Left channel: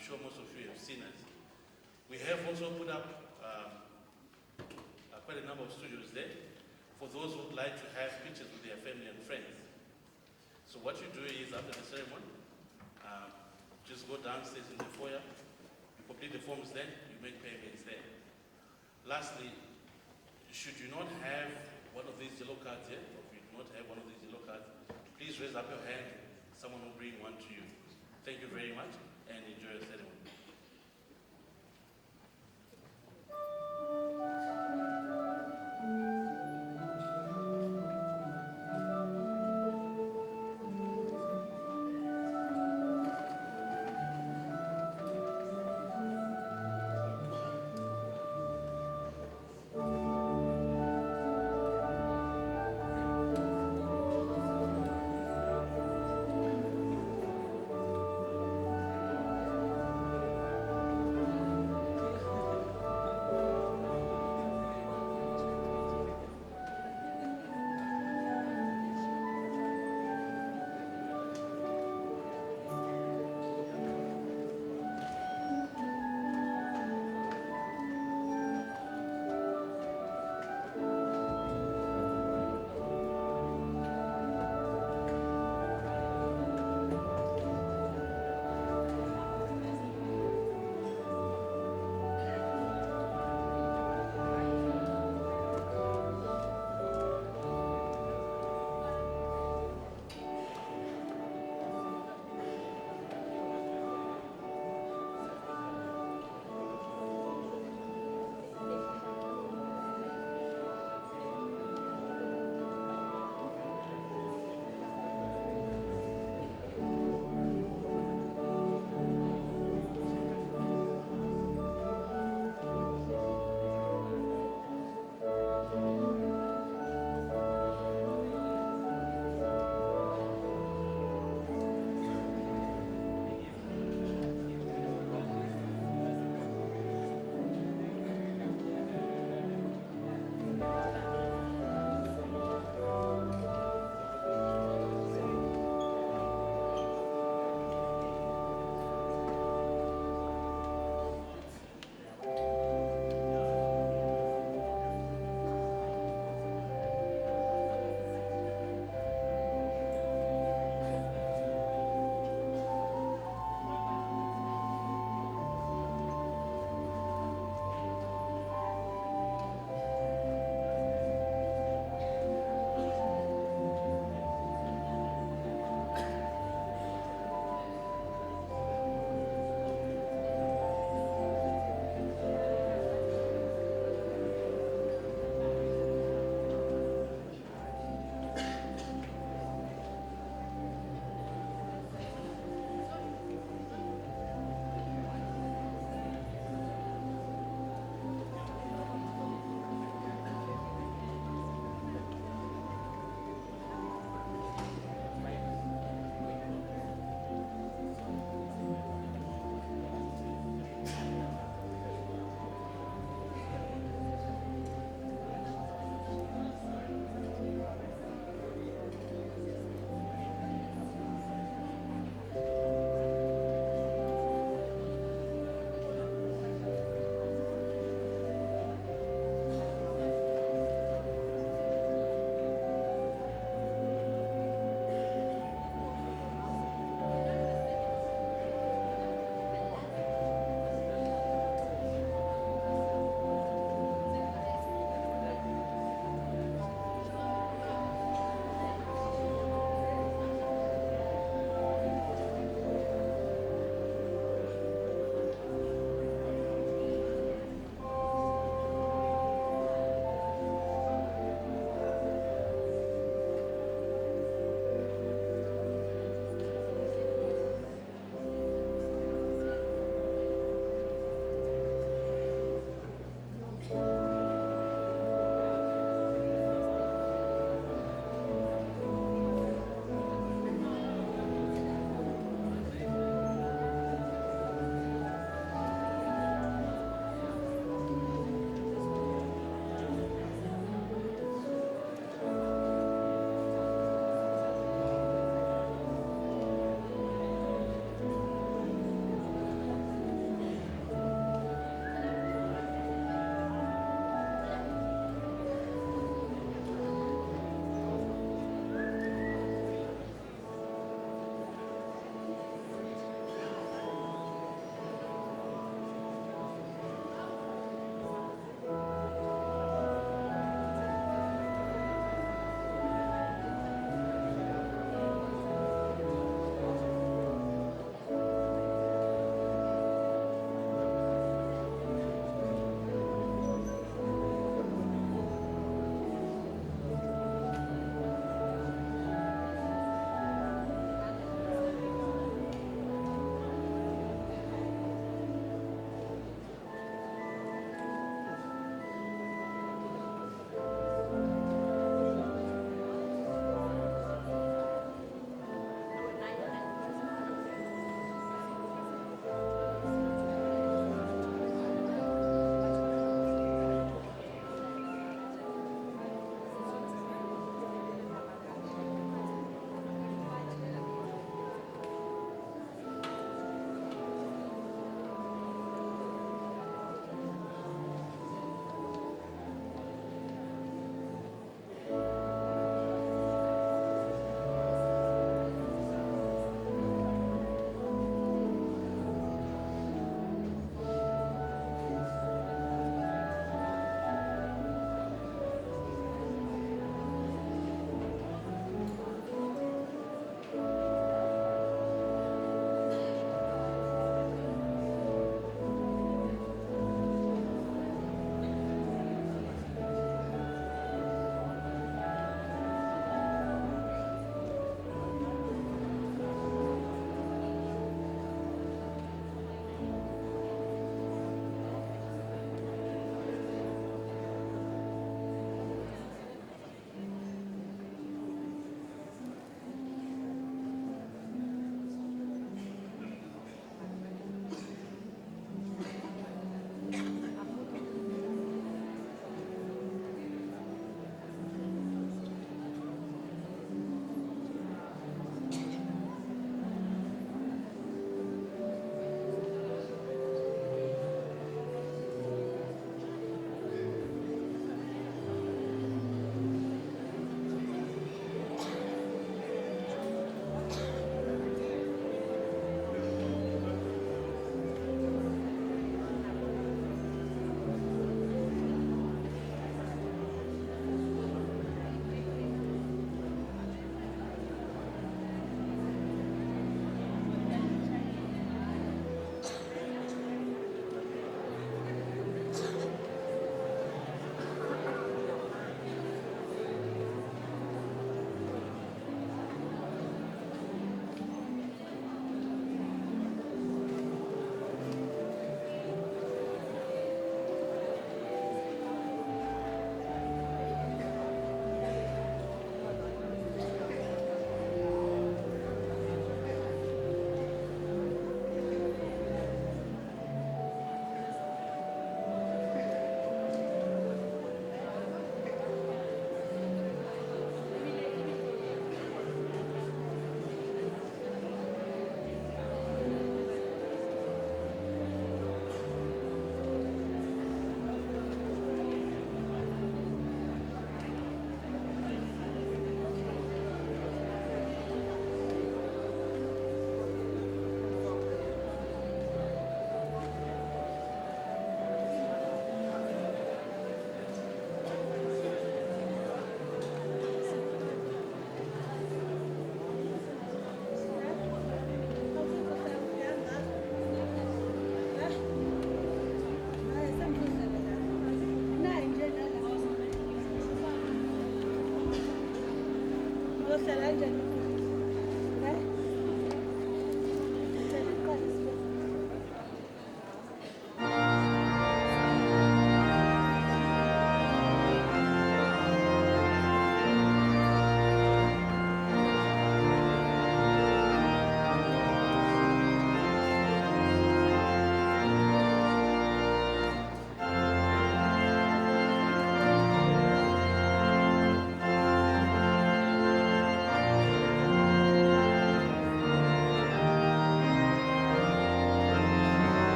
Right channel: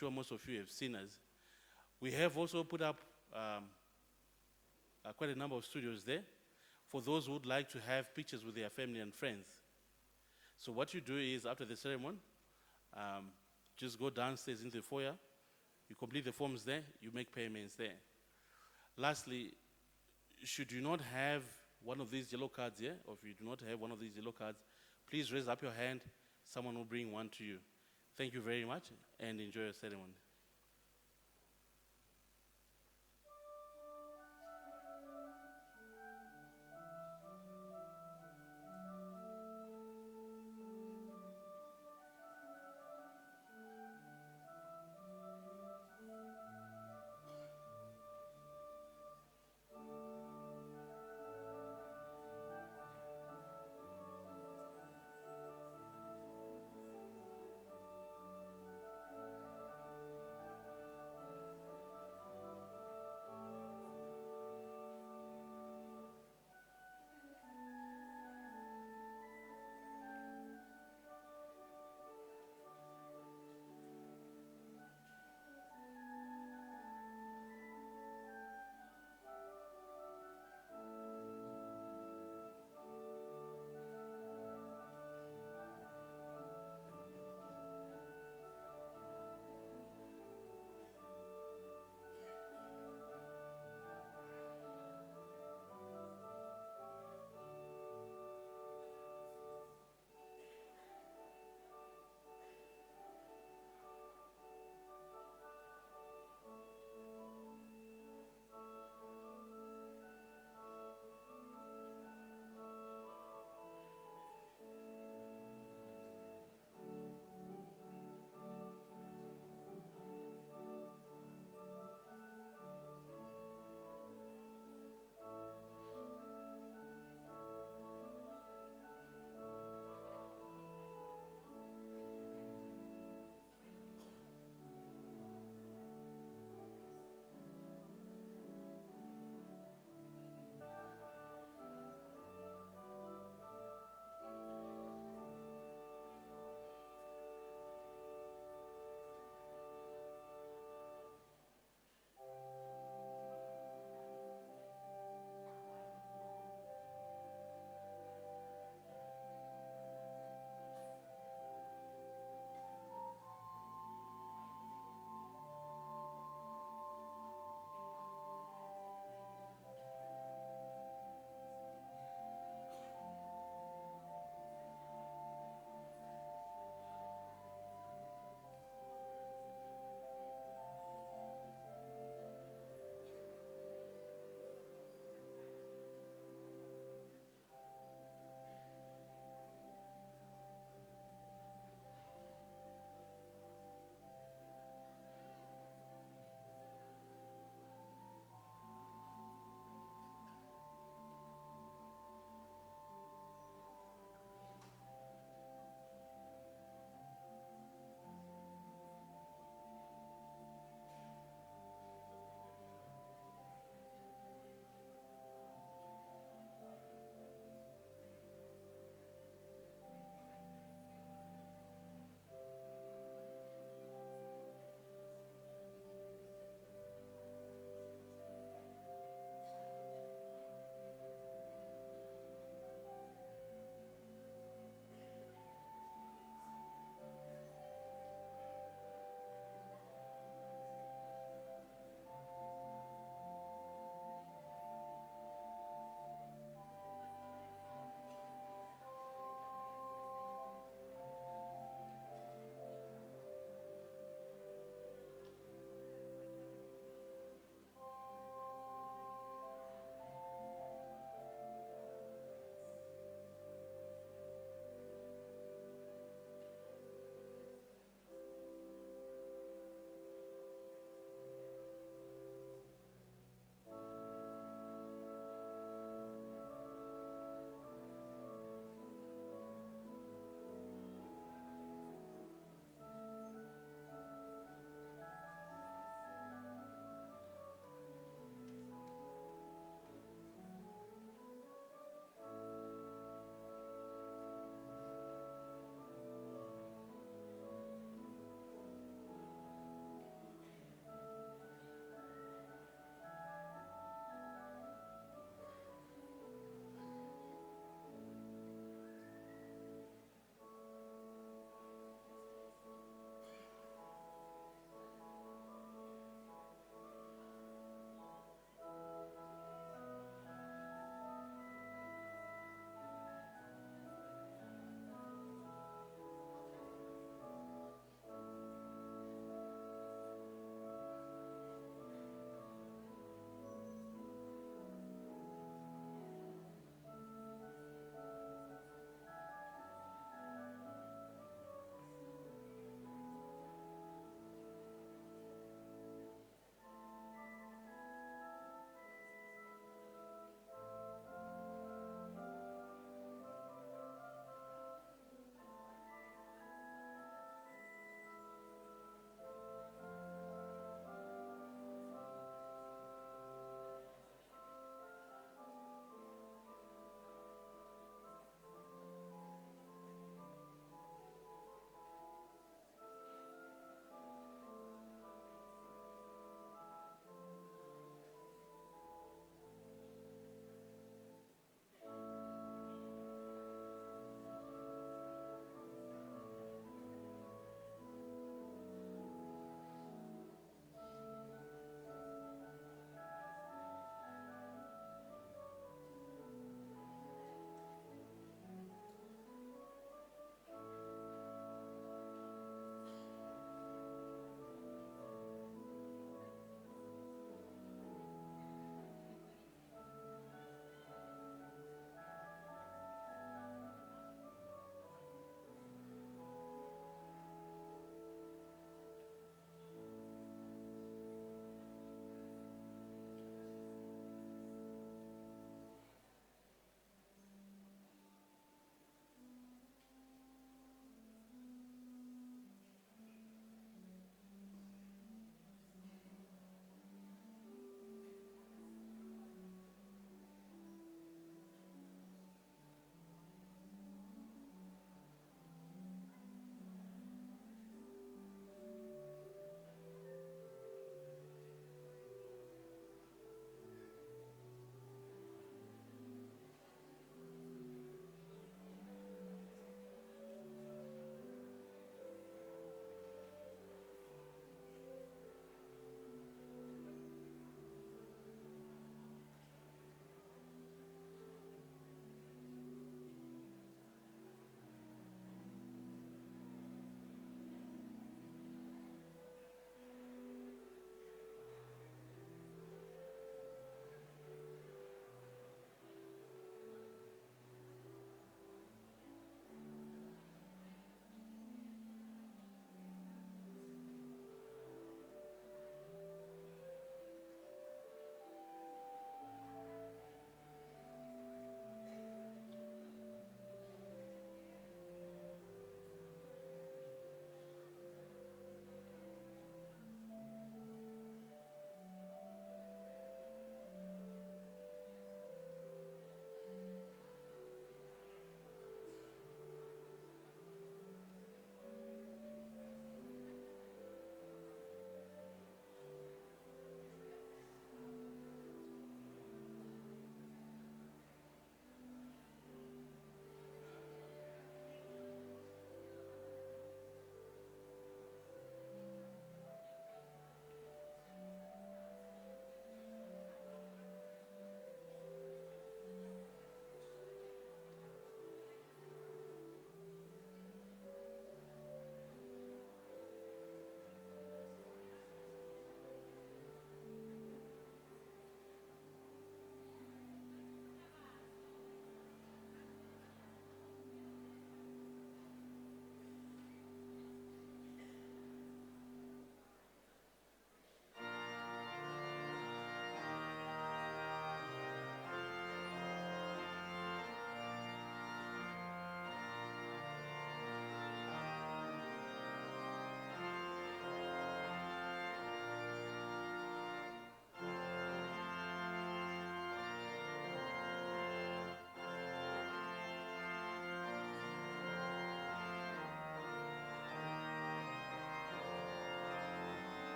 sure most of you have seen us. We have also put up quite a number of studios there for those who would like to have pictures with their family and friends. So what you do is, after the ceremony, just go downstairs into the foyer, you complete the forms there, you make payments there. Lastly, should you not have one of these yellow cards here, or if you do not have one of these yellow cards, please raise up your hand, someone will bring one to you. Thank you very much, and enjoy your ceremony.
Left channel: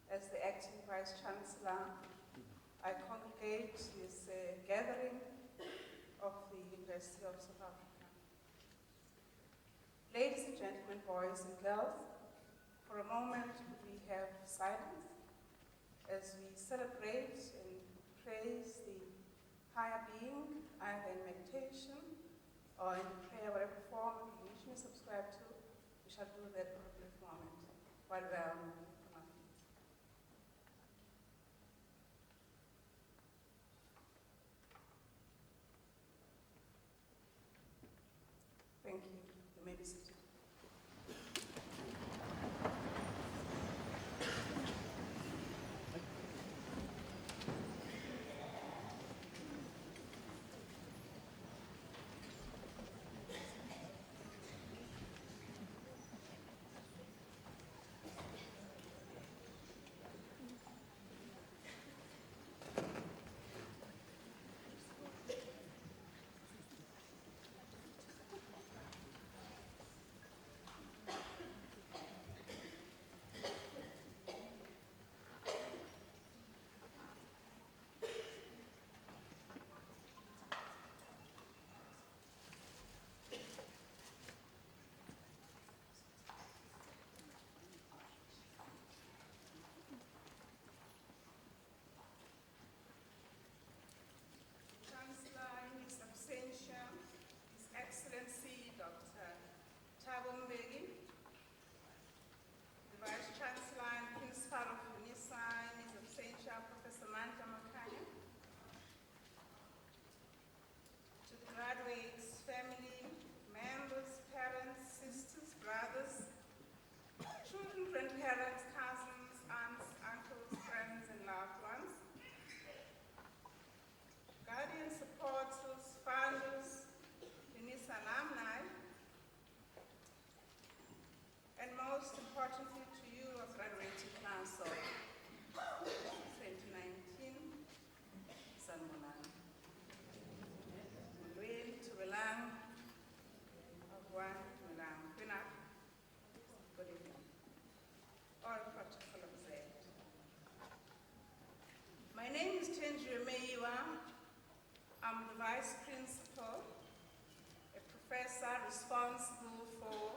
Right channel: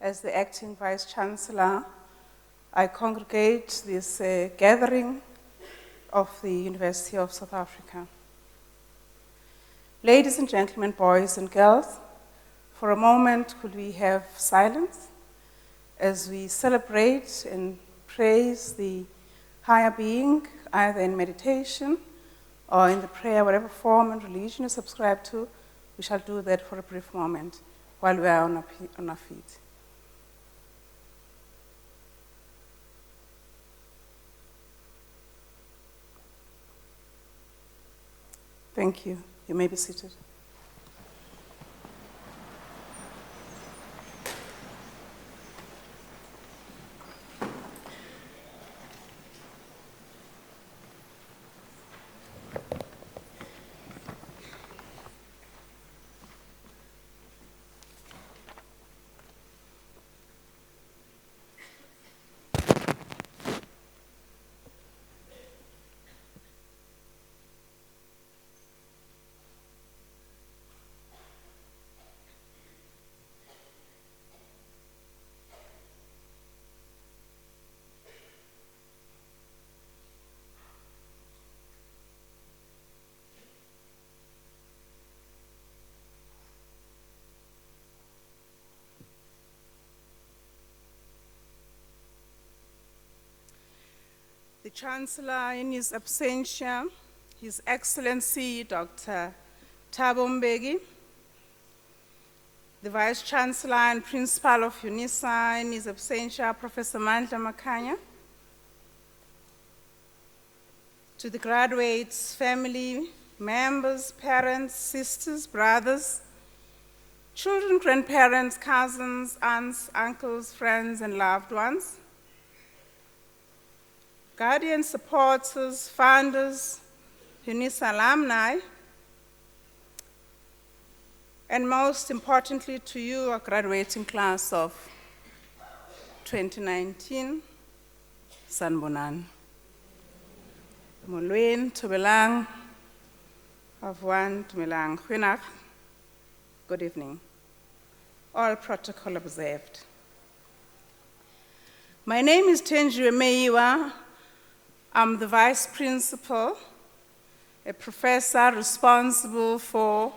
As the acting Vice Chancellor, I congregate this gathering of the University of South Africa. Ladies and gentlemen, boys and girls, for a moment could we have silence as we celebrate and praise the higher being, either in meditation or in the prayer, whatever form and religion you subscribe to. We shall do that for a brief moment while we are on our feet. Thank you. You may be seated. The Chancellor, in his absentia, His Excellency Dr. Thabo Mbeki, the Vice Chancellor and Principal of Unisa, in his absentia, Professor Mandla Makhanya, to the graduates, family, members, parents, sisters, brothers, children, grandparents, cousins, aunts, uncles, friends, and loved ones, guardians, supporters, founders, Unisa alumni, and most importantly to you, our graduating class of 2019, Sanbonan. Molweni, Tumelang, Avwan, Tumelang, Huinak. Good evening. All protocol observed. My name is Tenjiwe Meiwa. I'm the Vice Principal, a professor responsible for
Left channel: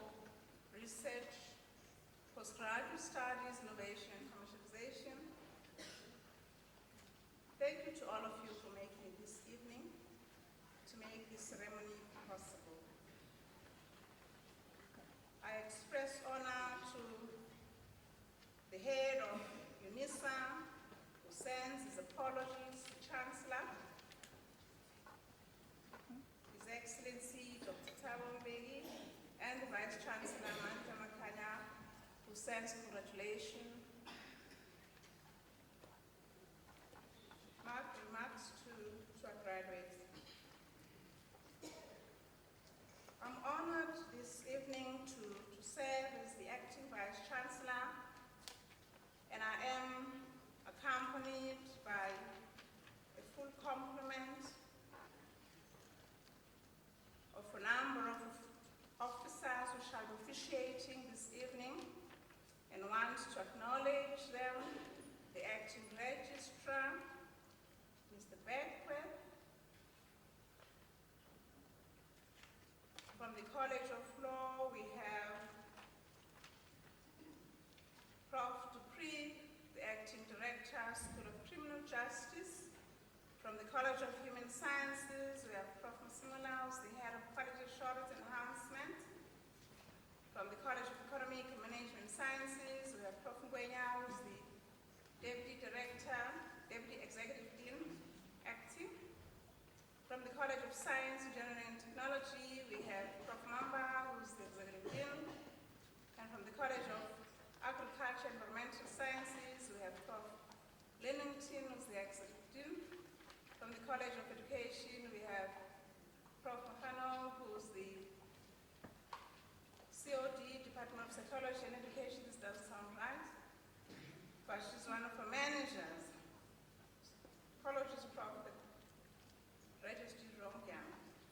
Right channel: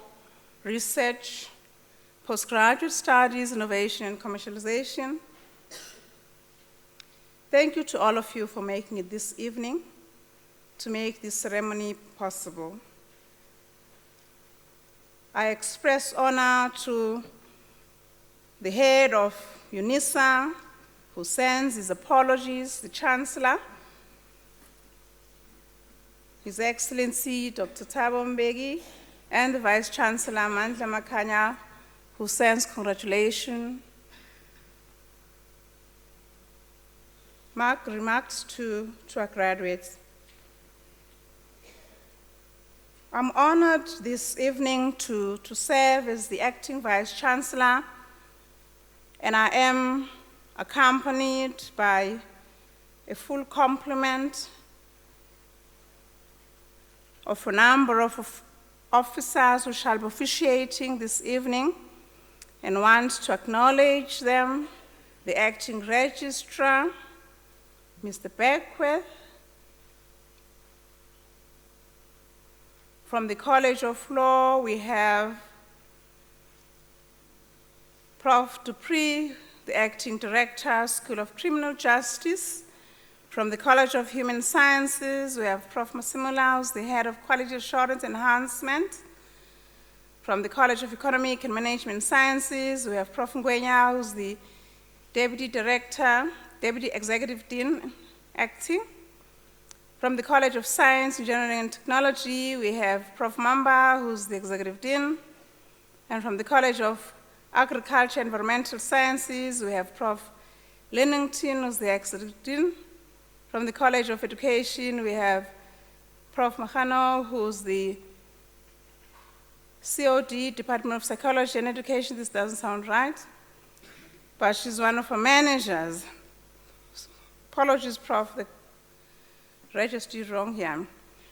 research, postgraduate studies, innovation, and commercialization. Thank you to all of you for making it this evening to make this ceremony possible. I express honor to the head of Unisa, who sends his apologies, the Chancellor, His Excellency Dr. Thabo Mbeki, and the Vice Chancellor Mandla Makhanya, who sends congratulations. Remarks to our graduates. I'm honored this evening to serve as the acting Vice Chancellor, and I am accompanied by a full complement of a number of officers who shall be officiating this evening, and want to acknowledge them: the acting registrar, Mr. Beckwith. From the College of Law, we have Prof. Dupree, the acting director, School of Criminal Justice. From the College of Human Sciences, we have Prof. Masimula, who's the head of Quality Assurance Enhancement. From the College of Economic and Management Sciences, we have Prof. Ngwenya, who's the Deputy Director, Deputy Executive Dean, acting. From the College of Science, Engineering and Technology, we have Prof. Mamba, who's the Executive Dean. And from the College of Agriculture and Environmental Sciences, we have Prof. Lennington, who's the Executive Dean. From the College of Education, we have Prof. Mahano, who's the COD, Department of Psychology and Education. This doesn't sound right, but she's one of our managers. Apologies, Prof, the registered wrong here.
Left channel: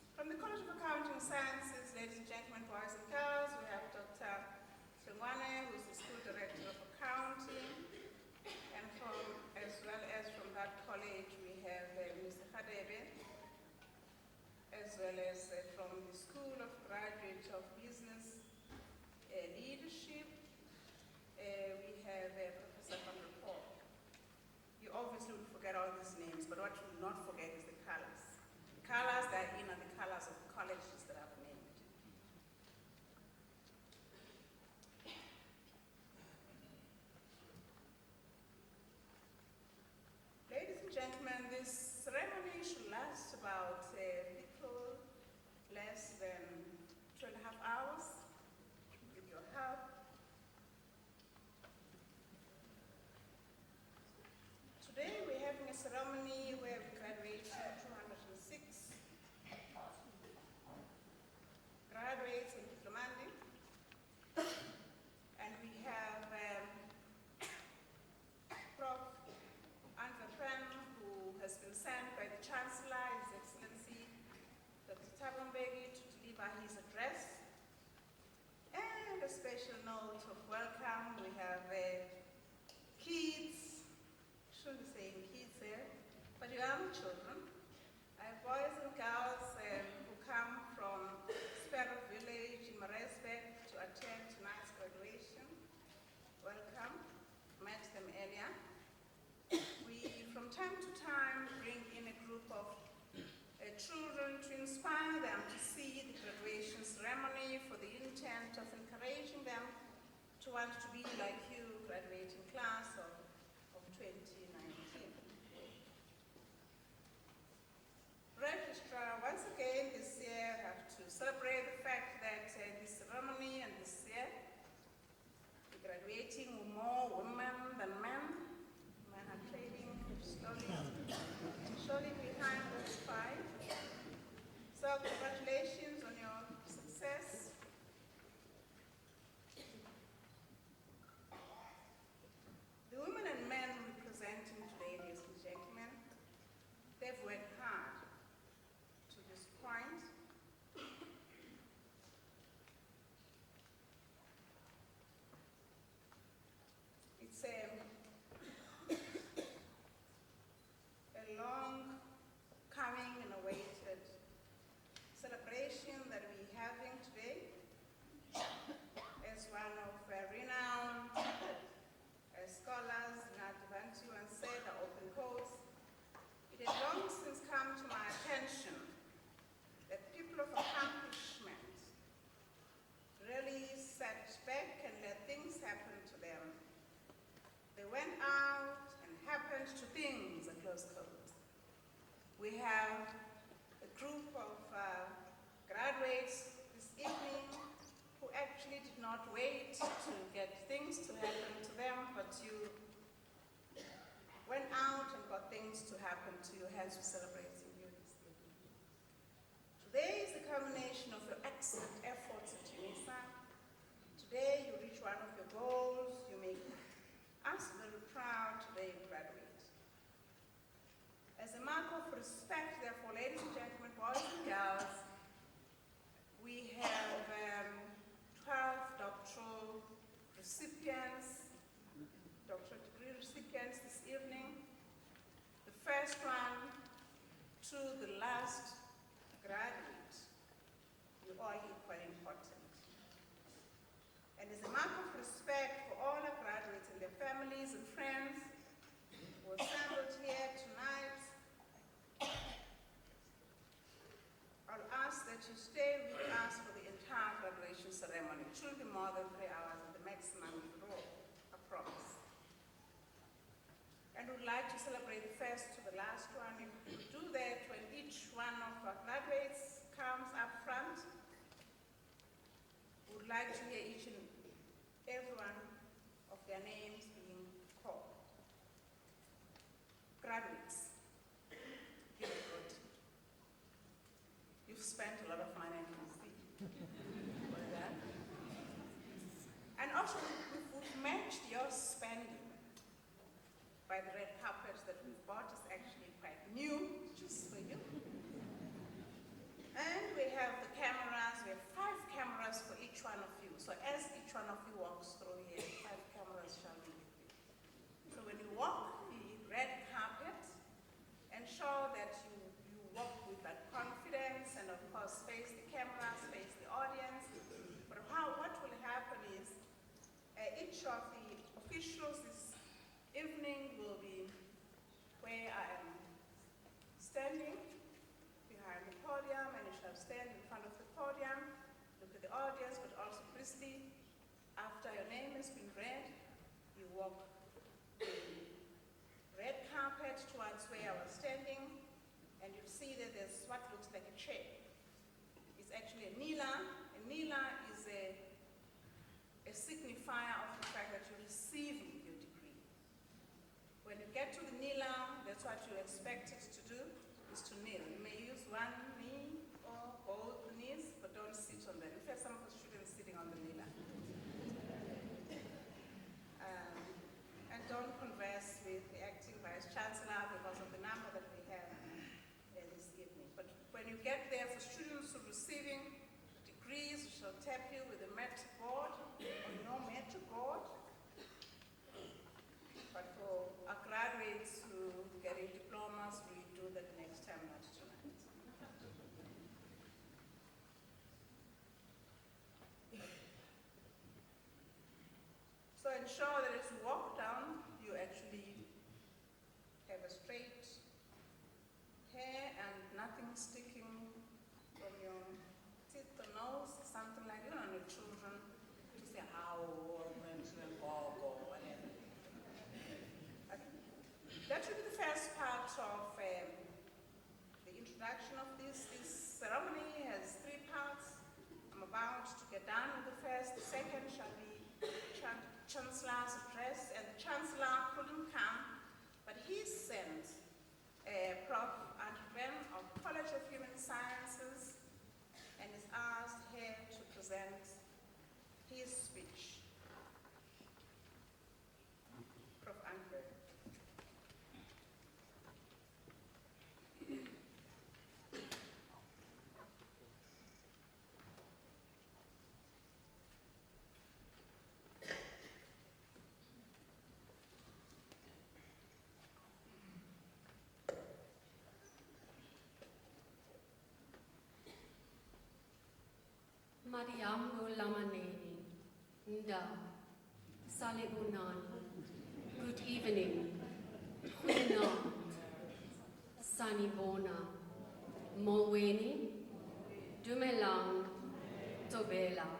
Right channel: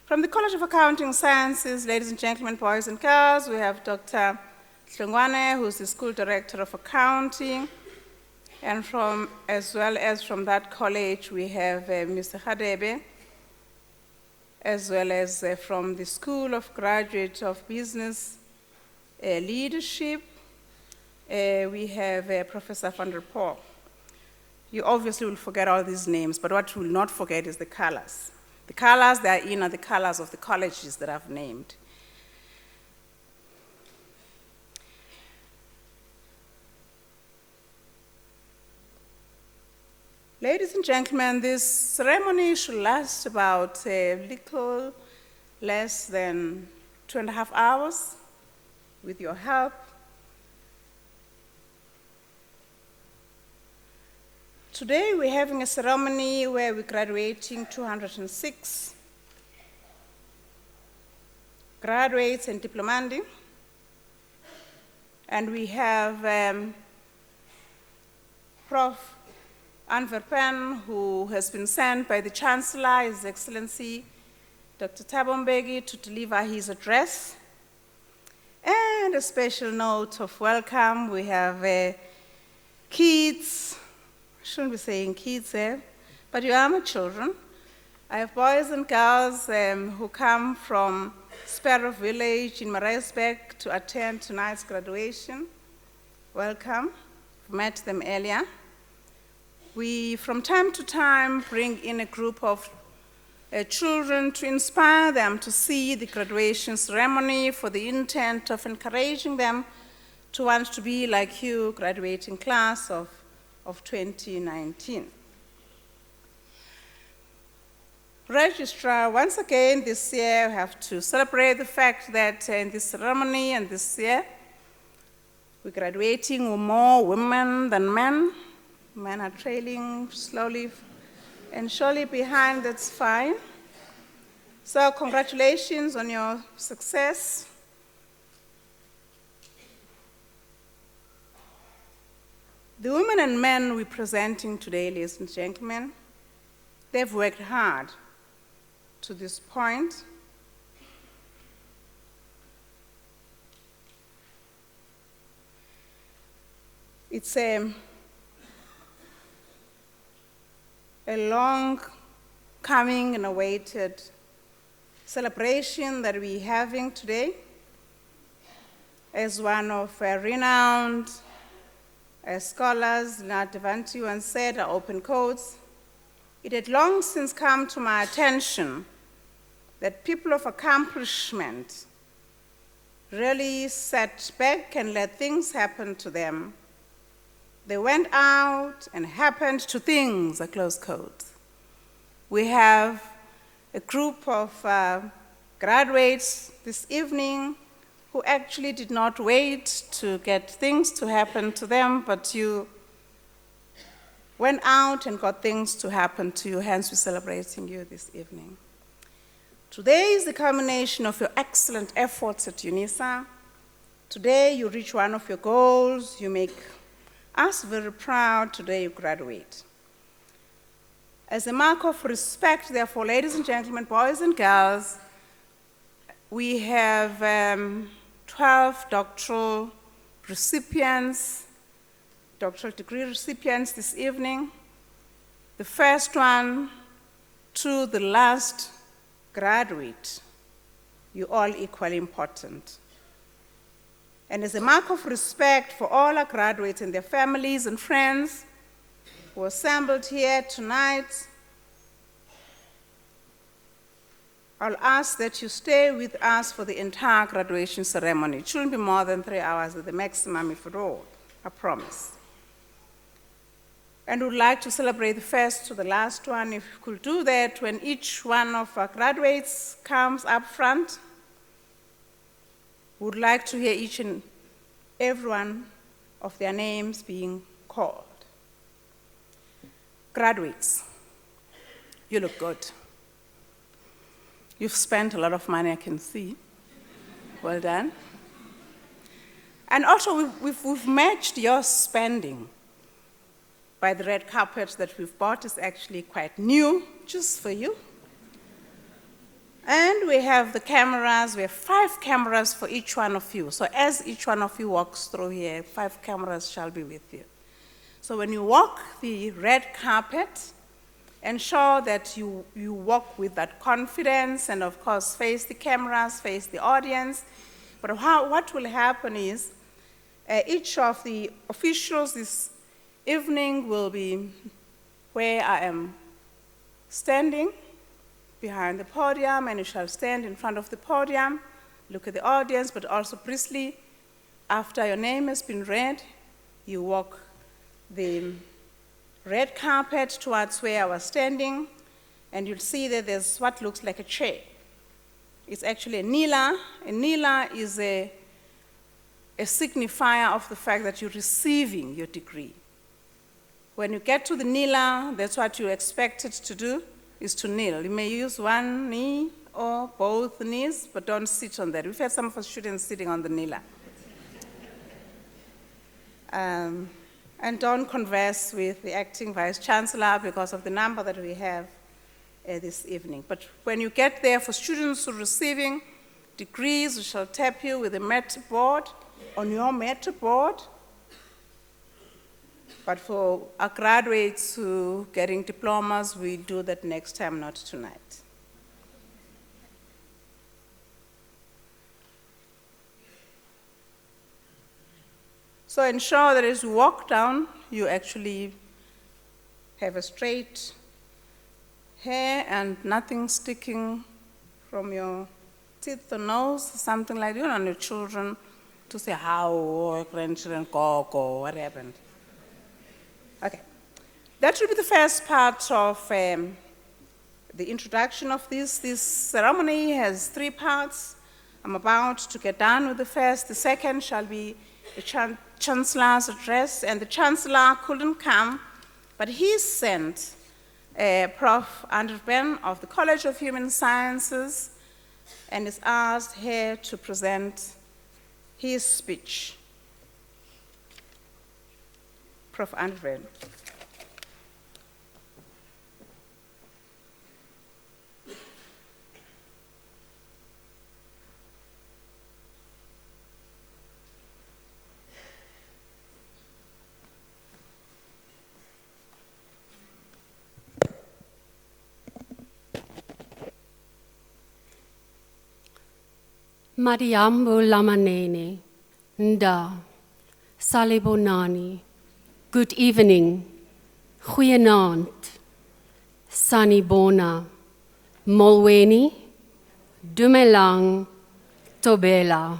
From the College of Accounting Sciences, ladies and gentlemen, boys and girls, we have Dr. Hlongwane, who's the School Director of Accounting. And as well as from that college, we have Mr. Hadebe, as well as from the School of Graduate of Business Leadership, we have Professor van der Poel. You obviously will forget all these names, but what you will not forget is the colors. The colors they are in are the colors of the colleges that I've named. Ladies and gentlemen, this ceremony should last about a little less than 2.5 hours with your help. Today we're having a ceremony where we're graduating 206 graduates and diplomandi. And we have Prof. Anverpen, who has been sent by the Chancellor, His Excellency Dr. Thabo Mbeki, to deliver his address. And a special note of welcome, we have kids, I shouldn't be saying kids there, but you are my children. I have boys and girls who come from Sparrow Village in Maritzburg to attend tonight's graduation. Welcome, I've met them earlier. We, from time to time, bring in a group of children to inspire them to see the graduation ceremony for the intent of encouraging them to want to be like you, graduating class of 2019. Registrar, once again this year we have to celebrate the fact that in this ceremony and this year we're graduating more women than men. Men are trailing slowly and surely behind, that's fine. So congratulations on your success. The women and men we're presenting today, ladies and gentlemen, they've worked hard to this point. It's a long coming and awaited celebration that we're having today. As one of renowned scholars, Leonard Devanti, once said, I open quotes, it had long since come to my attention that people of accomplishment really sat back and let things happen to them. They went out and happened to things, I close quotes. We have a group of graduates this evening who actually did not wait to get things to happen to them, but you went out and got things to happen to you, hence we're celebrating you this evening. Today is the culmination of your excellent efforts at Unisa. Today you reach one of your goals, you make us very proud, today you graduate. As a mark of respect, therefore, ladies and gentlemen, boys and girls, we have 12 doctoral recipients, doctoral degree recipients this evening. The first one to the last graduate, you're all equally important. And as a mark of respect for all our graduates and their families and friends who are assembled here tonight, I'll ask that you stay with us for the entire graduation ceremony. It shouldn't be more than 3 hours at the maximum, if at all, I promise. And we'd like to celebrate the first to the last one. If you could do that when each one of our graduates comes up front, we would like to hear each and every one of their names being called. Graduates, you look good. You've spent a lot of money, I can see. Well done. And also, we've matched your spending by the red carpet that we've bought. Is actually quite new, just for you. And we have the cameras. We have 5 cameras for each one of you. So as each one of you walks through here, 5 cameras shall be with you. So when you walk the red carpet, ensure that you walk with that confidence and, of course, face the cameras, face the audience. But what will happen is each of the officials this evening will be where I am standing behind the podium, and you shall stand in front of the podium, look at the audience, but also briefly, after your name has been read, you walk the red carpet towards where I was standing, and you'll see that there's what looks like a chair. It's actually a nila. A nila is a signifier of the fact that you're receiving your degree. When you get to the nila, that's what you're expected to do, is to kneel. You may use one knee or both knees, but don't sit on that. We've had some of our students sitting on the nila. And don't converse with the acting vice-chancellor because of the number that we have this evening. But when you get there, for students who are receiving degrees, we shall tap you with a metal board on your metal board. But for our graduates who are getting diplomas, we'll do that next time, not tonight. So ensure that as you walk down, you actually have a straight hair and nothing sticking from your teeth or nose, something like that. You don't want your children to say how, or grandchildren, go, what happened. Okay. That should be the first part of the introduction of this. This ceremony has 3 parts. I'm about to get done with the first. The second shall be the Chancellor's address, and the Chancellor couldn't come, but he sent Prof. Andrew Ben of the College of Human Sciences and is asked here to present his speech. Prof. Andrew Ben. Mariambo Lamanene, Nda, Salibonani, good evening, Goeienaand, Sanibona, Molweni, Dumelang, Tobela.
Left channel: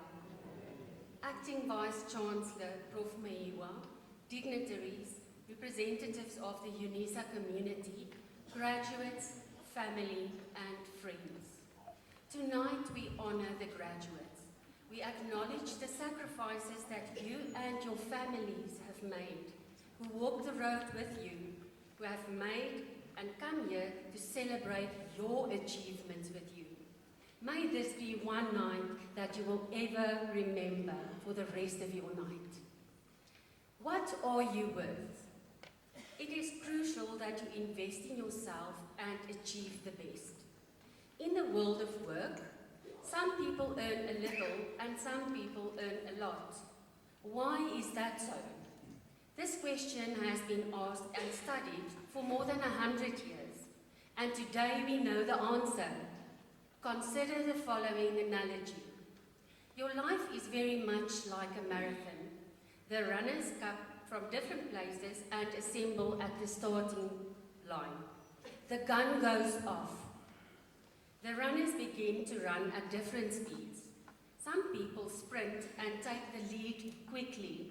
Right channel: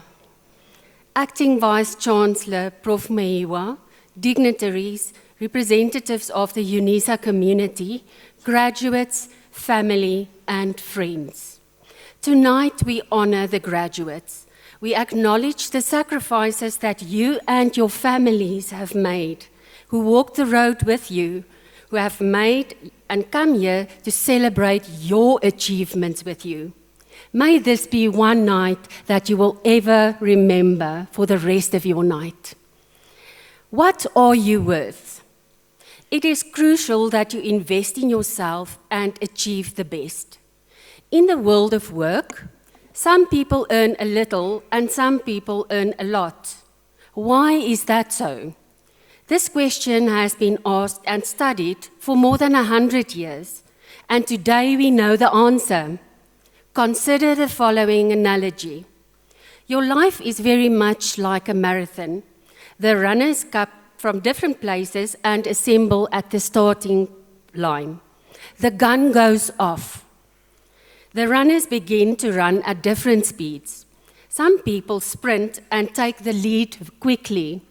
Acting Vice-Chancellor Prof. Meiwa, dignitaries, representatives of the Unisa community, graduates, family, and friends. Tonight, we honor the graduates. We acknowledge the sacrifices that you and your families have made, who walked the road with you, who have made and come here to celebrate your achievements with you. May this be one night that you will ever remember for the rest of your night. What are you worth? It is crucial that you invest in yourself and achieve the best. In the world of work, some people earn a little and some people earn a lot. Why is that so? This question has been asked and studied for more than 100 years, and today we know the answer. Consider the following analogy. Your life is very much like a marathon. The runners come from different places and assemble at the starting line. The gun goes off. The runners begin to run at different speeds. Some people sprint and take the lead quickly.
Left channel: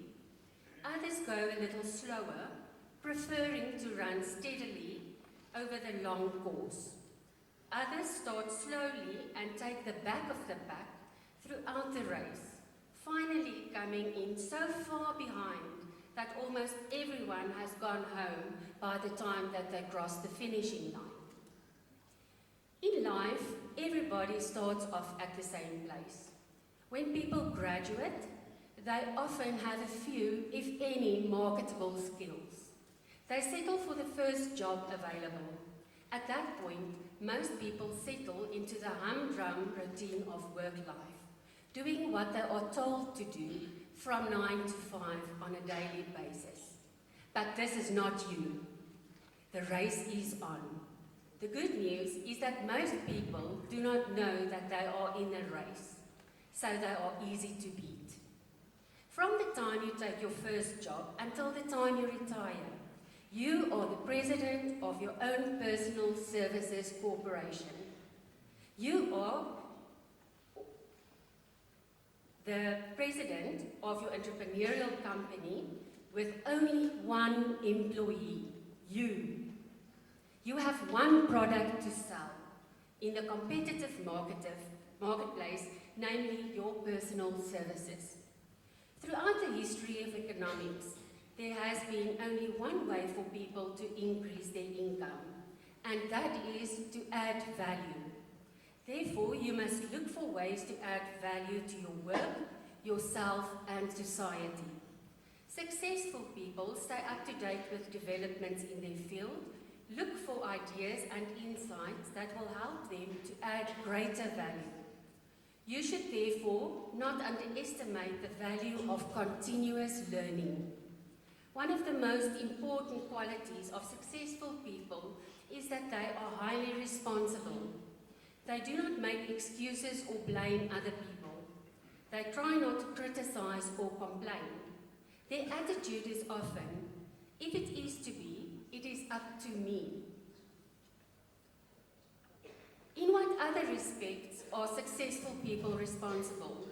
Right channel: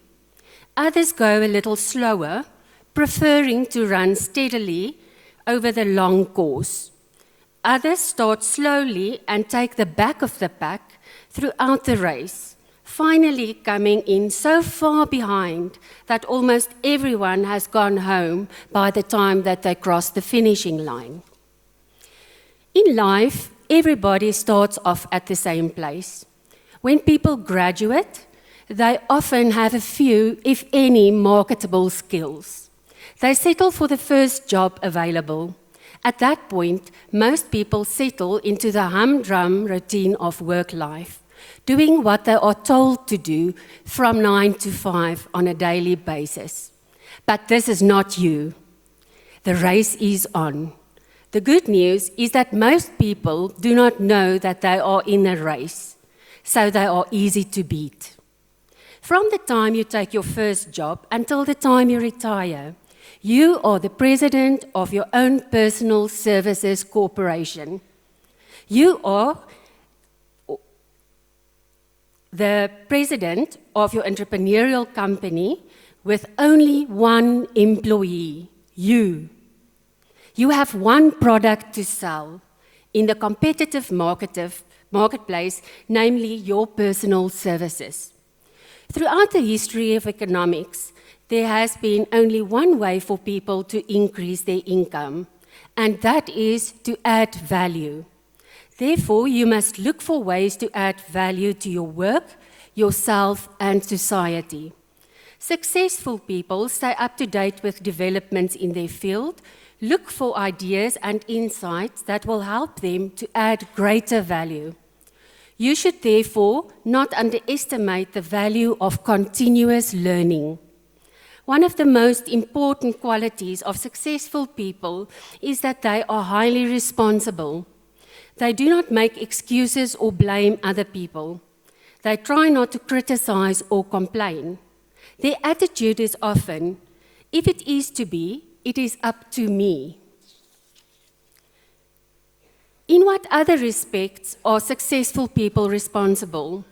Others go a little slower, preferring to run steadily over the long course. Others start slowly and take the back of the pack throughout the race, finally coming in so far behind that almost everyone has gone home by the time that they cross the finishing line. In life, everybody starts off at the same place. When people graduate, they often have a few, if any, marketable skills. They settle for the first job available. At that point, most people settle into the humdrum routine of work life, doing what they are told to do from 9 to 5 on a daily basis. But this is not you. The race is on. The good news is that most people do not know that they are in a race, so they are easy to beat. From the time you take your first job until the time you retire, you are the president of your own personal services corporation. You are the president of your entrepreneurial company with only one employee, you. You have one product to sell in the competitive marketplace, namely your personal services. Throughout the history of economics, there has been only one way for people to increase their income, and that is to add value. Therefore, you must look for ways to add value to your work, yourself, and society. Successful people stay up to date with developments in their field, look for ideas and insights that will help them to add greater value. You should therefore not underestimate the value of continuous learning. One of the most important qualities of successful people is that they are highly responsible. They do not make excuses or blame other people. They try not to criticize or complain. Their attitude is often, if it is to be, it is up to me. In what other respects are successful people responsible?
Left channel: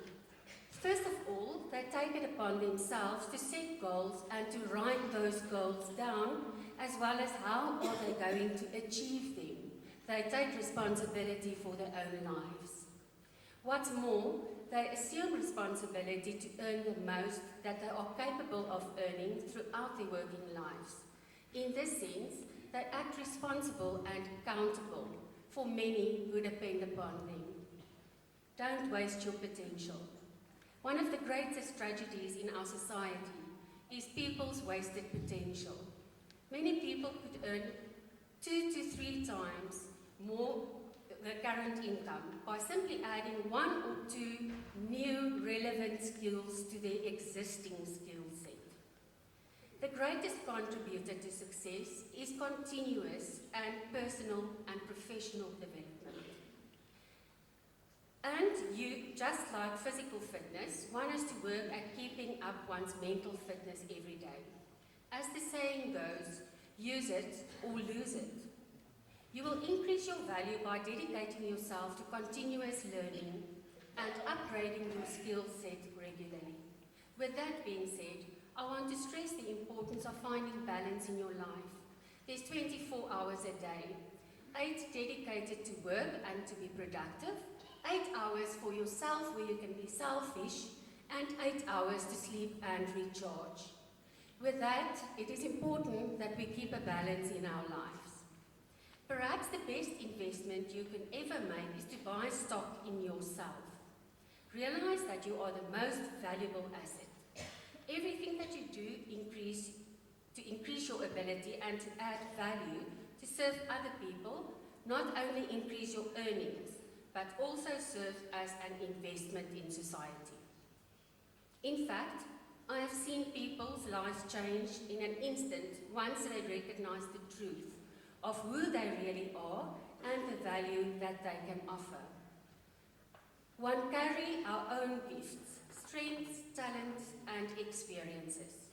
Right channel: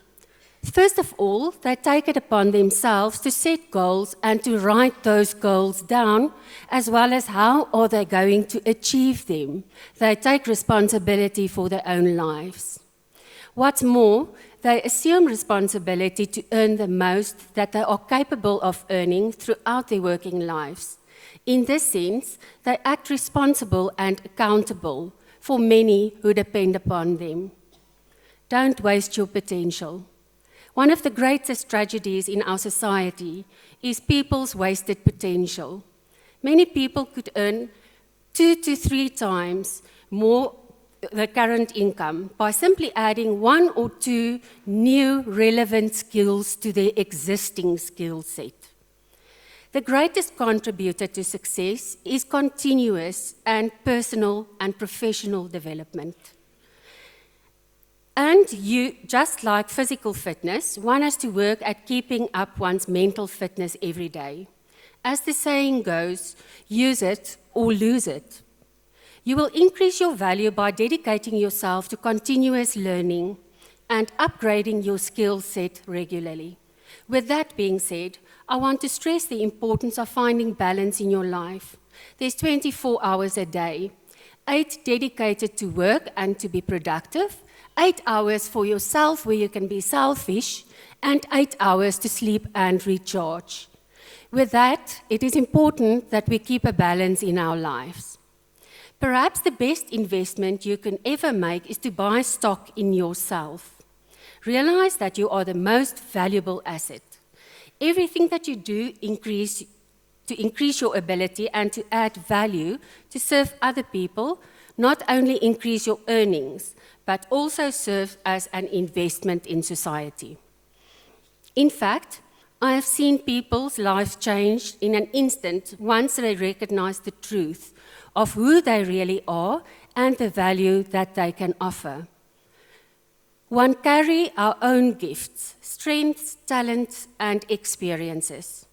First of all, they take it upon themselves to set goals and to write those goals down, as well as how are they going to achieve them. They take responsibility for their own lives. What's more, they assume responsibility to earn the most that they are capable of earning throughout their working lives. In this sense, they act responsible and accountable for many who depend upon them. Don't waste your potential. One of the greatest tragedies in our society is people's wasted potential. Many people could earn 2 to 3 times more the current income by simply adding 1 or 2 new relevant skills to their existing skill set. The greatest contributor to success is continuous and personal and professional development. And just like physical fitness, one has to work at keeping up one's mental fitness every day. As the saying goes, use it or lose it. You will increase your value by dedicating yourself to continuous learning and upgrading your skill set regularly. With that being said, I want to stress the importance of finding balance in your life. There's 24 hours a day, 8 dedicated to work and to be productive, 8 hours for yourself where you can be selfish, and 8 hours to sleep and recharge. With that, it is important that we keep a balance in our lives. Perhaps the best investment you can ever make is to buy stock in yourself. Realize that you are the most valuable asset. Everything that you do to increase your ability and to add value to serve other people not only increase your earnings, but also serve as an investment in society. In fact, I have seen people's lives change in an instant once they recognize the truth of who they really are and the value that they can offer. One carry our own gifts, strengths, talents, and experiences.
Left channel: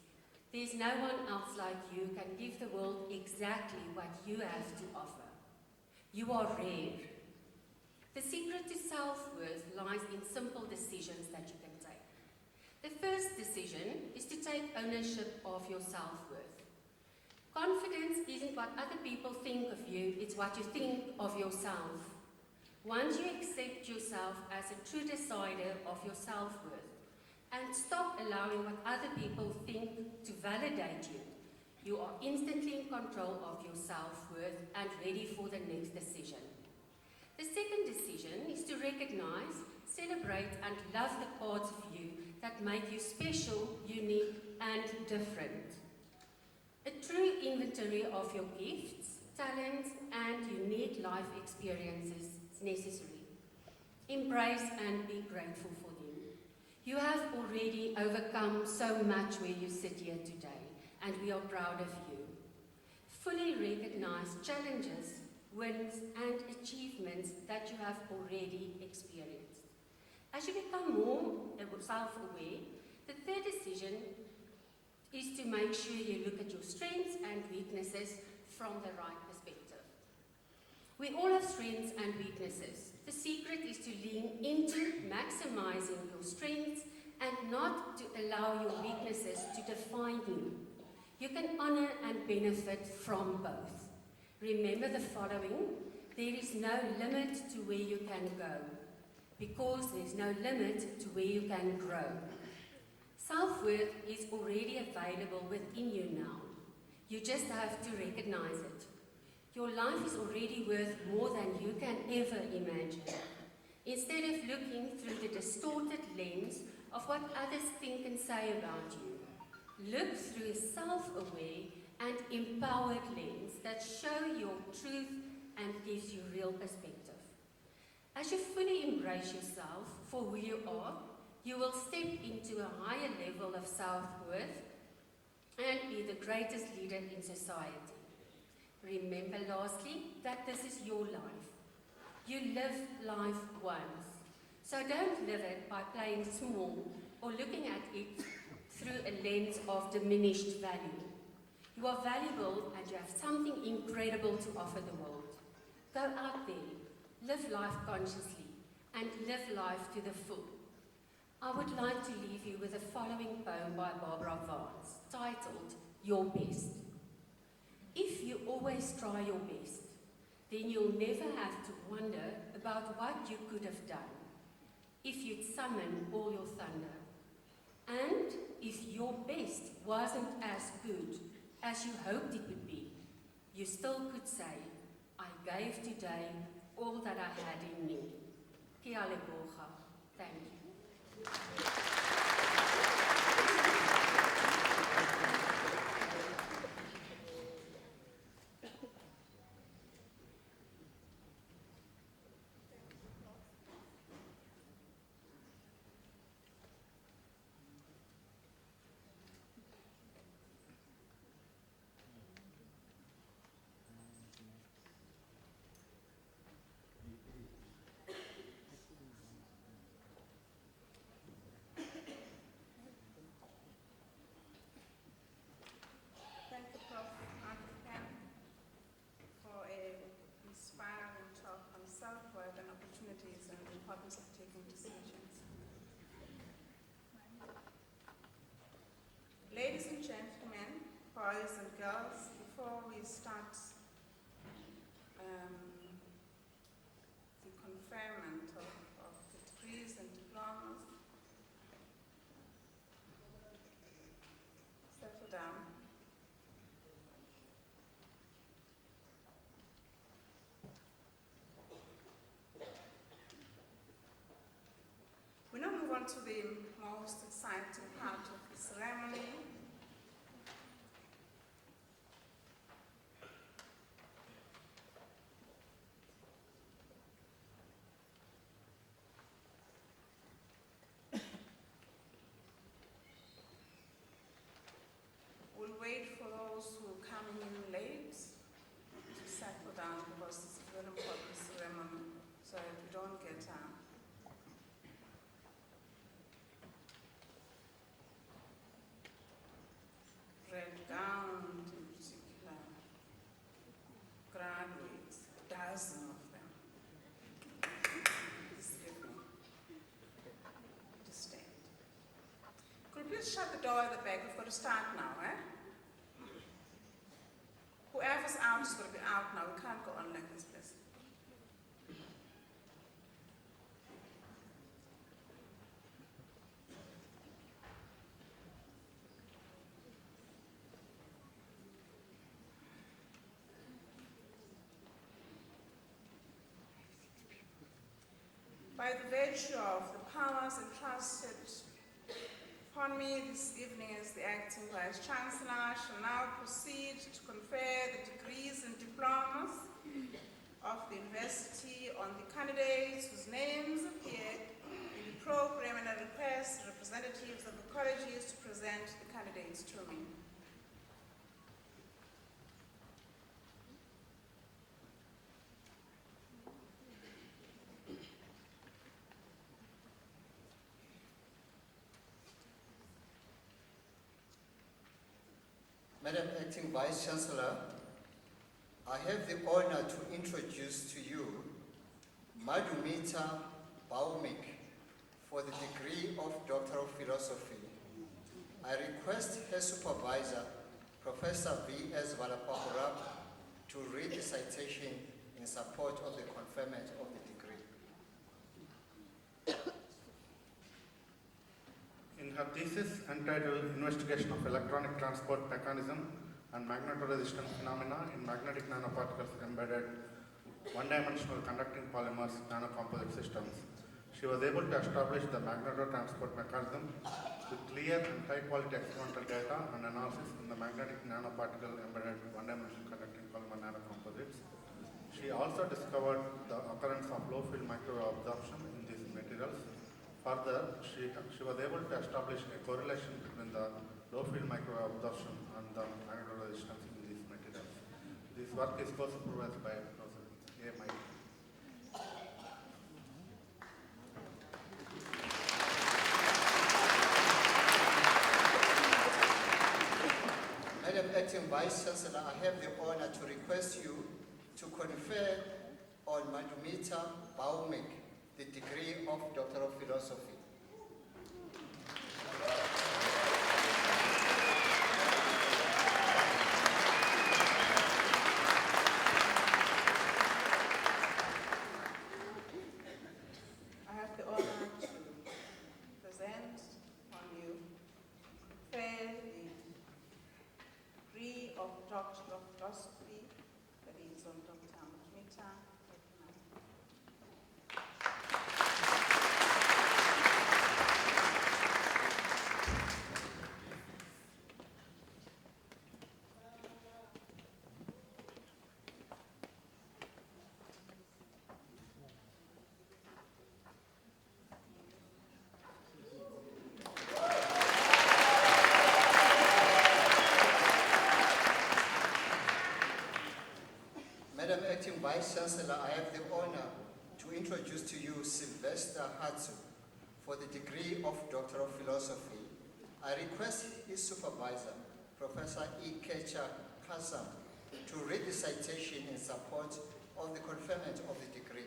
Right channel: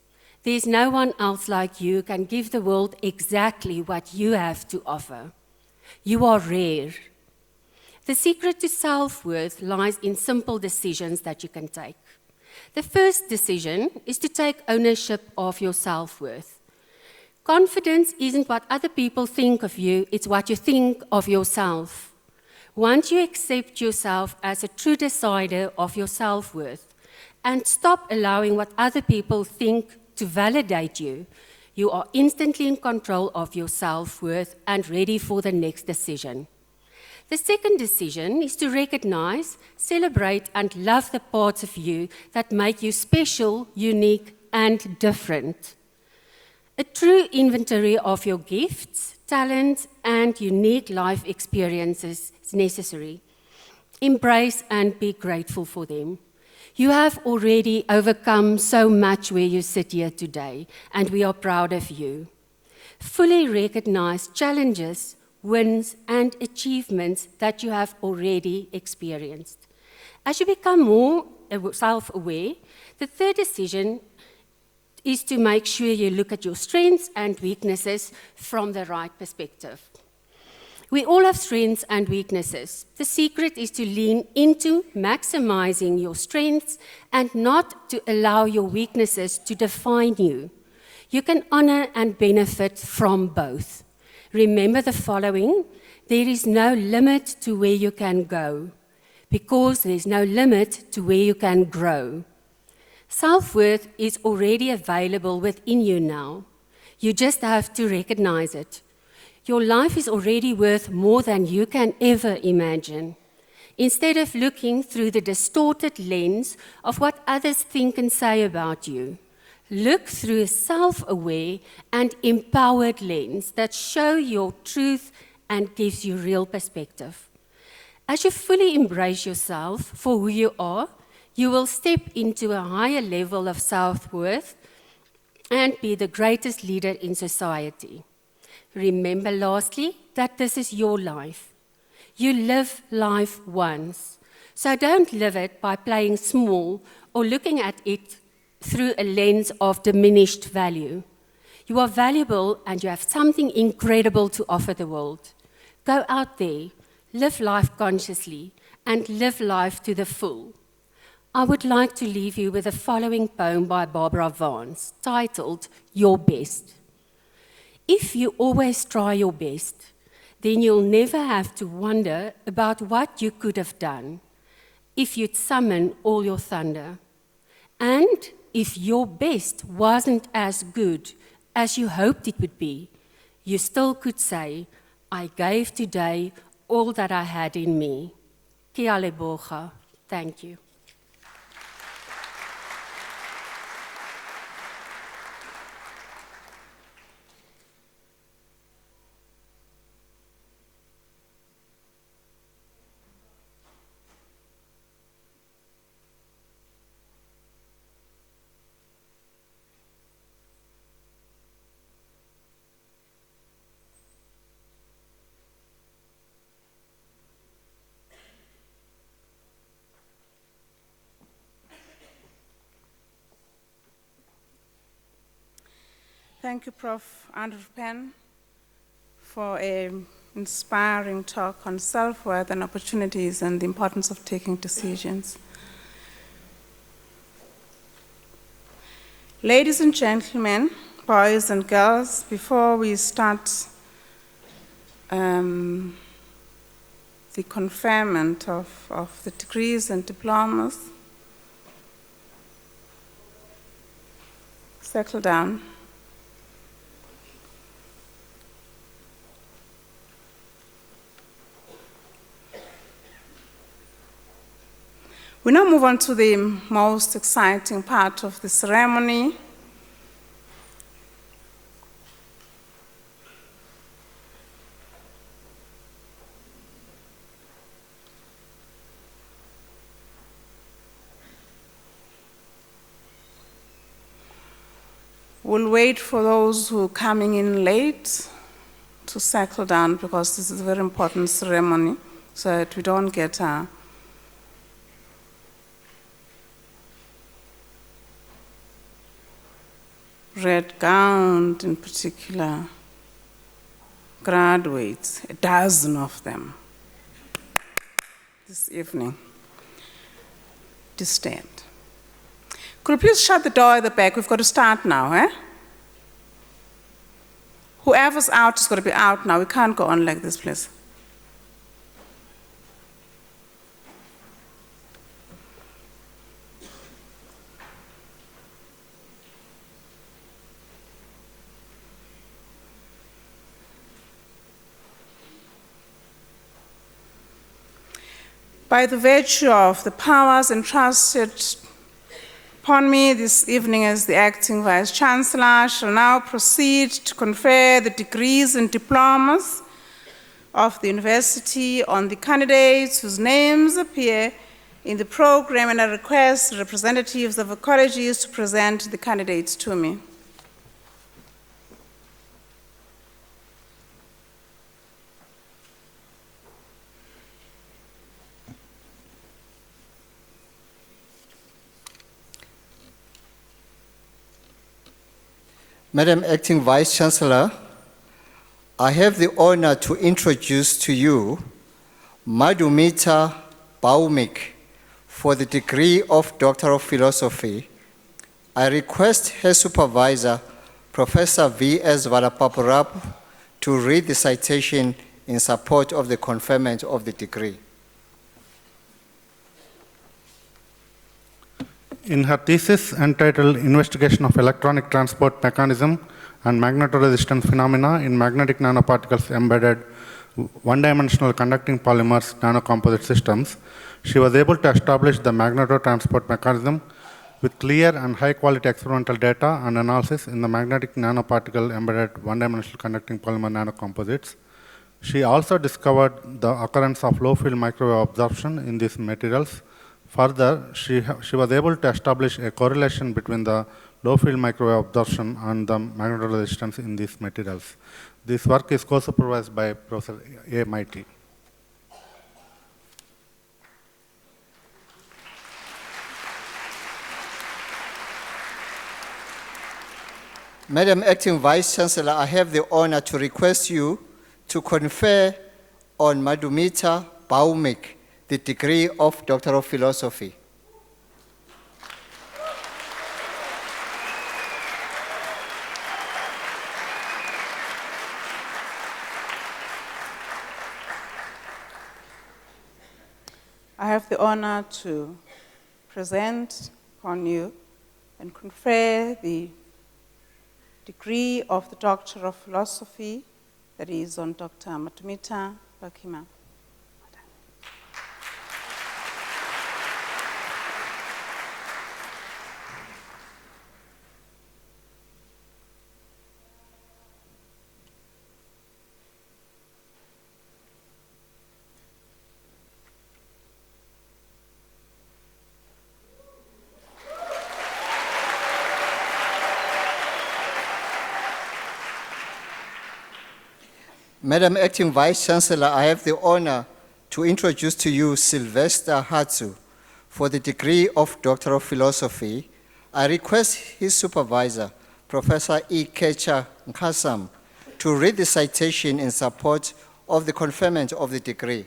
There's no one else like you who can give the world exactly what you have to offer. You are rare. The secret to self-worth lies in simple decisions that you can take. The first decision is to take ownership of your self-worth. Confidence isn't what other people think of you, it's what you think of yourself. Once you accept yourself as a true decider of your self-worth and stop allowing what other people think to validate you, you are instantly in control of your self-worth and ready for the next decision. The second decision is to recognize, celebrate, and love the parts of you that make you special, unique, and different. A true inventory of your gifts, talents, and unique life experiences is necessary. Embrace and be grateful for them. You have already overcome so much where you sit here today, and we are proud of you. Fully recognize challenges, wins, and achievements that you have already experienced. As you become more self-aware, the third decision is to make sure you look at your strengths and weaknesses from the right perspective. We all have strengths and weaknesses. The secret is to lean into maximizing your strengths and not to allow your weaknesses to define you. You can honor and benefit from both. Remember the following: there is no limit to where you can go, because there's no limit to where you can grow. Self-worth is already available within you now. You just have to recognize it. Your life is already worth more than you can ever imagine. Instead of looking through the distorted lens of what others think and say about you, look through a self-aware and empowered lens that shows your truth and gives you real perspective. As you fully embrace yourself for who you are, you will step into a higher level of self-worth and be the greatest leader in society. Remember, lastly, that this is your life. You live life once, so don't live it by playing small or looking at it through a lens of diminished value. You are valuable and you have something incredible to offer the world. Go out there, live life consciously, and live life to the full. I would like to leave you with the following poem by Barbara Vance, titled, Your Best. If you always try your best, then you'll never have to wonder about what you could have done if you'd summon all your thunder. And if your best wasn't as good as you hoped it would be, you still could say, I gave today all that I had in me. Kia leboga. Thank you. Thank you, Prof. Andrew Penn, for an inspiring talk on self-worth and opportunities and the importance of taking decisions. Ladies and gentlemen, boys and girls, before we start the conferment of the degrees and diplomas, settle down. We now move on to the most exciting part of the ceremony. We'll wait for those who are coming in late to settle down, because this is a very important ceremony, so that we don't get red gowned, in particular, graduates, a dozen of them this evening. To stand. Could you please shut the door at the back? We've got to start now, eh? Whoever's out is got to be out now. We can't go on like this, please. By the virtue of the powers entrusted upon me this evening as the acting Vice-Chancellor, I shall now proceed to confer the degrees and diplomas of the University on the candidates whose names appear in the program, and I request representatives of the colleges to present the candidates to me. Madam Acting Vice Chancellor, I have the honor to introduce to you Madhumita Baumik for the degree of Doctor of Philosophy. I request her supervisor, Professor V.S. Valapapurap, to read the citation in support of the conferment of the degree. In her thesis entitled Investigation of Electronic Transport Mechanism and Magnetoresistance Phenomena in Magnetic Nanoparticles Embedded One-Dimensional Conducting Polymers Nanocomposite Systems, she was able to establish the magnetotransport mechanism with clear and high-quality experimental data and analysis in the magnetic nanoparticle embedded one-dimensional conducting polymer nanocomposites. She also discovered the occurrence of low-field microwave absorption in these materials. Further, she was able to establish a correlation between the low-field microwave absorption and the magnetoresistance in these materials. This work is co-supervised by Professor A. Mighty. Madam Acting Vice Chancellor, I have the honor to request you to confer on Madhumita Baumik the degree of Doctor of Philosophy. I have the honor to present on you and confer the degree of the Doctor of Philosophy that is on Dr. Madhumita Baumik. Madam Acting Vice Chancellor, I have the honor to introduce to you Sylvester Hatsu for the degree of Doctor of Philosophy. I request his supervisor, Professor E. Kecha Nkasam, to read the citation in support of the conferment of the degree.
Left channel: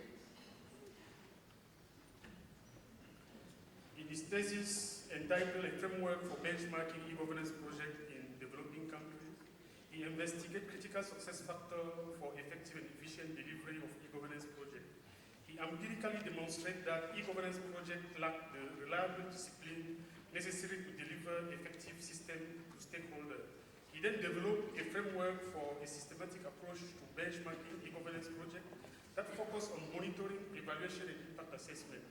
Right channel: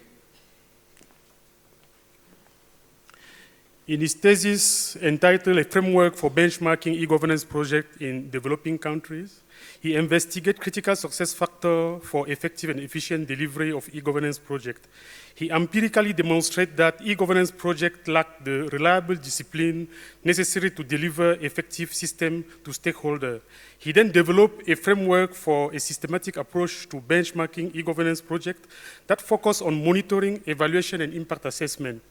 In his thesis entitled A Framework for Benchmarking E-Governance Project in Developing Countries, he investigated critical success factors for effective and efficient delivery of e-governance projects. He empirically demonstrated that e-governance projects lack the reliable discipline necessary to deliver effective system to stakeholders. He then developed a framework for a systematic approach to benchmarking e-governance projects that focus on monitoring, evaluation, and impact assessment.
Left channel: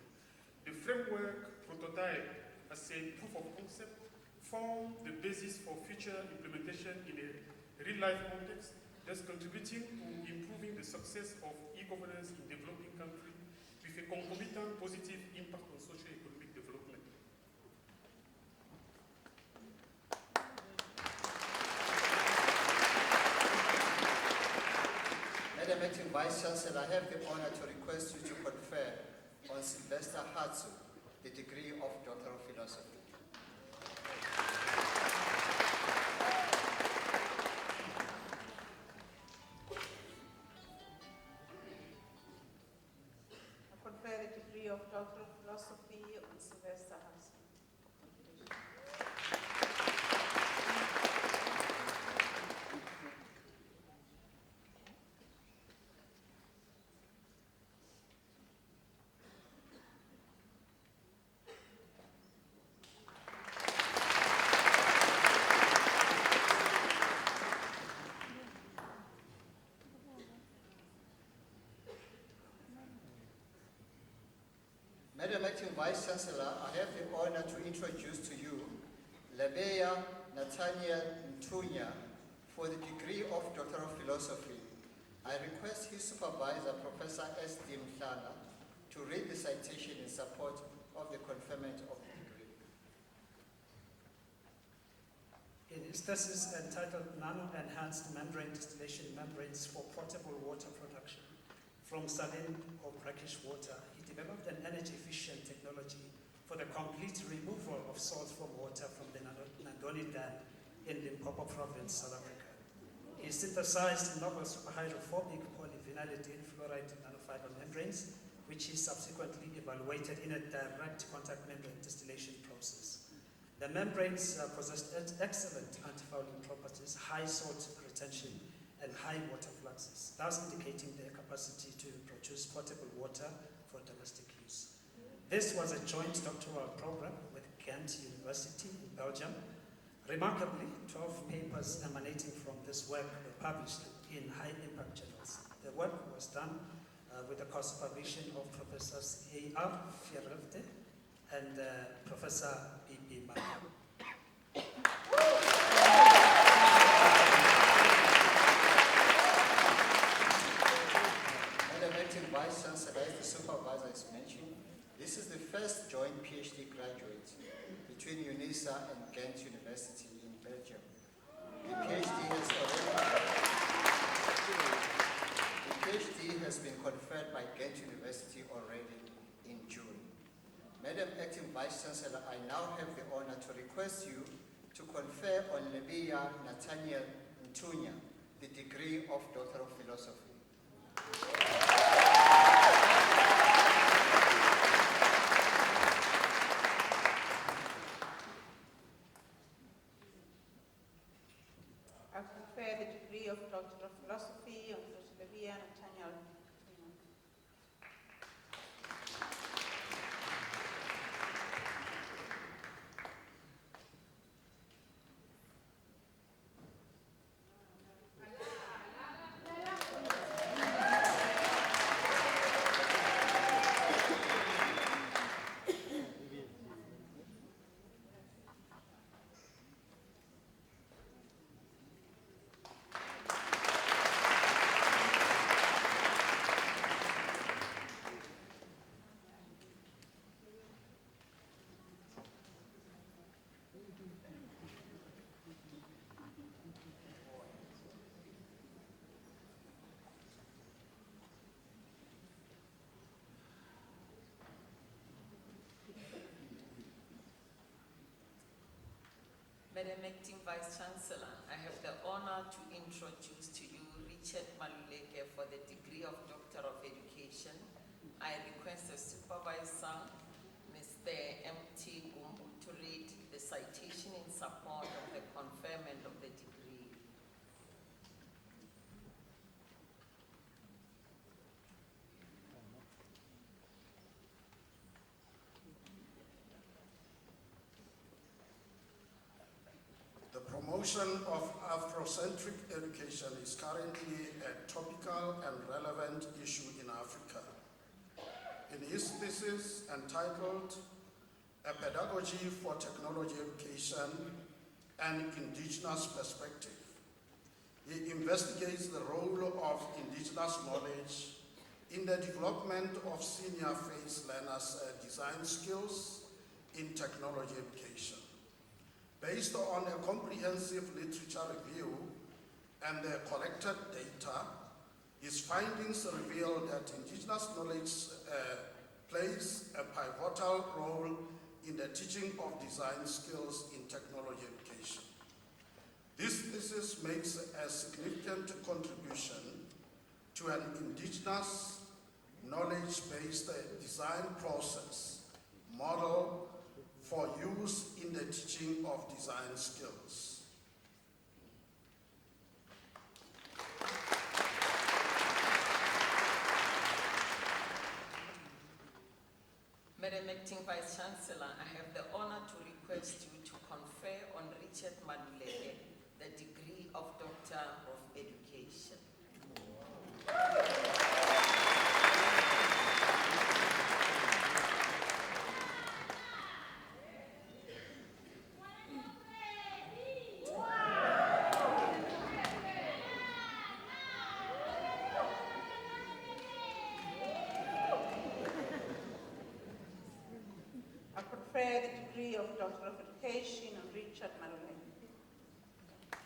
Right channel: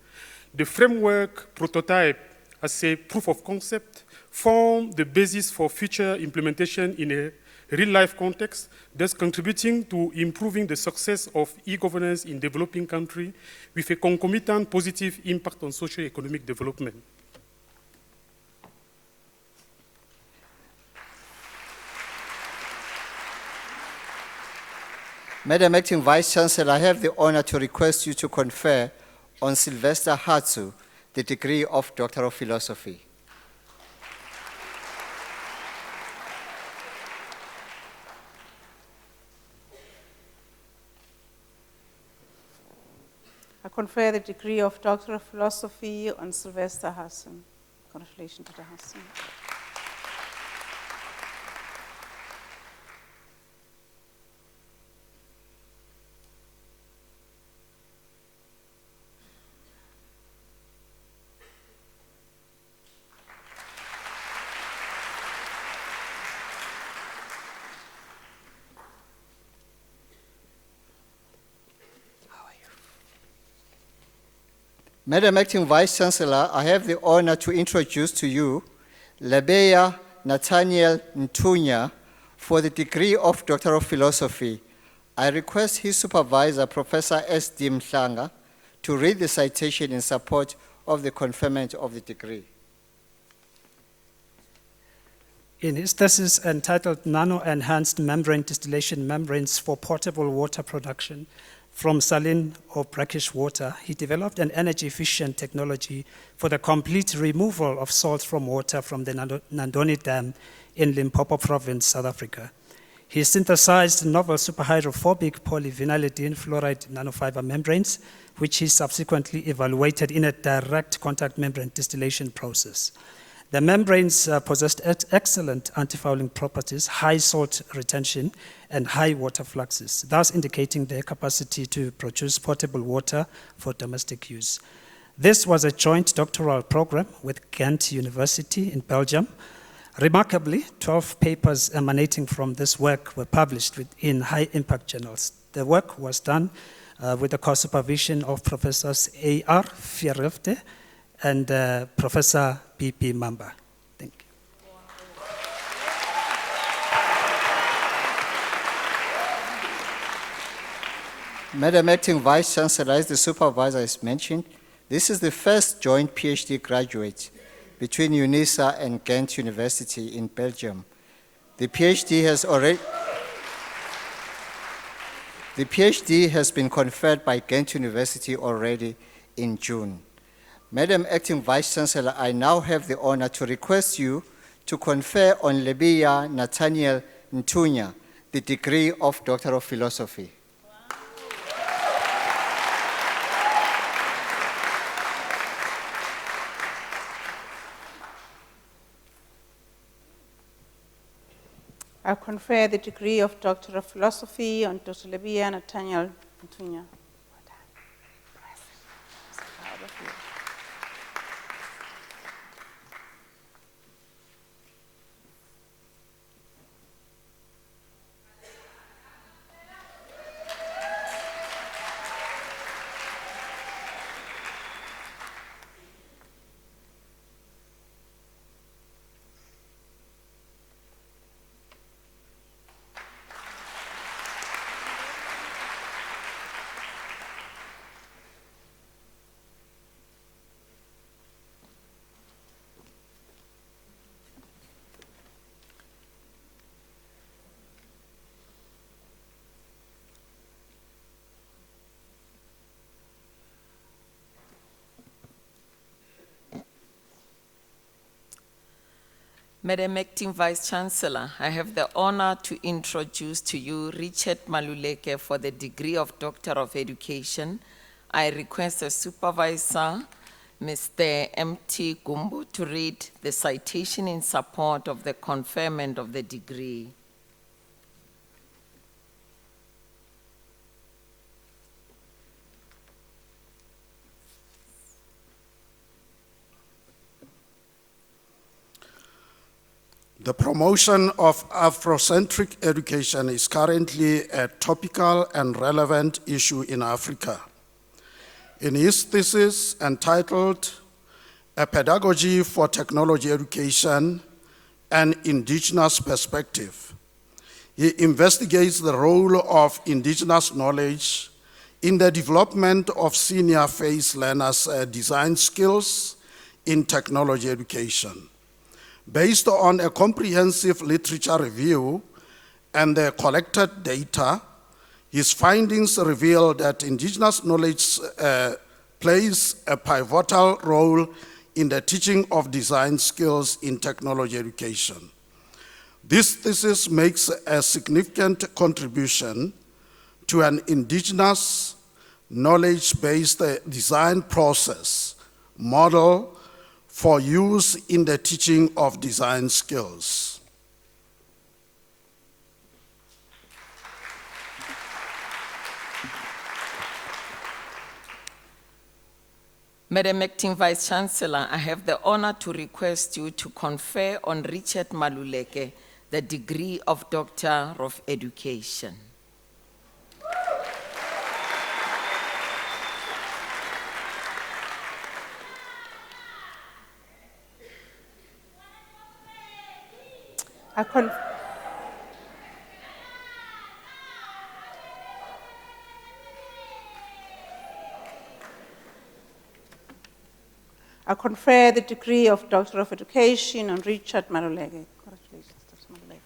The framework prototype as a proof of concept formed the basis for future implementation in a real-life context, thus contributing to improving the success of e-governance in developing countries with a concomitant positive impact on socio-economic development. Madam Acting Vice Chancellor, I have the honor to request you to confer on Sylvester Hatsu the degree of Doctor of Philosophy. I confer the degree of Doctor of Philosophy on Sylvester Hassan. Congratulations, Dr. Hassan. Madam Acting Vice Chancellor, I have the honor to introduce to you Lebeya Nathaniel Ntunya for the degree of Doctor of Philosophy. I request his supervisor, Professor S. D. Mhlanga, to read the citation in support of the conferment of the degree. In his thesis entitled Nano-Enhanced Membrane Distillation Membranes for Portable Water Production from Saline or Brackish Water, he developed an energy-efficient technology for the complete removal of salt from water from the Nandoni Dam in Limpopo Province, South Africa. He synthesized novel superhydrophobic polyvinylidene fluoride nanofiber membranes, which he subsequently evaluated in a direct contact membrane distillation process. The membranes possessed excellent antifouling properties, high salt retention, and high water fluxes, thus indicating their capacity to produce potable water for domestic use. This was a joint doctoral program with Ghent University in Belgium. Remarkably, 12 papers emanating from this work were published in high-impact journals. The work was done with the co-supervision of Professors A.R. Fierrefte and Professor B.P. Mamba. Thank you. Madam Acting Vice Chancellor, as the supervisor has mentioned, this is the first joint PhD graduate between Unisa and Ghent University in Belgium. The PhD has been conferred by Ghent University already in June. Madam Acting Vice Chancellor, I now have the honor to request you to confer on Lebiya Nathaniel Ntunya the degree of Doctor of Philosophy. I confer the degree of Doctor of Philosophy on Dr. Lebiya Nathaniel Ntunya. Madam Acting Vice Chancellor, I have the honor to introduce to you Richard Maluleke for the degree of Doctor of Education. I request the Supervisor, Mr. M.T. Gumbo, to read the citation in support of the conferment of the degree. The promotion of Afrocentric education is currently a topical and relevant issue in Africa. In his thesis entitled A Pedagogy for Technology Education, an Indigenous Perspective, he investigates the role of indigenous knowledge in the development of senior phase learners' design skills in technology education. Based on a comprehensive literature review and the collected data, his findings reveal that indigenous knowledge plays a pivotal role in the teaching of design skills in technology education. This thesis makes a significant contribution to an indigenous knowledge-based design process model for use in the teaching of design skills. Madam Acting Vice Chancellor, I have the honor to request you to confer on Richard Maluleke the degree of Doctor of Education. I confer the degree of Doctor of Education on Richard Maluleke. Congratulations, Dr. Maluleke.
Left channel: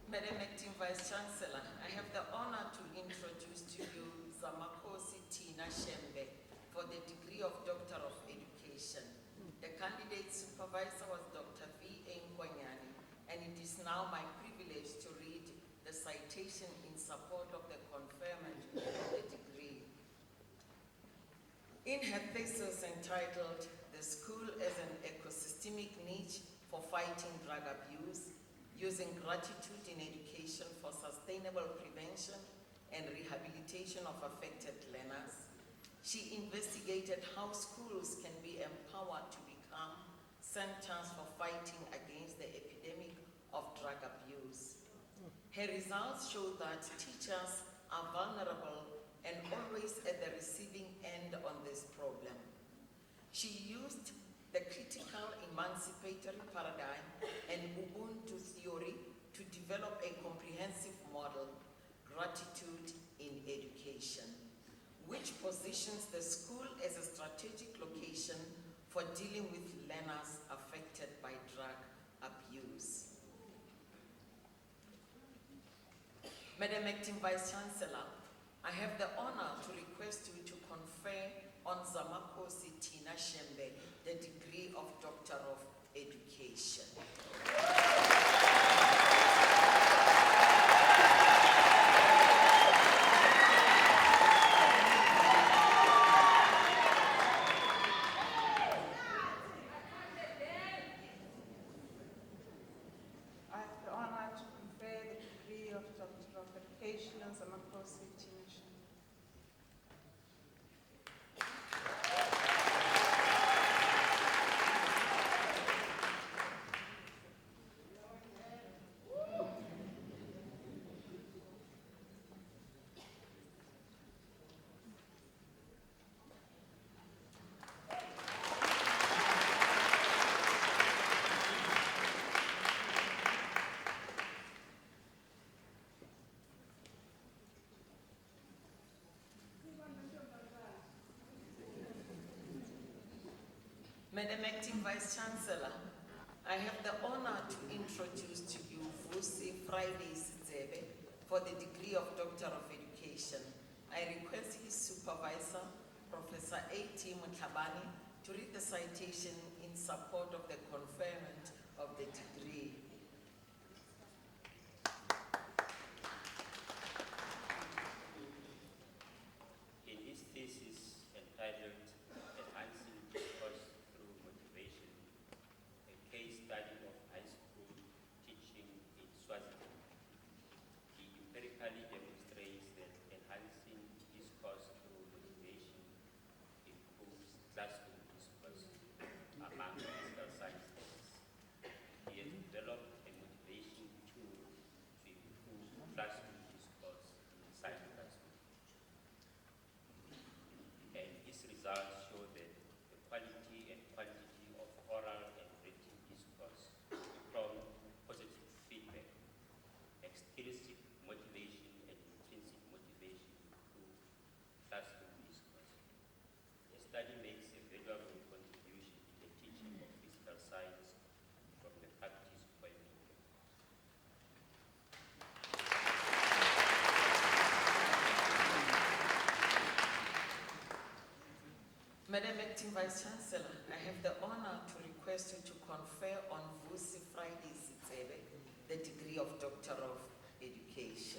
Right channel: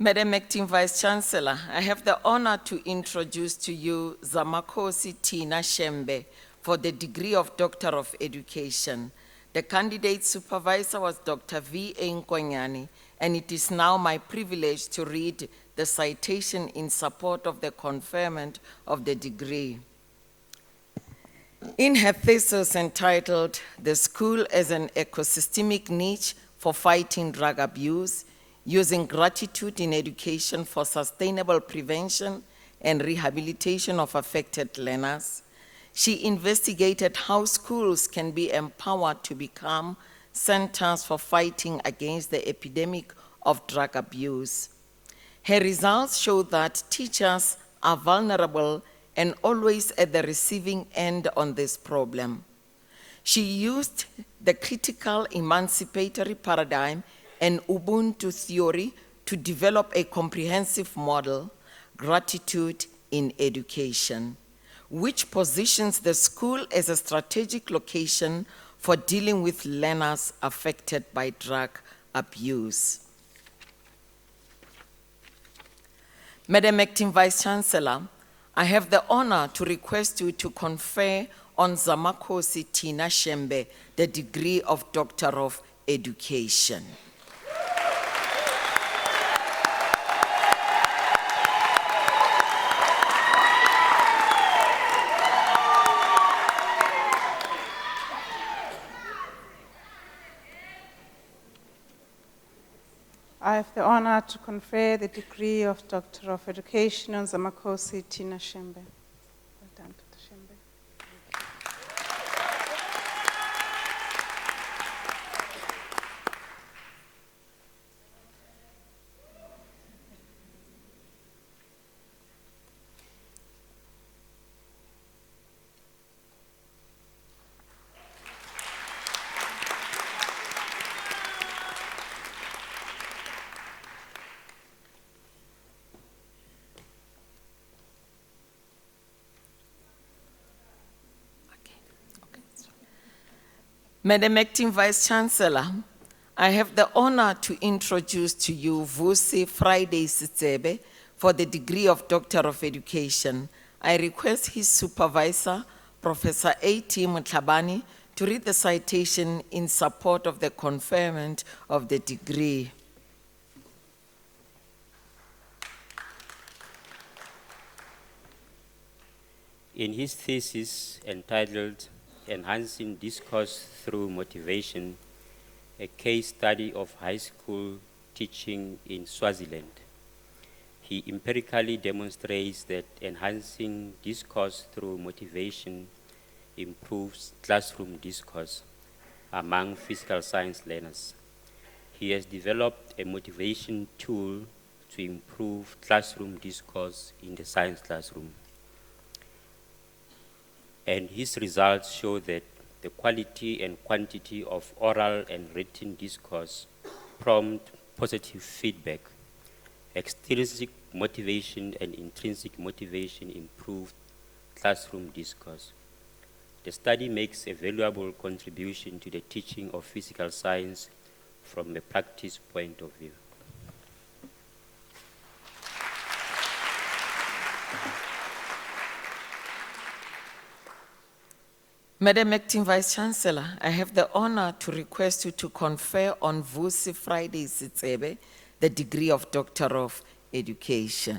Madam Acting Vice Chancellor, I have the honor to introduce to you Zamakosi Tina Shembe for the degree of Doctor of Education. The candidate supervisor was Dr. V.A. Nkonyani, and it is now my privilege to read the citation in support of the conferment of the degree. In her thesis entitled, "The School as an Ecosystemic Niche for Fighting Drug Abuse, Using Gratitude in Education for Sustainable Prevention and Rehabilitation of Affected Learners," she investigated how schools can be empowered to become centers for fighting against the epidemic of drug abuse. Her results show that teachers are vulnerable and always at the receiving end on this problem. She used the critical emancipatory paradigm and Ubuntu theory to develop a comprehensive model, Gratitude in Education, which positions the school as a strategic location for dealing with learners affected by drug abuse. Madam Acting Vice Chancellor, I have the honor to request you to confer on Zamakosi Tina Shembe the degree of Doctor of Education. I have the honor to confer the degree of Doctor of Education on Zamakosi Tina Shembe. Well done, Dr. Shembe. Madam Acting Vice Chancellor, I have the honor to introduce to you Vusi Friday Sitsebe for the degree of Doctor of Education. I request his supervisor, Professor A.T. Mutlabani, to read the citation in support of the conferment of the degree. In his thesis entitled "Enhancing Discourse Through Motivation, a case study of high school teaching in Swaziland," he empirically demonstrates that enhancing discourse through motivation improves classroom discourse among physical science learners. He has developed a motivation tool to improve classroom discourse in the science classroom. And his results show that the quality and quantity of oral and written discourse prompt positive feedback. Extrinsic motivation and intrinsic motivation improve classroom discourse. The study makes a valuable contribution to the teaching of physical science from a practice point of view. Madam Acting Vice Chancellor, I have the honor to request you to confer on Vusi Friday Sitsebe the degree of Doctor of Education.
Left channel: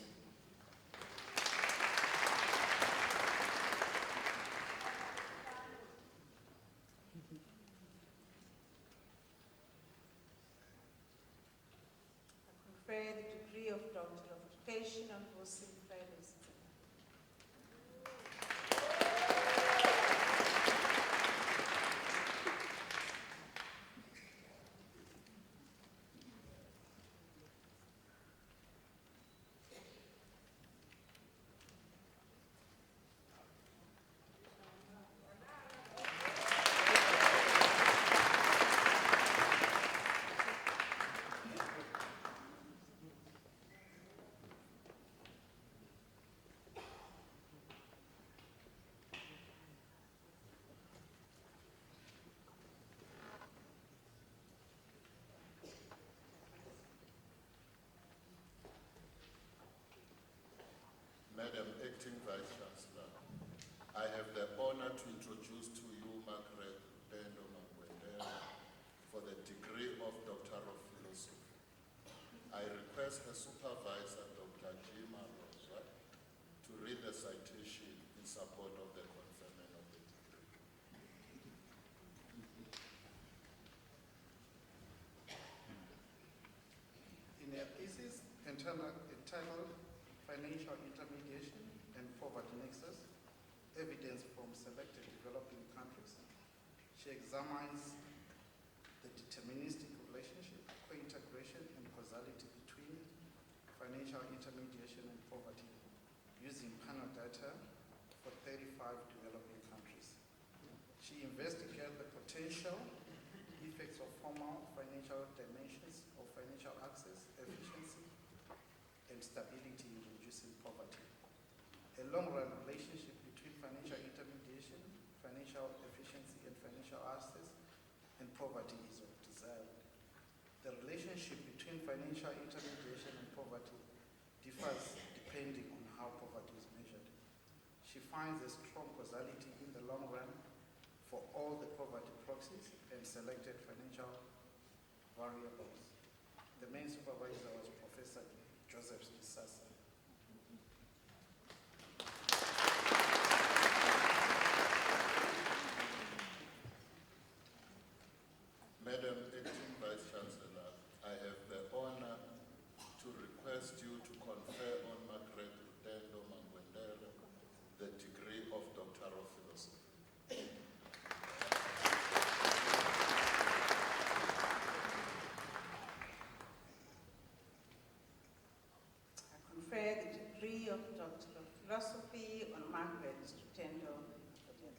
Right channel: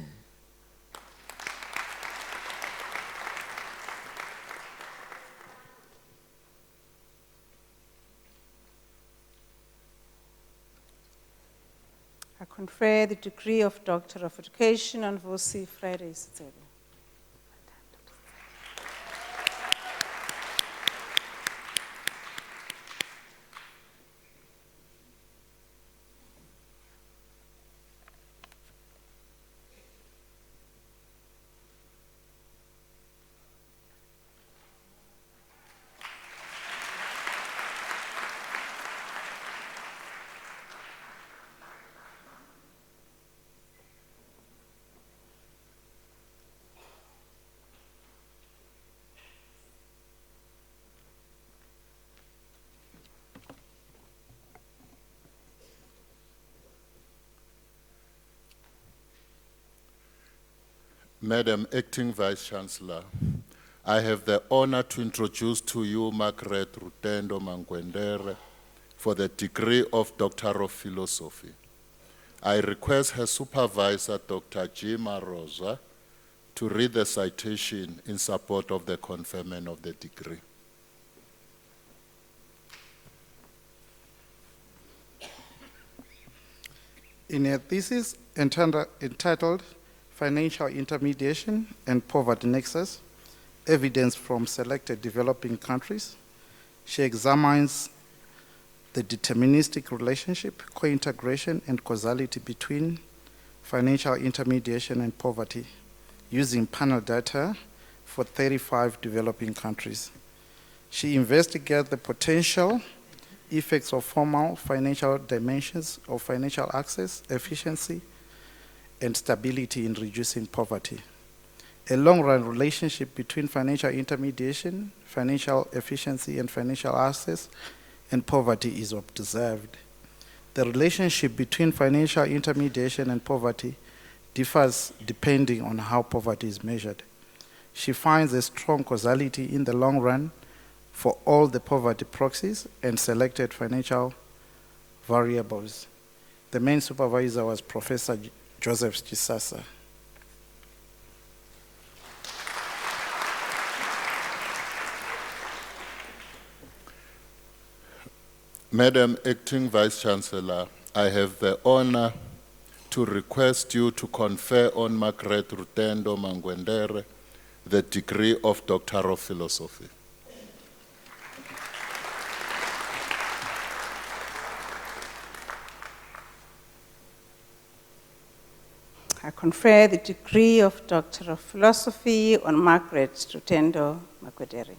I confer the degree of Doctor of Education on Vusi Friday Sitsebe. Madam Acting Vice-Chancellor, I have the honor to introduce to you Margaret Rutendo Mangwendere for the degree of Doctor of Philosophy. I request her supervisor, Dr. Jima Rosa, to read the citation in support of the conferment of the degree. In a thesis entitled Financial Intermediation and Poverty Nexus, Evidence from Selected Developing Countries, she examines the deterministic relationship, co-integration, and causality between financial intermediation and poverty using panel data for 35 developing countries. She investigates the potential effects of formal financial dimensions of financial access, efficiency, and stability in reducing poverty. A long-run relationship between financial intermediation, financial efficiency, and financial access and poverty is observed. The relationship between financial intermediation and poverty differs depending on how poverty is measured. She finds a strong causality in the long run for all the poverty proxies and selected financial variables. The main supervisor was Professor Joseph Chisasa. Madam Acting Vice-Chancellor, I have the honor to request you to confer on Margaret Rutendo Mangwendere the degree of Doctor of Philosophy. I confer the degree of Doctor of Philosophy on Margaret Rutendo Mangwendere.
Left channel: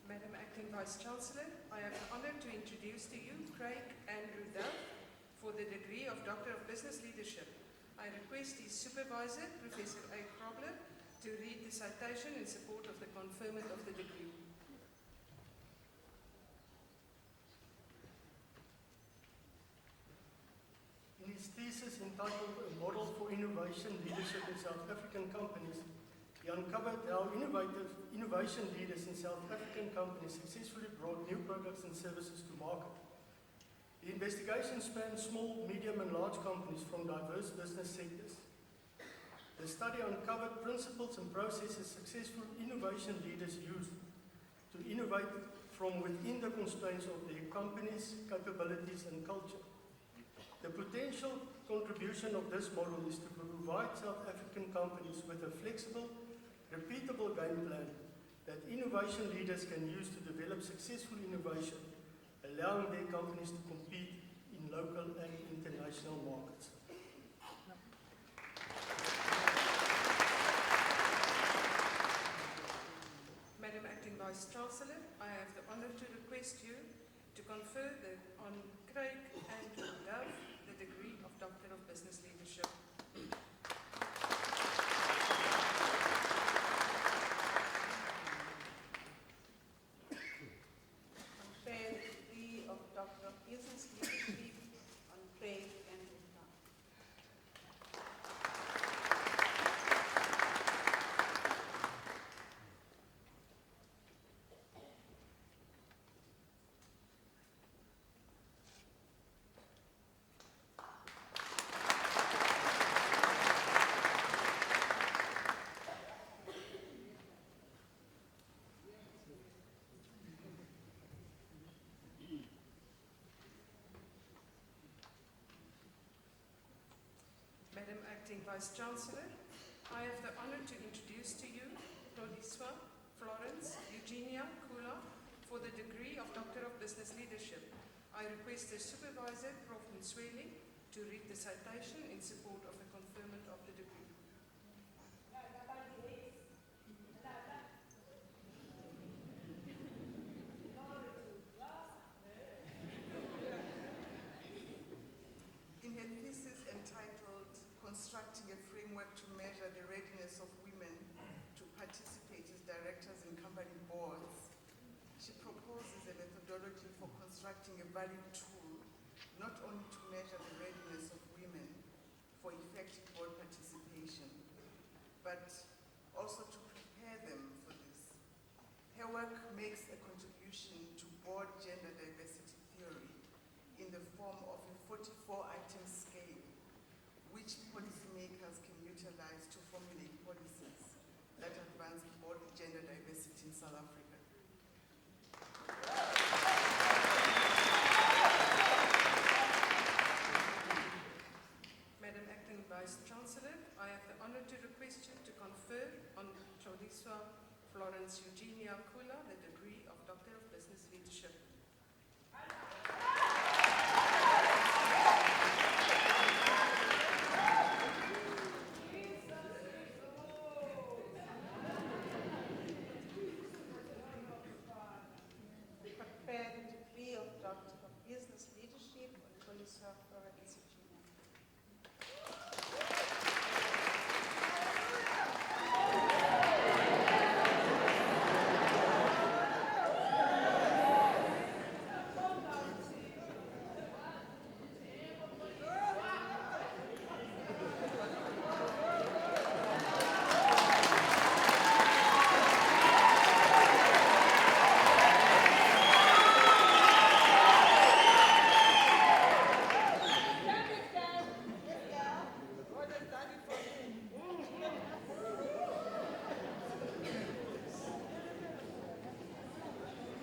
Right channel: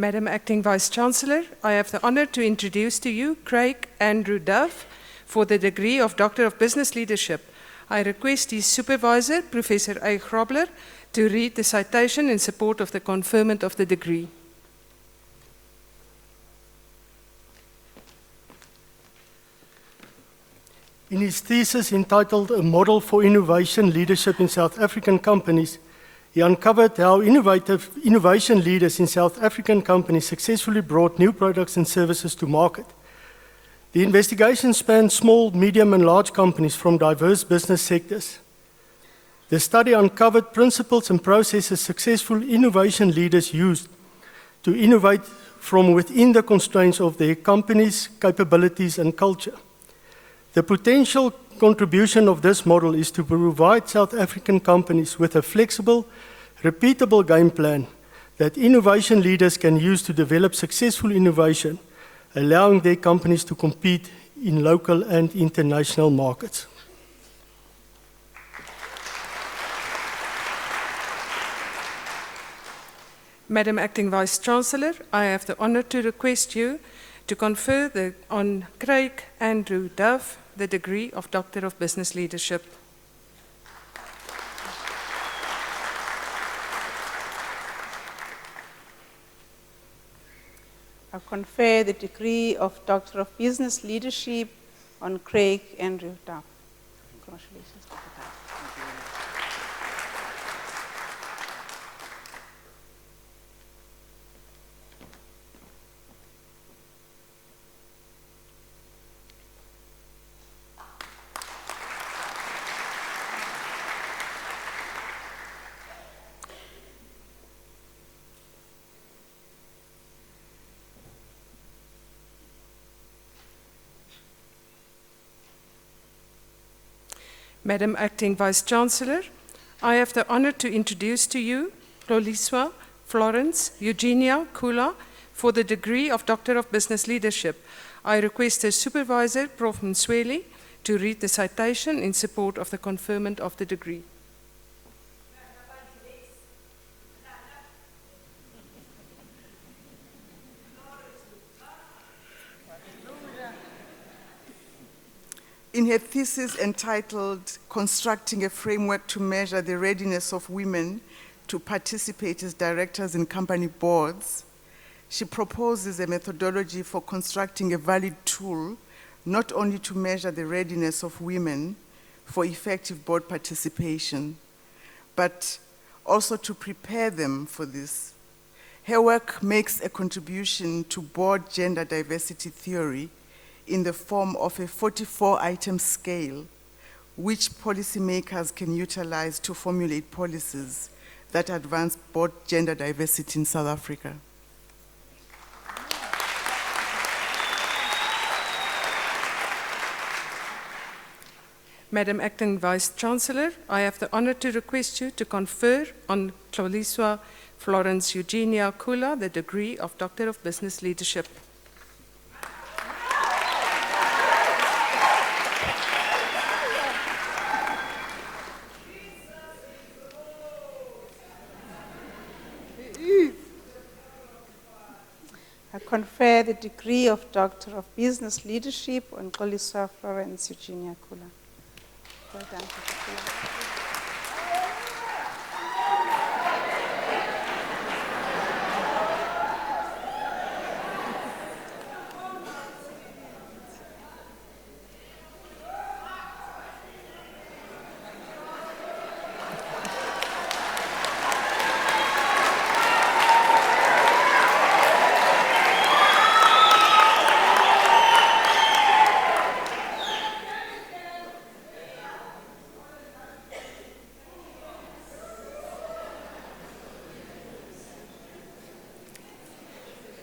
Madam Acting Vice-Chancellor, I have the honor to introduce to you Craig Andrew Duff for the degree of Doctor of Business Leadership. I request his supervisor, Professor A. Grobler, to read the citation in support of the conferment of the degree. In his thesis entitled A Model for Innovation Leadership in South African Companies, he uncovered how innovation leaders in South African companies successfully brought new products and services to market. The investigation spanned small, medium, and large companies from diverse business sectors. The study uncovered principles and processes successful innovation leaders used to innovate from within the constraints of their company's capabilities and culture. The potential contribution of this model is to provide South African companies with a flexible, repeatable game plan that innovation leaders can use to develop successful innovation, allowing their companies to compete in local and international markets. Madam Acting Vice-Chancellor, I have the honor to request you to confer on Craig Andrew Duff the degree of Doctor of Business Leadership. I confer the degree of Doctor of Business Leadership on Craig Andrew Duff. Congratulations, Dr. Duff. Madam Acting Vice-Chancellor, I have the honor to introduce to you Loliswa Florence Eugenia Kula for the degree of Doctor of Business Leadership. I request the supervisor, Prof. Msweli, to read the citation in support of the conferment of the degree. In her thesis entitled Constructing a Framework to Measure the Readiness of Women to Participate as Directors in Company Boards, she proposes a methodology for constructing a valid tool not only to measure the readiness of women for effective board participation, but also to prepare them for this. Her work makes a contribution to board gender diversity theory in the form of a 44-item scale, which policymakers can utilize to formulate policies that advance board gender diversity in South Africa. Madam Acting Vice-Chancellor, I have the honor to request you to confer on Xoliswa Florence Eugenia Kula the degree of Doctor of Business Leadership. I confer the degree of Doctor of Business Leadership on Xoliswa Florence Eugenia Kula. Well done, Dr. Kula.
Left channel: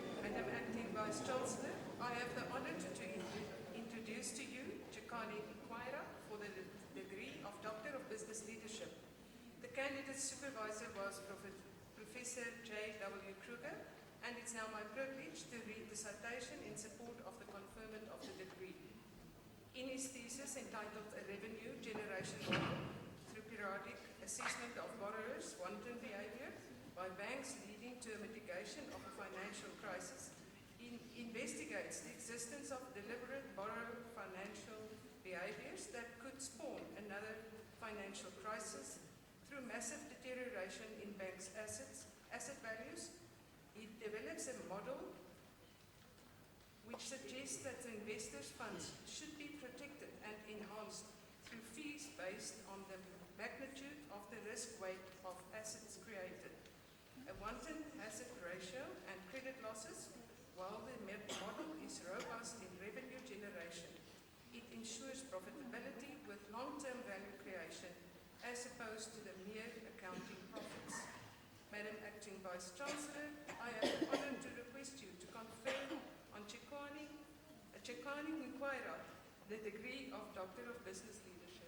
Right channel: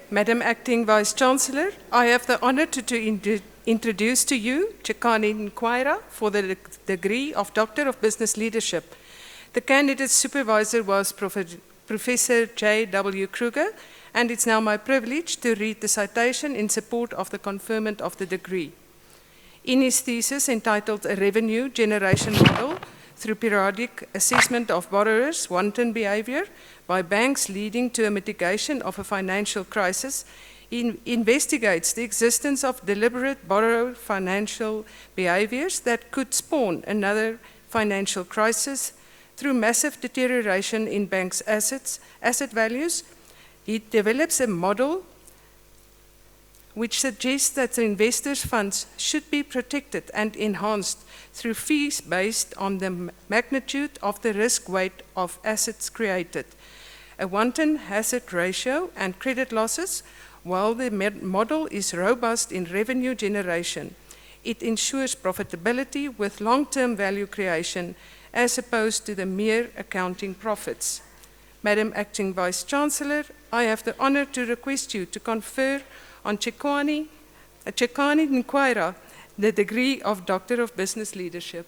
Madam Acting Vice-Chancellor, I have the honor to introduce to you Chekani Nkwaira for the degree of Doctor of Business Leadership. The candidate supervisor was Professor J.W. Kruger, and it's now my privilege to read the citation in support of the conferment of the degree. In his thesis entitled A Revenue Generation Model through Periodic Assessment of Borrowers' Wanton Behavior by Banks Leading to a Mitigation of a Financial Crisis, he investigates the existence of deliberate borrower financial behaviors that could spawn another financial crisis through massive deterioration in banks' asset values. He develops a model which suggests that the investors' funds should be protected and enhanced through fees based on the magnitude of the risk weight of assets created, a wanton hazard ratio and credit losses. While the model is robust in revenue generation, it ensures profitability with long-term value creation as opposed to the mere accounting profits. Madam Acting Vice-Chancellor, I have the honor to request you to confer on Chekani Nkwaira the degree of Doctor of Business Leadership.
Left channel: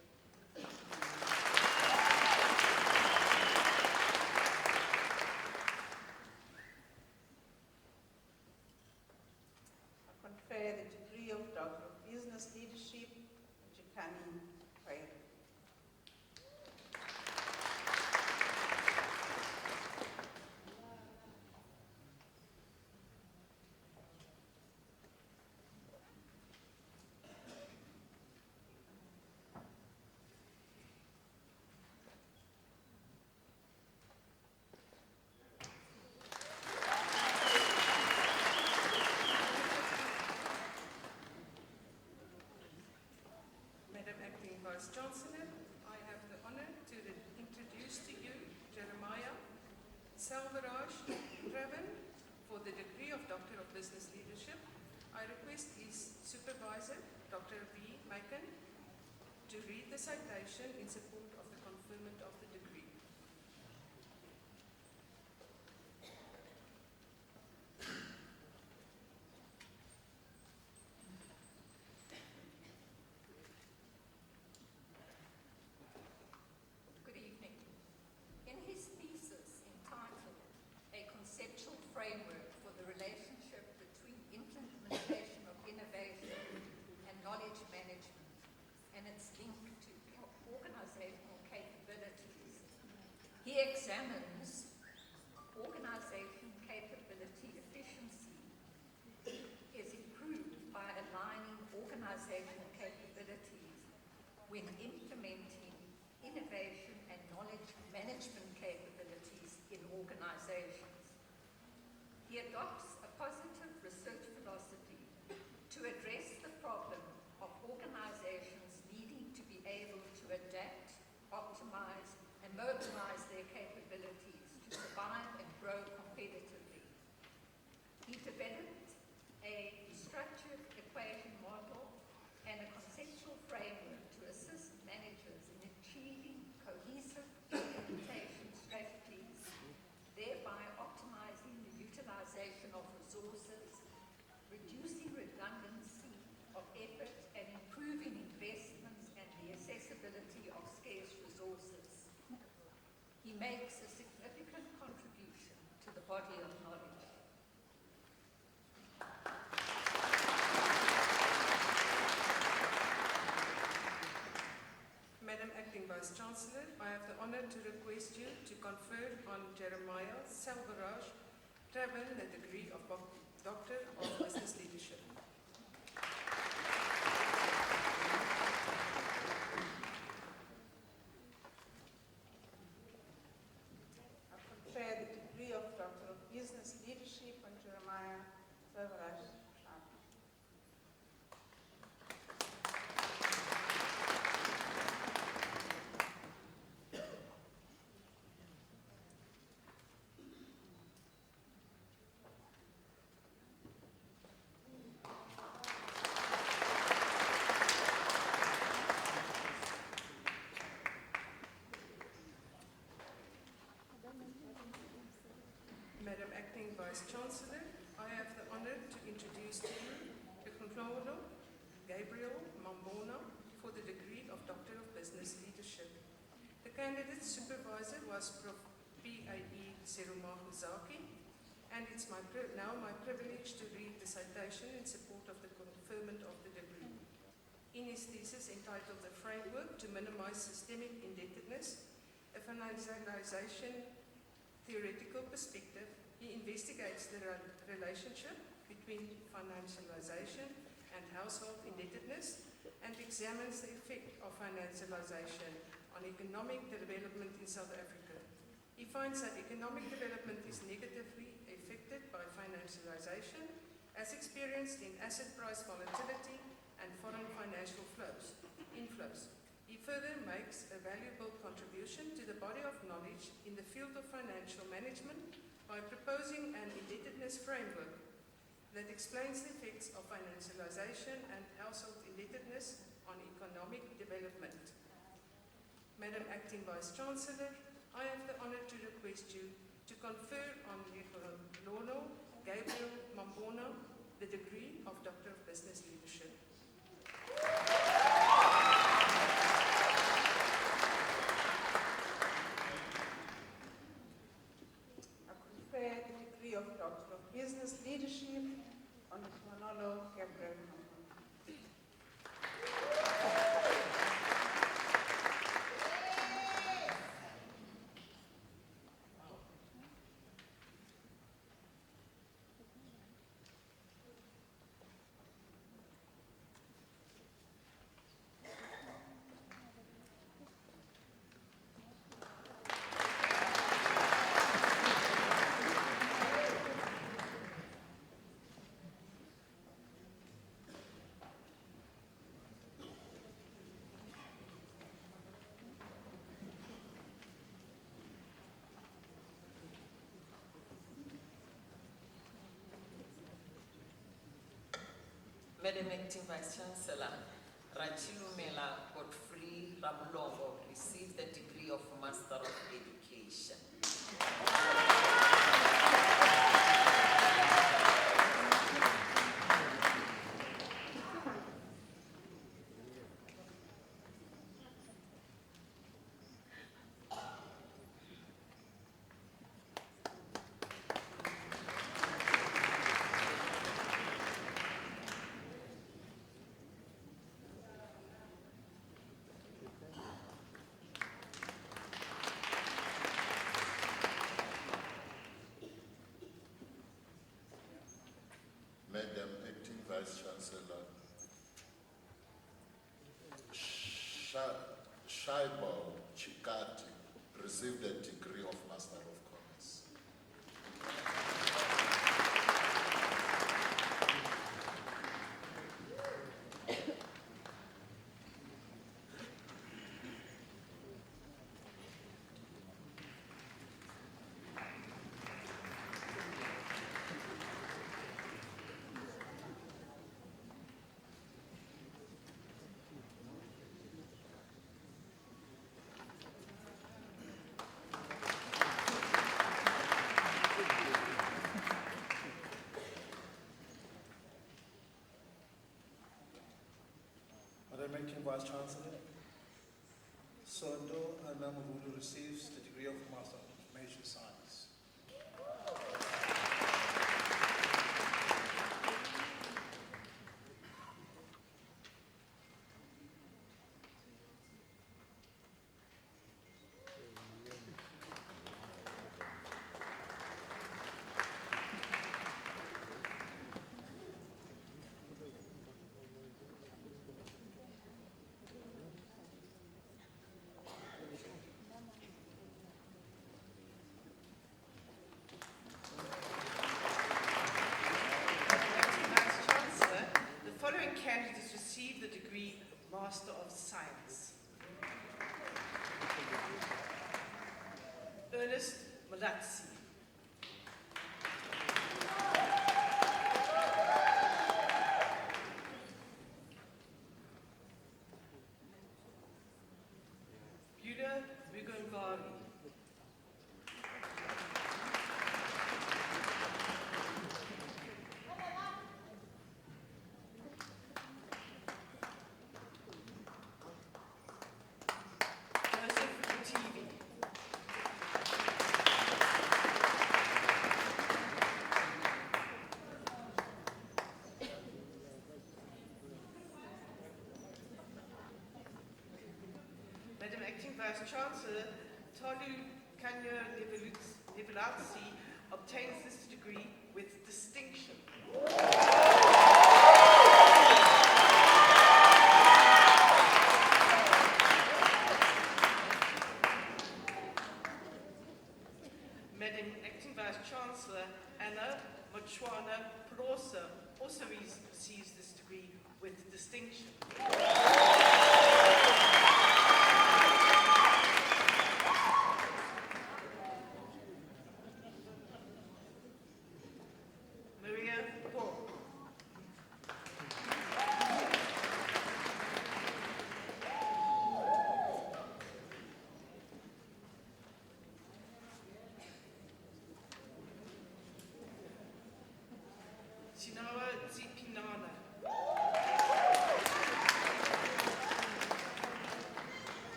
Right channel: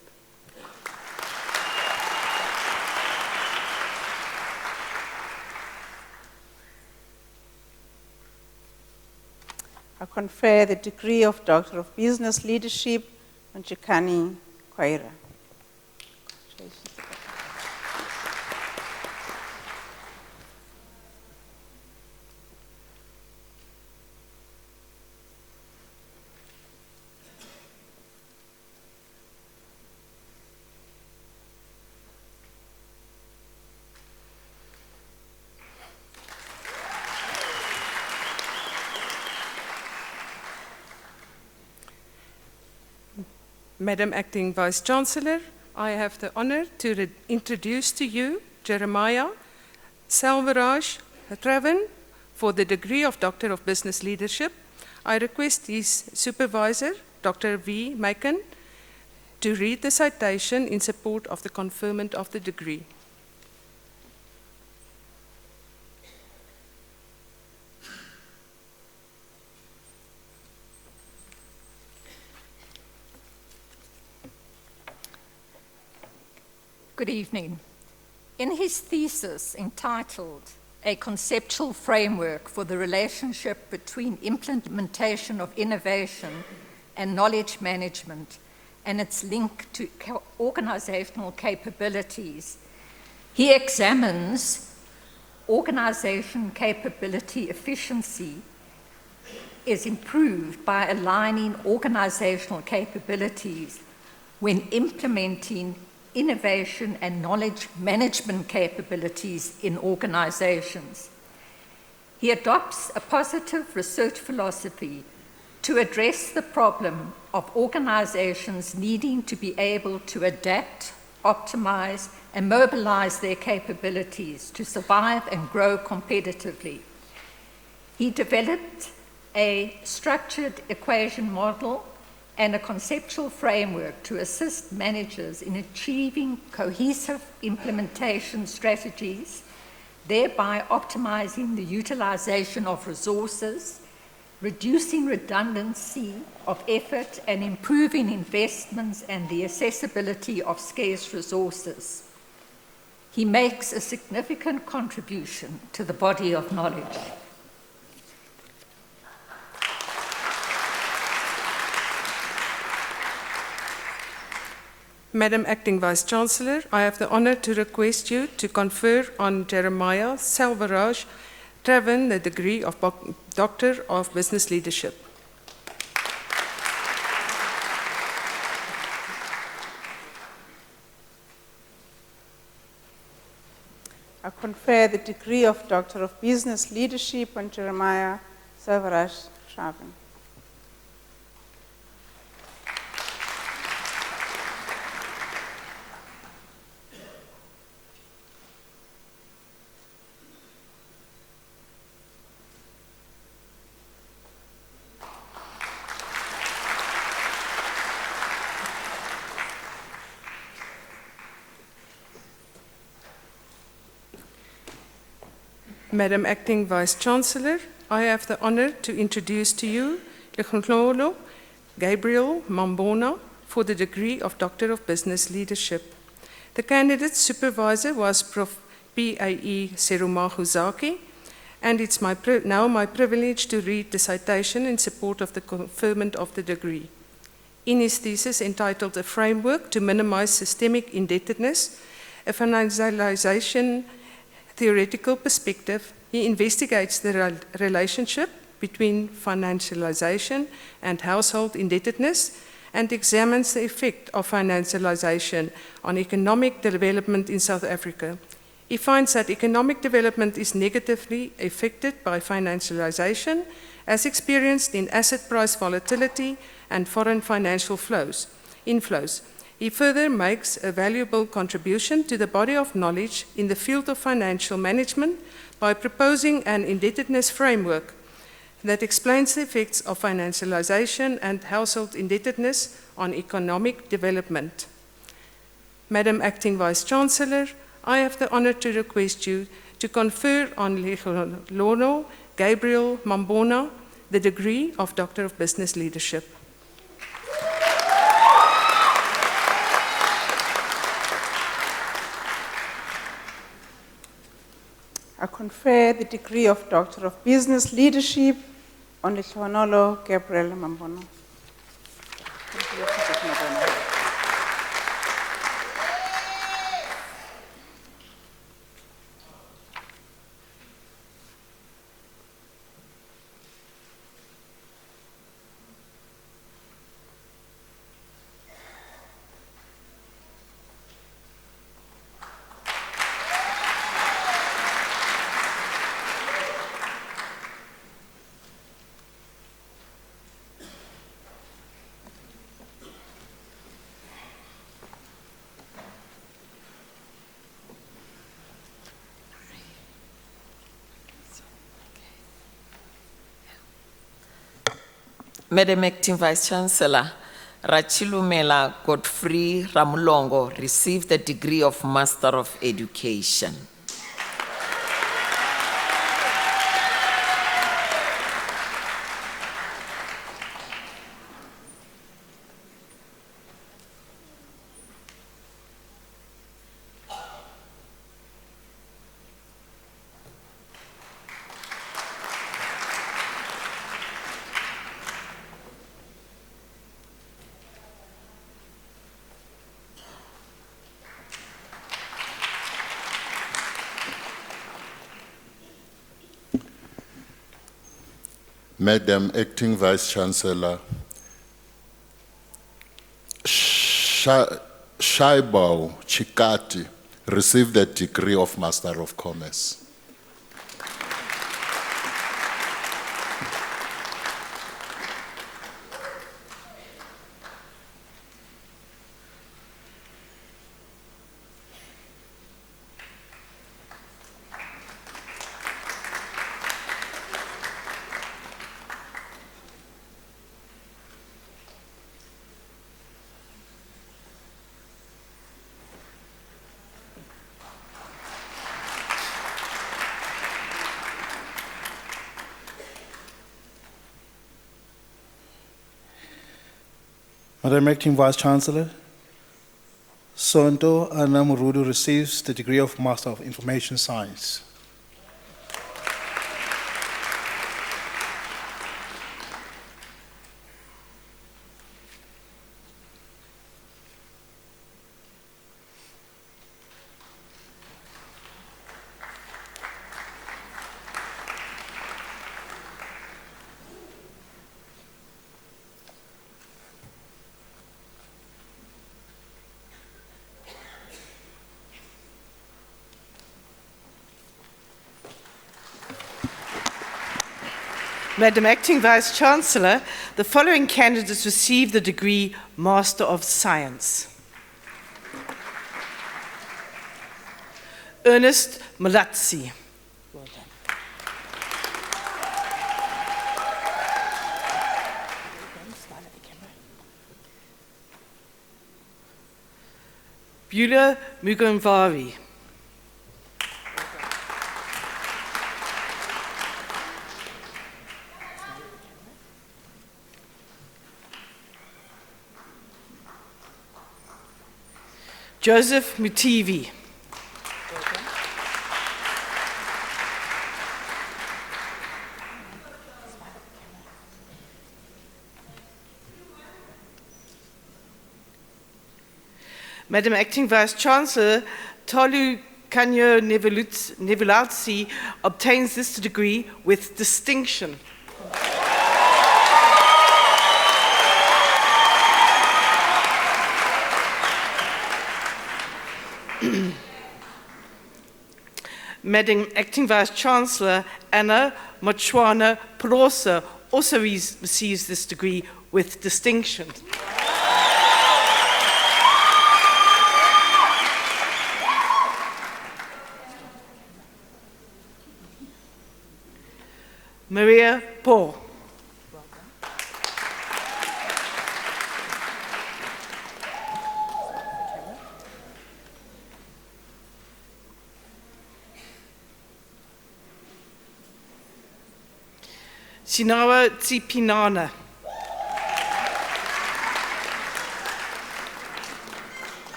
I confer the degree of Doctor of Business Leadership on Chekani Nkwaira. Madam Acting Vice-Chancellor, I have the honor to introduce to you Jeremiah Selvaraj Traven for the degree of Doctor of Business Leadership. I request his supervisor, Dr. V. Macon, to read the citation in support of the conferment of the degree. Good evening. In his thesis entitled a conceptual framework for the relationship between implementation of innovation and knowledge management and its link to organizational capabilities. He examines organization capability efficiency is improved by aligning organizational capabilities when implementing innovation and knowledge management capabilities in organizations. He adopts a positive research philosophy to address the problem of organizations needing to be able to adapt, optimize, and mobilize their capabilities to survive and grow competitively. He developed a structured equation model and a conceptual framework to assist managers in achieving cohesive implementation strategies, thereby optimizing the utilization of resources, reducing redundancy of effort, and improving investments and the accessibility of scarce resources. He makes a significant contribution to the body of knowledge. Madam Acting Vice-Chancellor, I have the honor to request you to confer on Jeremiah Selvaraj Traven the degree of Doctor of Business Leadership. I confer the degree of Doctor of Business Leadership on Jeremiah Selvaraj Traven. Madam Acting Vice-Chancellor, I have the honor to introduce to you Lekhonhlolo Gabriel Mambona for the degree of Doctor of Business Leadership. The candidate's supervisor was Prof. P.A.E. Serumahuzaki, and it's now my privilege to read the citation in support of the conferment of the degree. In his thesis entitled A Framework to Minimize Systemic Indebtedness, a financialization theoretical perspective, he investigates the relationship between financialization and household indebtedness and examines the effect of financialization on economic development in South Africa. He finds that economic development is negatively affected by financialization, as experienced in asset price volatility and foreign financial inflows. He further makes a valuable contribution to the body of knowledge in the field of financial management by proposing an indebtedness framework that explains the effects of financialization and household indebtedness on economic development. Madam Acting Vice-Chancellor, I have the honor to request you to confer on Lekhonhlolo Gabriel Mambona the degree of Doctor of Business Leadership. I confer the degree of Doctor of Business Leadership on Lekhonhlolo Gabriel Mambona. Madam Acting Vice-Chancellor, Rachilumela Godfrey Ramulongo received the degree of Master of Education. Madam Acting Vice Chancellor, Shaibao Chikati received the degree of Master of Commerce. Madam Acting Vice Chancellor, Sonto Anamurudu receives the degree of Master of Information Science. Madam Acting Vice Chancellor, the following candidates receive the degree Master of Science. Ernest Malatsi. Beulah Mugamvari. Joseph Mutivi. Madam Acting Vice Chancellor, Tolu Kanyo Nevulatsi obtains this degree with distinction. Madam Acting Vice Chancellor Anna Mochwana Polosa also receives this degree with distinction. Maria Paul. Sinawa Tsipinana.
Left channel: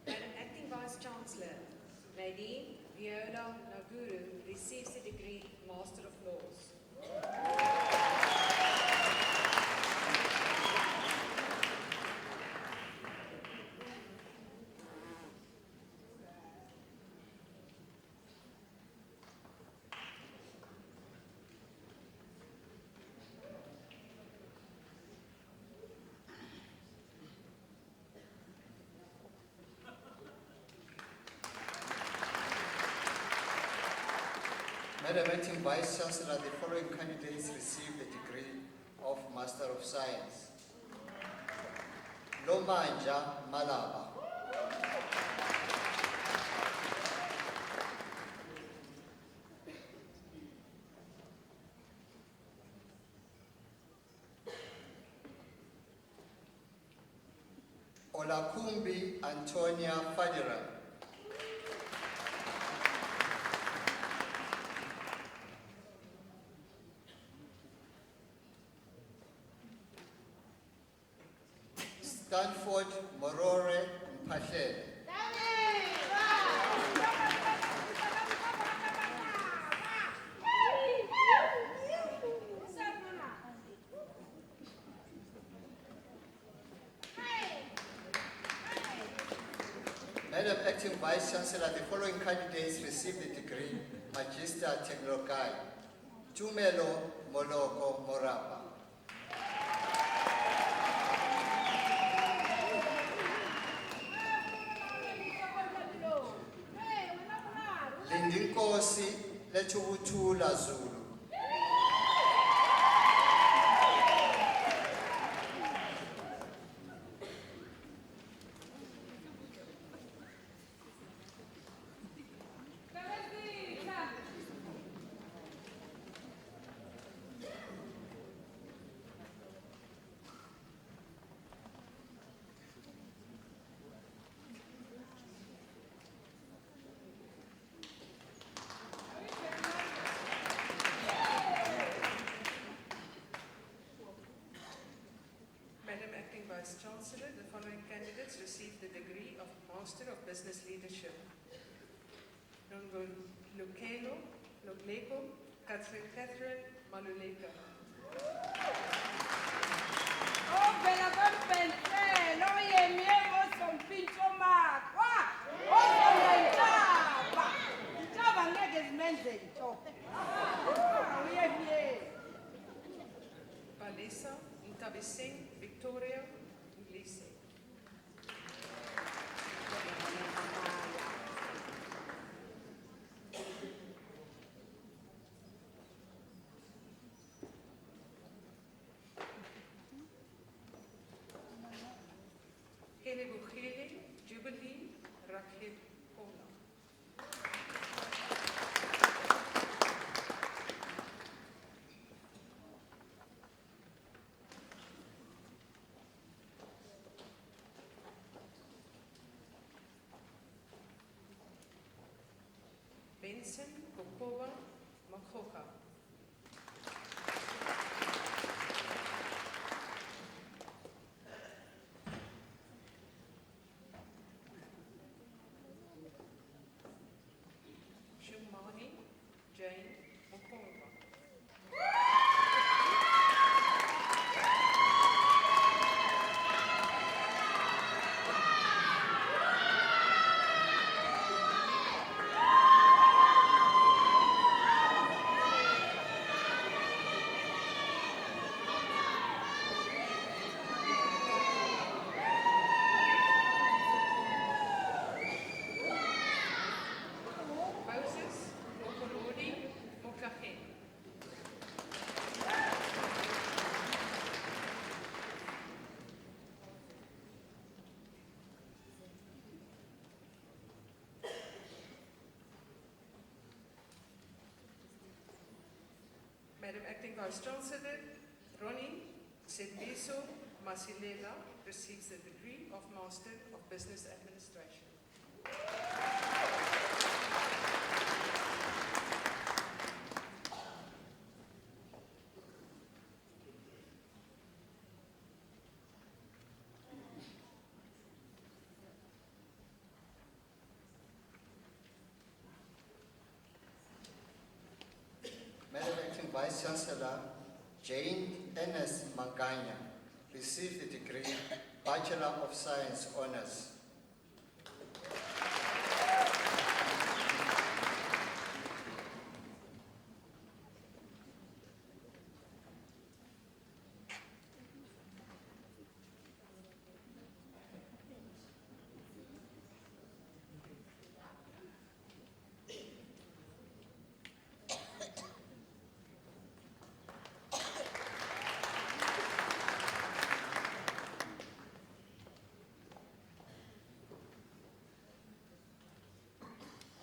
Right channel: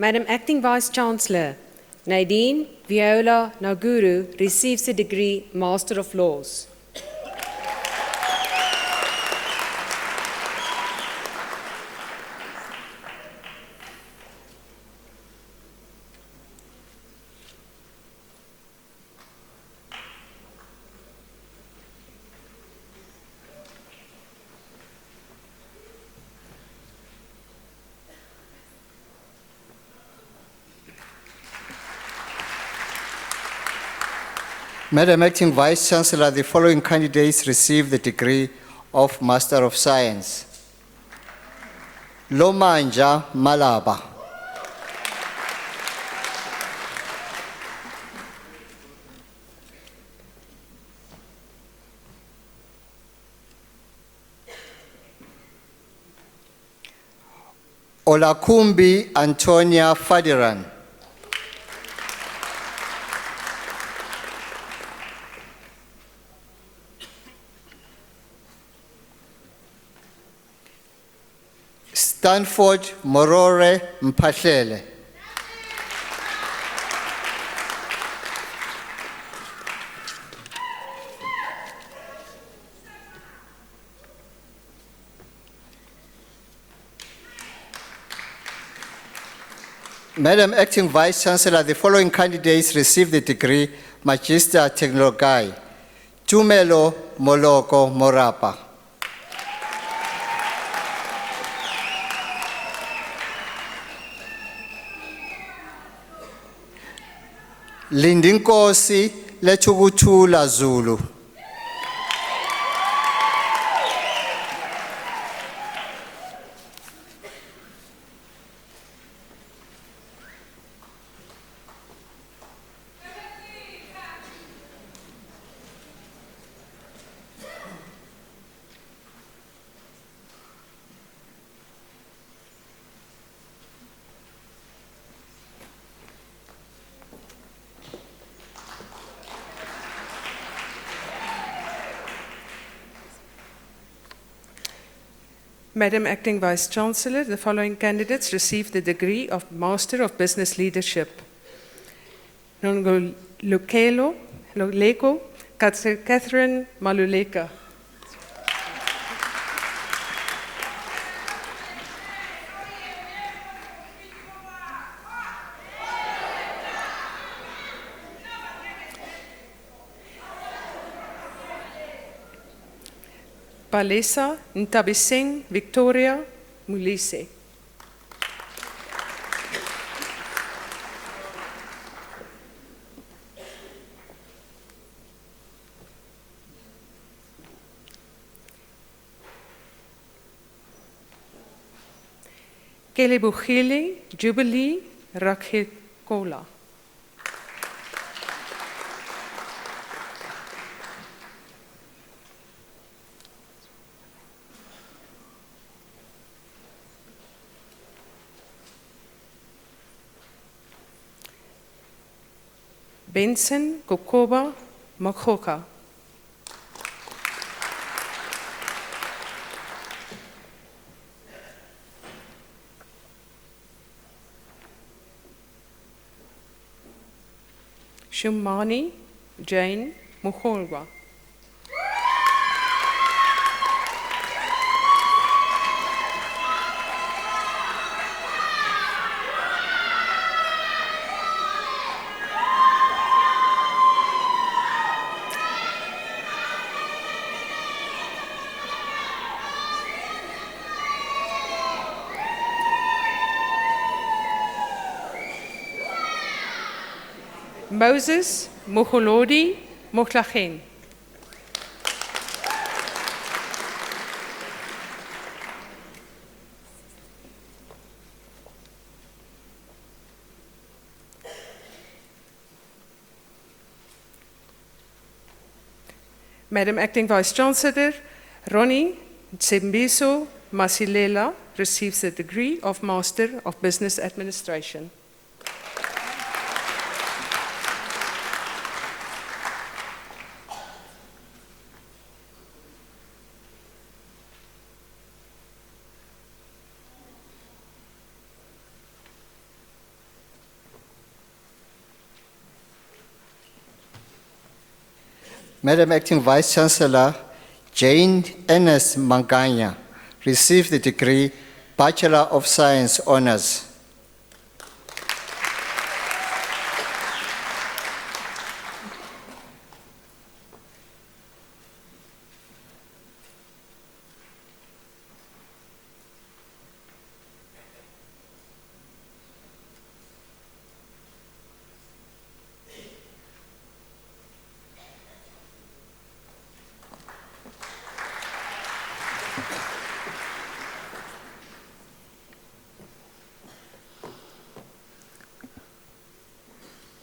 Madam Acting Vice Chancellor, Nadine Viola Naguru receives the degree Master of Laws. Madam Acting Vice Chancellor, the following candidates receive the degree of Master of Science. Lomanja Malaba. Olakumbi Antonia Fadiran. Stanford Morore Mpahlele. Madam Acting Vice Chancellor, the following candidates received the degree Magister Technologiae. Tumelo Moloko Morapa. Lindinkosi Lechukuthula Zulu. Madam Acting Vice Chancellor, the following candidates received the degree of Master of Business Leadership. Nongolukelo Leko Catherine Maluleka. Palesa Ntabiseng Victoria Mulise. Kelebogile Jubilee Rakhekola. Benson Kokoba Makhoka. Shumani Jane Mukholwa. Moses Mokholodi Mokhlachen. Madam Acting Vice Chancellor, Ronnie Tsembiso Masilela receives the degree of Master of Business Administration. Madam Acting Vice Chancellor, Jane Ernest Manganya received the degree Bachelor of Science Honours.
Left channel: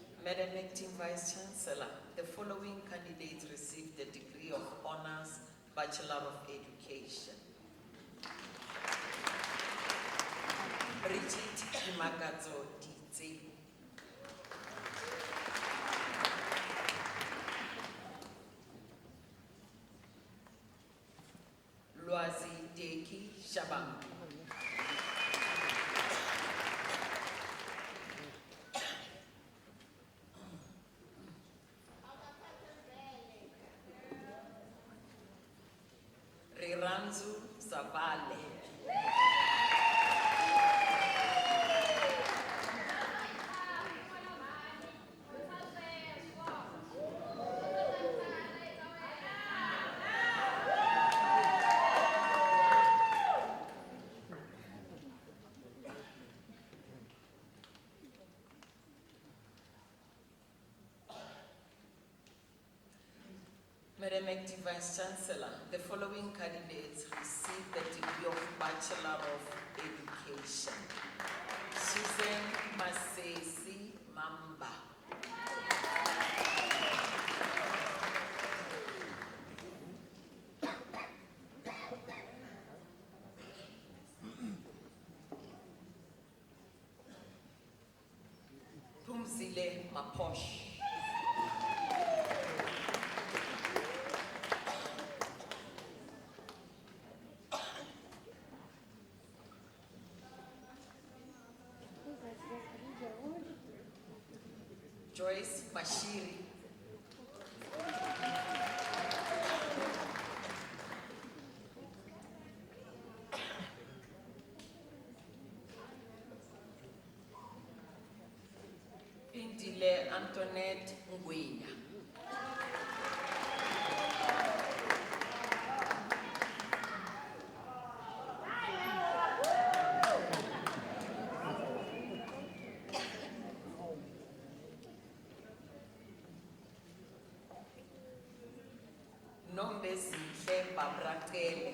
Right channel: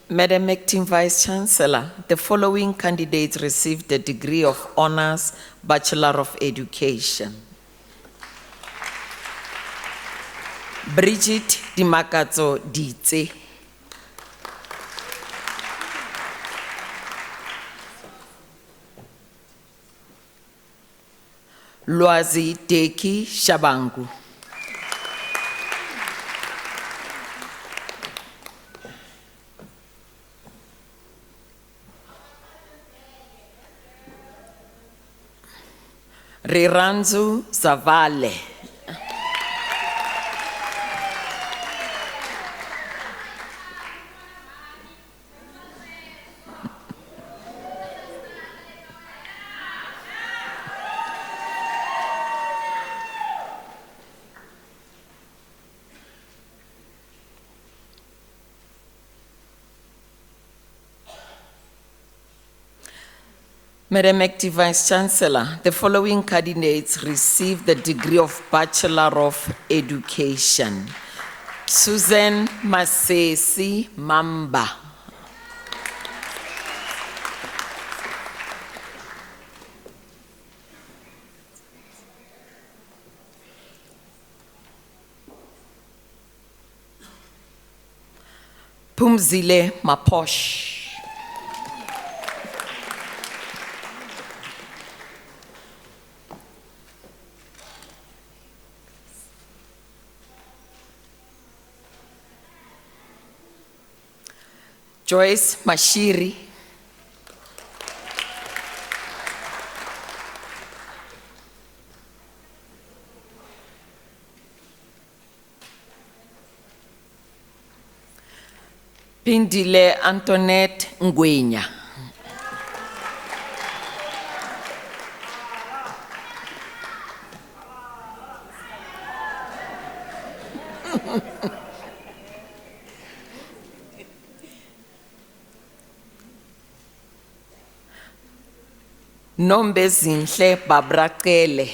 Madam Acting Vice Chancellor, the following candidates received the degree of Honours Bachelor of Education. Bridget Dimakatso Ditse. Lwazi Teki Shabangu. Riranzu Zavale. Madam Acting Vice Chancellor, the following candidates received the degree of Bachelor of Education. Susan Masesi Mamba. Pumzile Maposh. Joyce Mashiri. Pindile Antoinette Ngwenya. Nombezinhle Babrakele.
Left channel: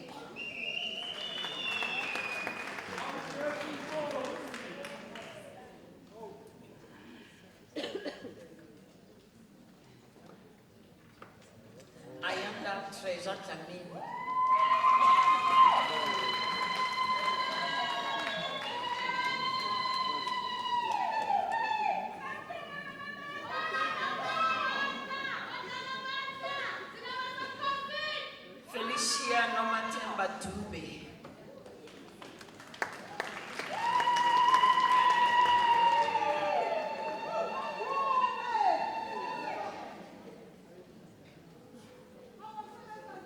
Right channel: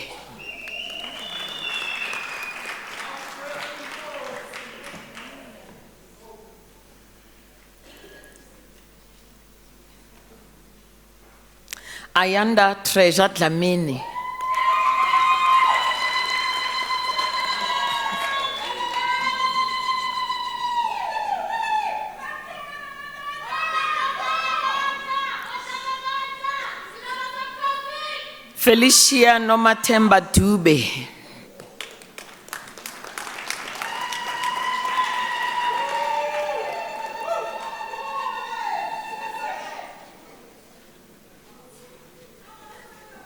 Ayanda Treasure Dlamini. Felicia Nomatemba Dube.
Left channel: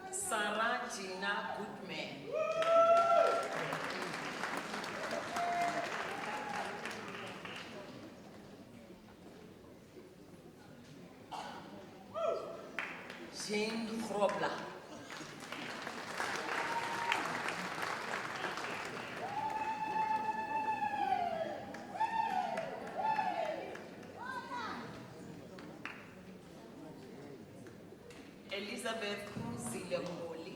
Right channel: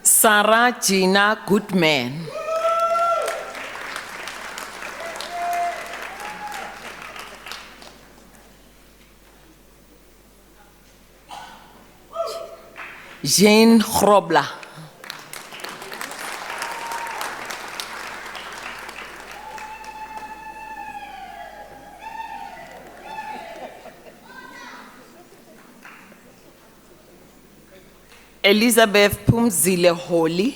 Sarah Gina Goodman. Jane Grobler. Elizabeth Pumzile Holly.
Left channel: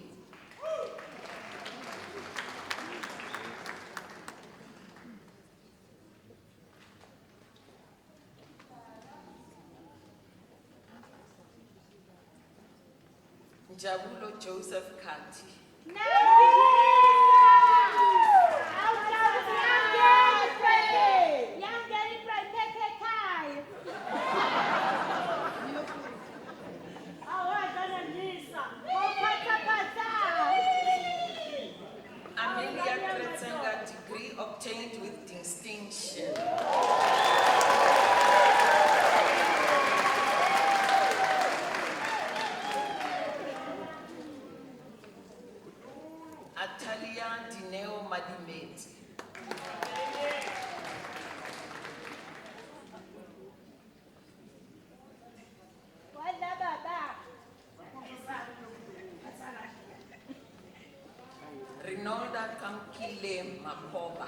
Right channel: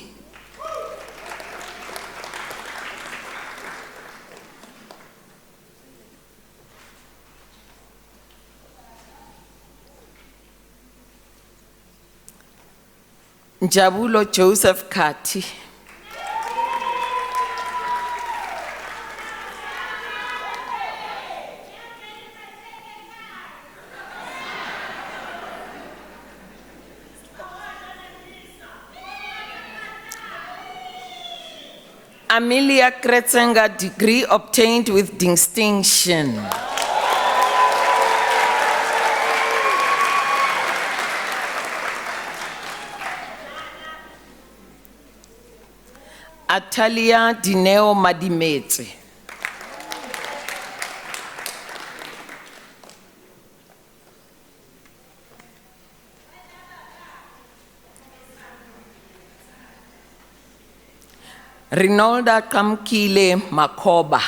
Njabulo Joseph Kati. Amelia Kretzenga, degree obtained with distinction. Atalia Dineo Madimete. Rinalda Kamkile Makoba.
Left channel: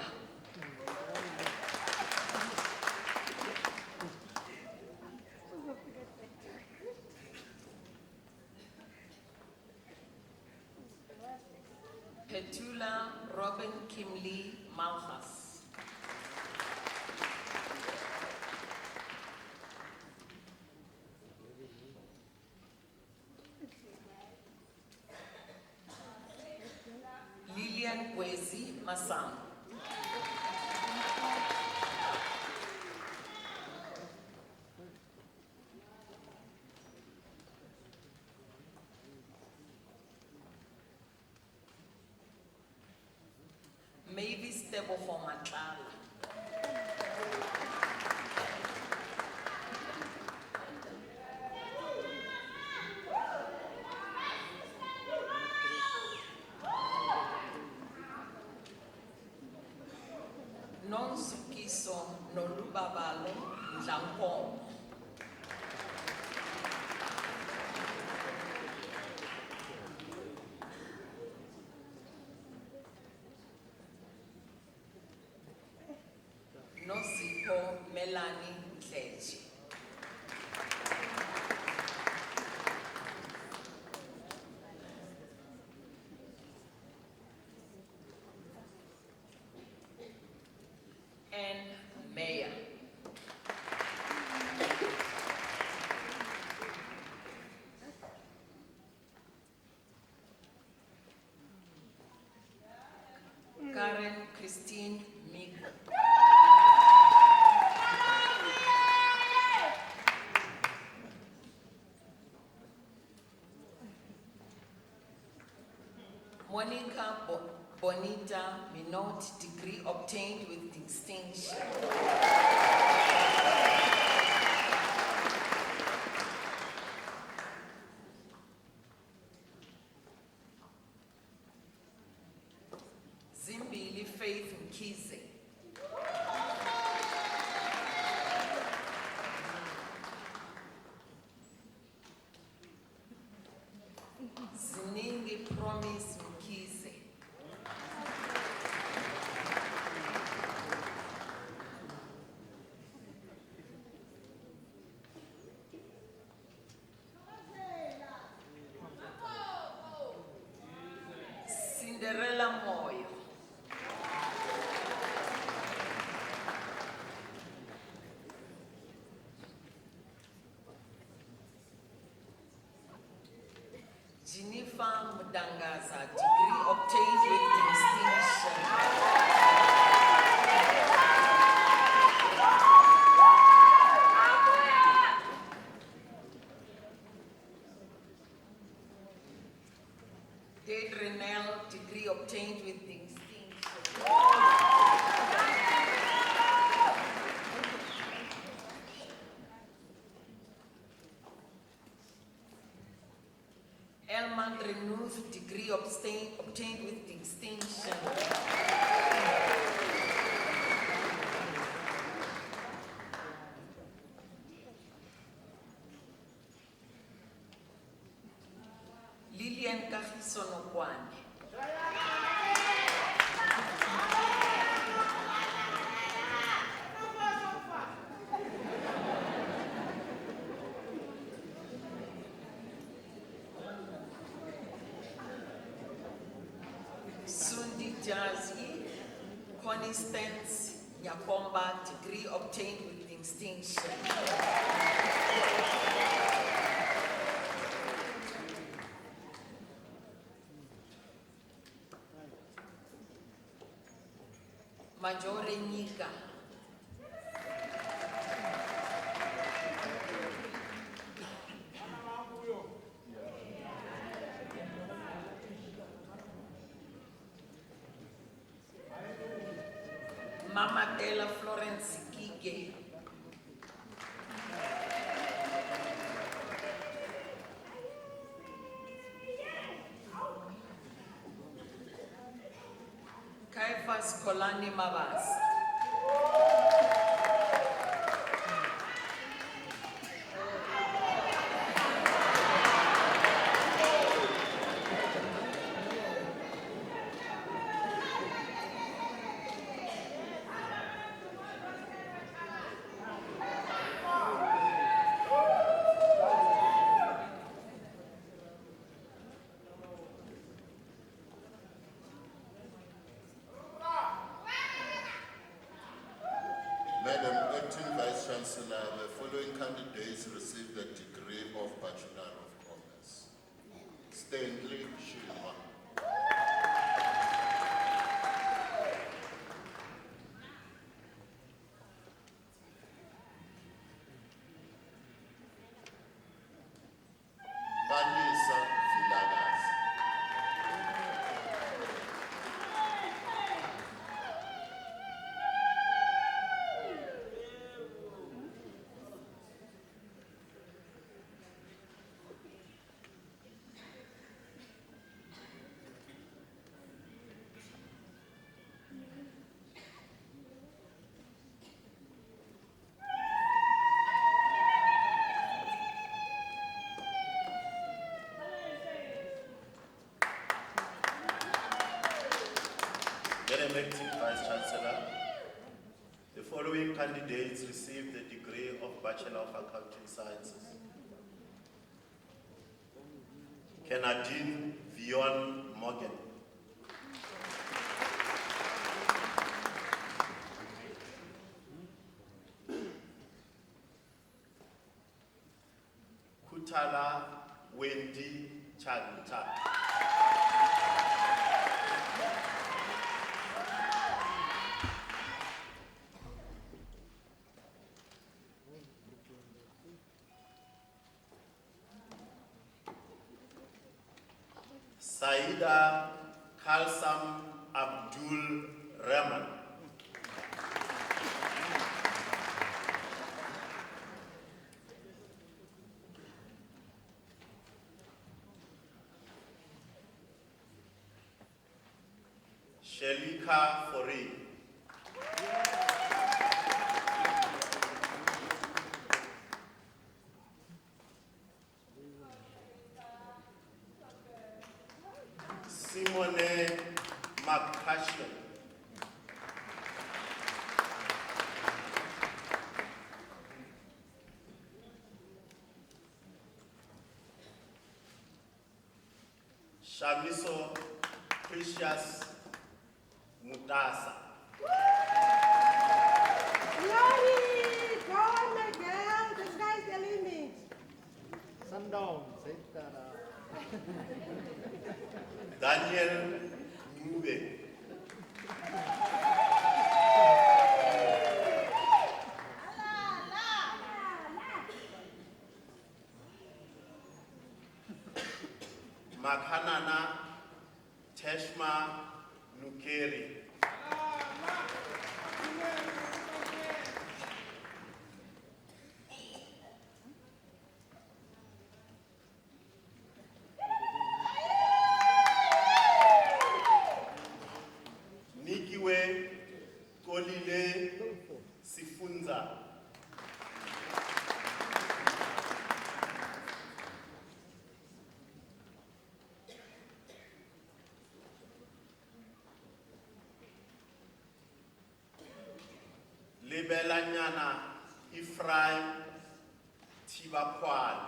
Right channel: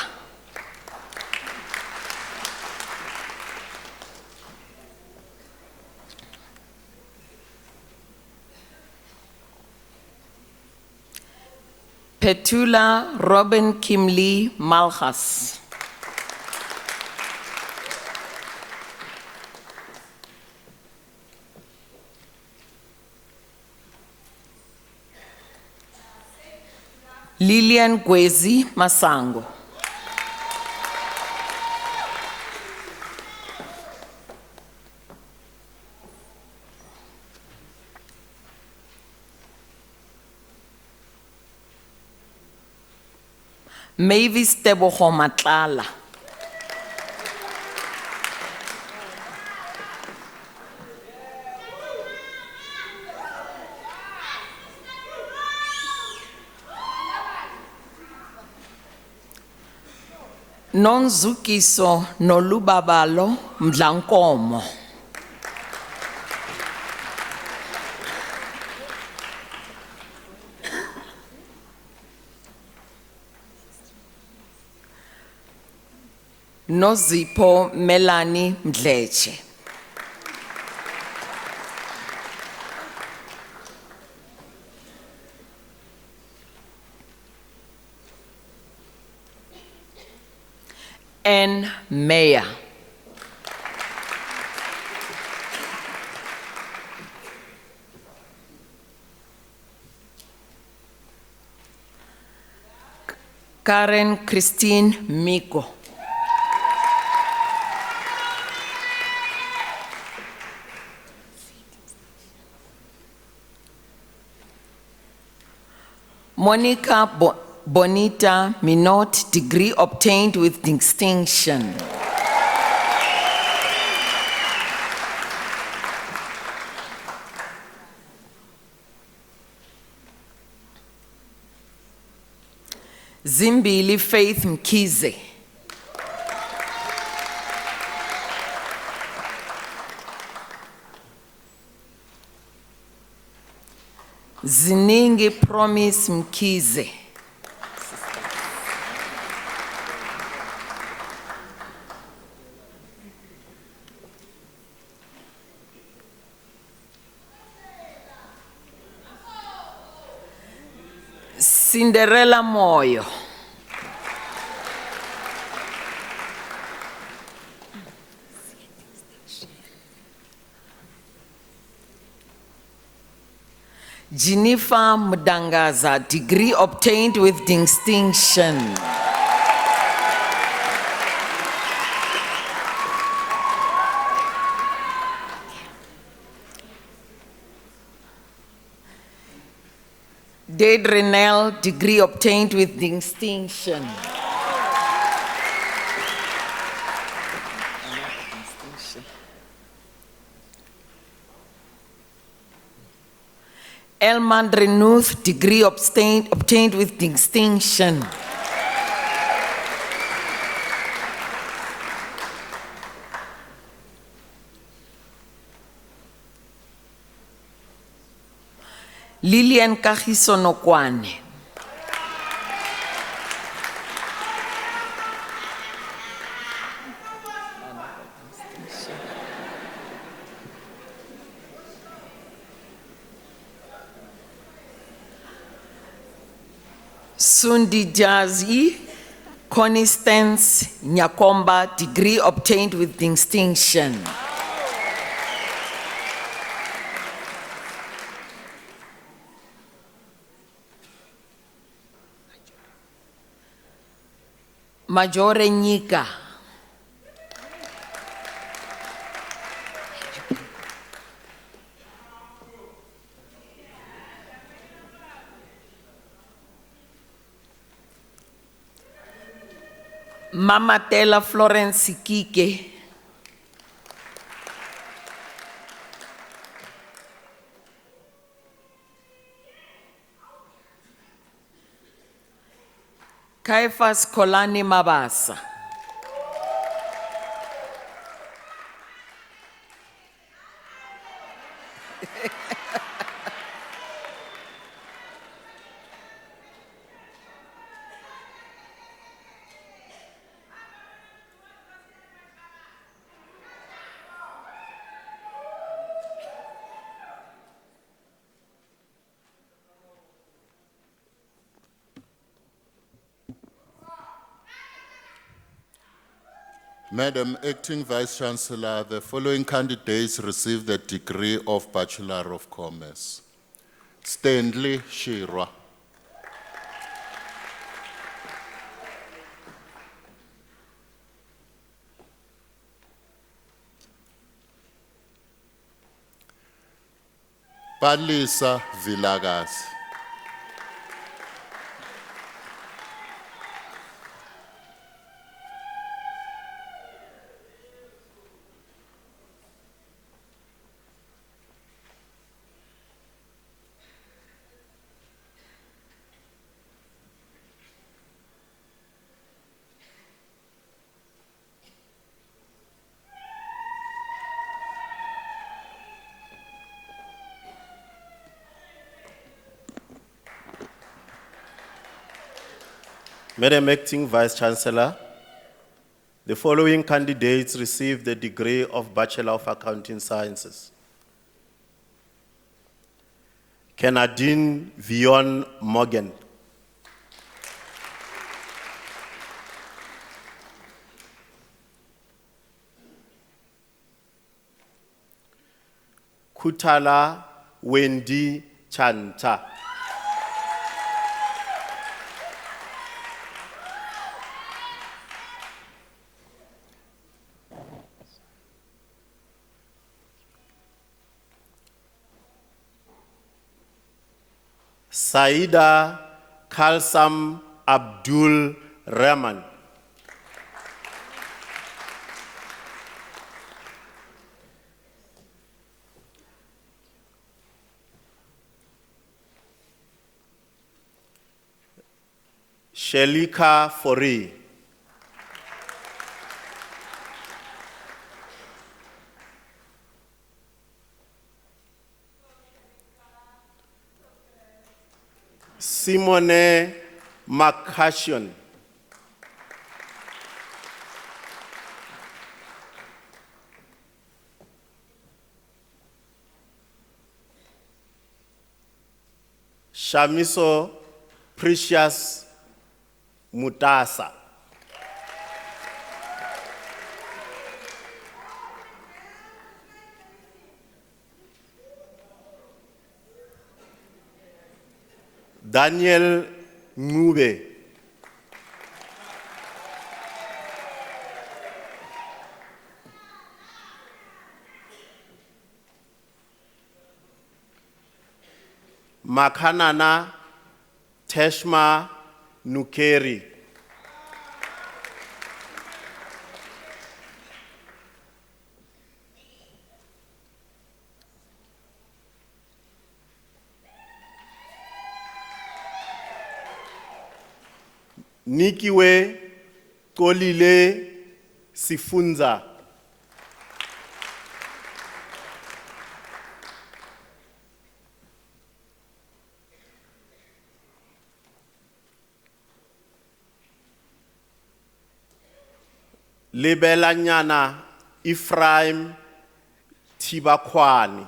Petula Robin Kimlee Malchas. Lilian Gwezi Masango. Mavis Tebogo Matlala. Nonzukiso Nolubabalo Mdlankomo. Nozipho Melanie Mdleche. Ann Meyer. Karen Christine Miko. Monica Bonita Minot, degree obtained with distinction. Zimbili Faith Mkize. Ziningi Promise Mkize. Cinderella Moyo. Jennifer Mudangaza, degree obtained with distinction. Dade Renell, degree obtained with distinction. Elman Renuth, degree obtained with distinction. Lillian Kagiso Nokwane. Sundi Jazi, Constance Nyakomba, degree obtained with distinction. Majore Nyika. Mama Tela Florence Kike. Caiphas Kolani Mabasa. Madam Acting Vice Chancellor, the following candidates received the degree of Bachelor of Commerce. Stanley Shirwa. Palisa Villagas. Madam Acting Vice Chancellor, the following candidates received the degree of Bachelor of Accounting Sciences. Kenadine Vion Morgan. Kutala Wendy Chanta. Saida Kalsam Abdul Rahman. Shelika Fori. Simone Makashion. Shamiso Precious Mutasa. Daniel Ngube. Makanana Teshma Nukeri. Nikiwe Kolile Sifunza. Lebelanyana Ephraim Tibakwani.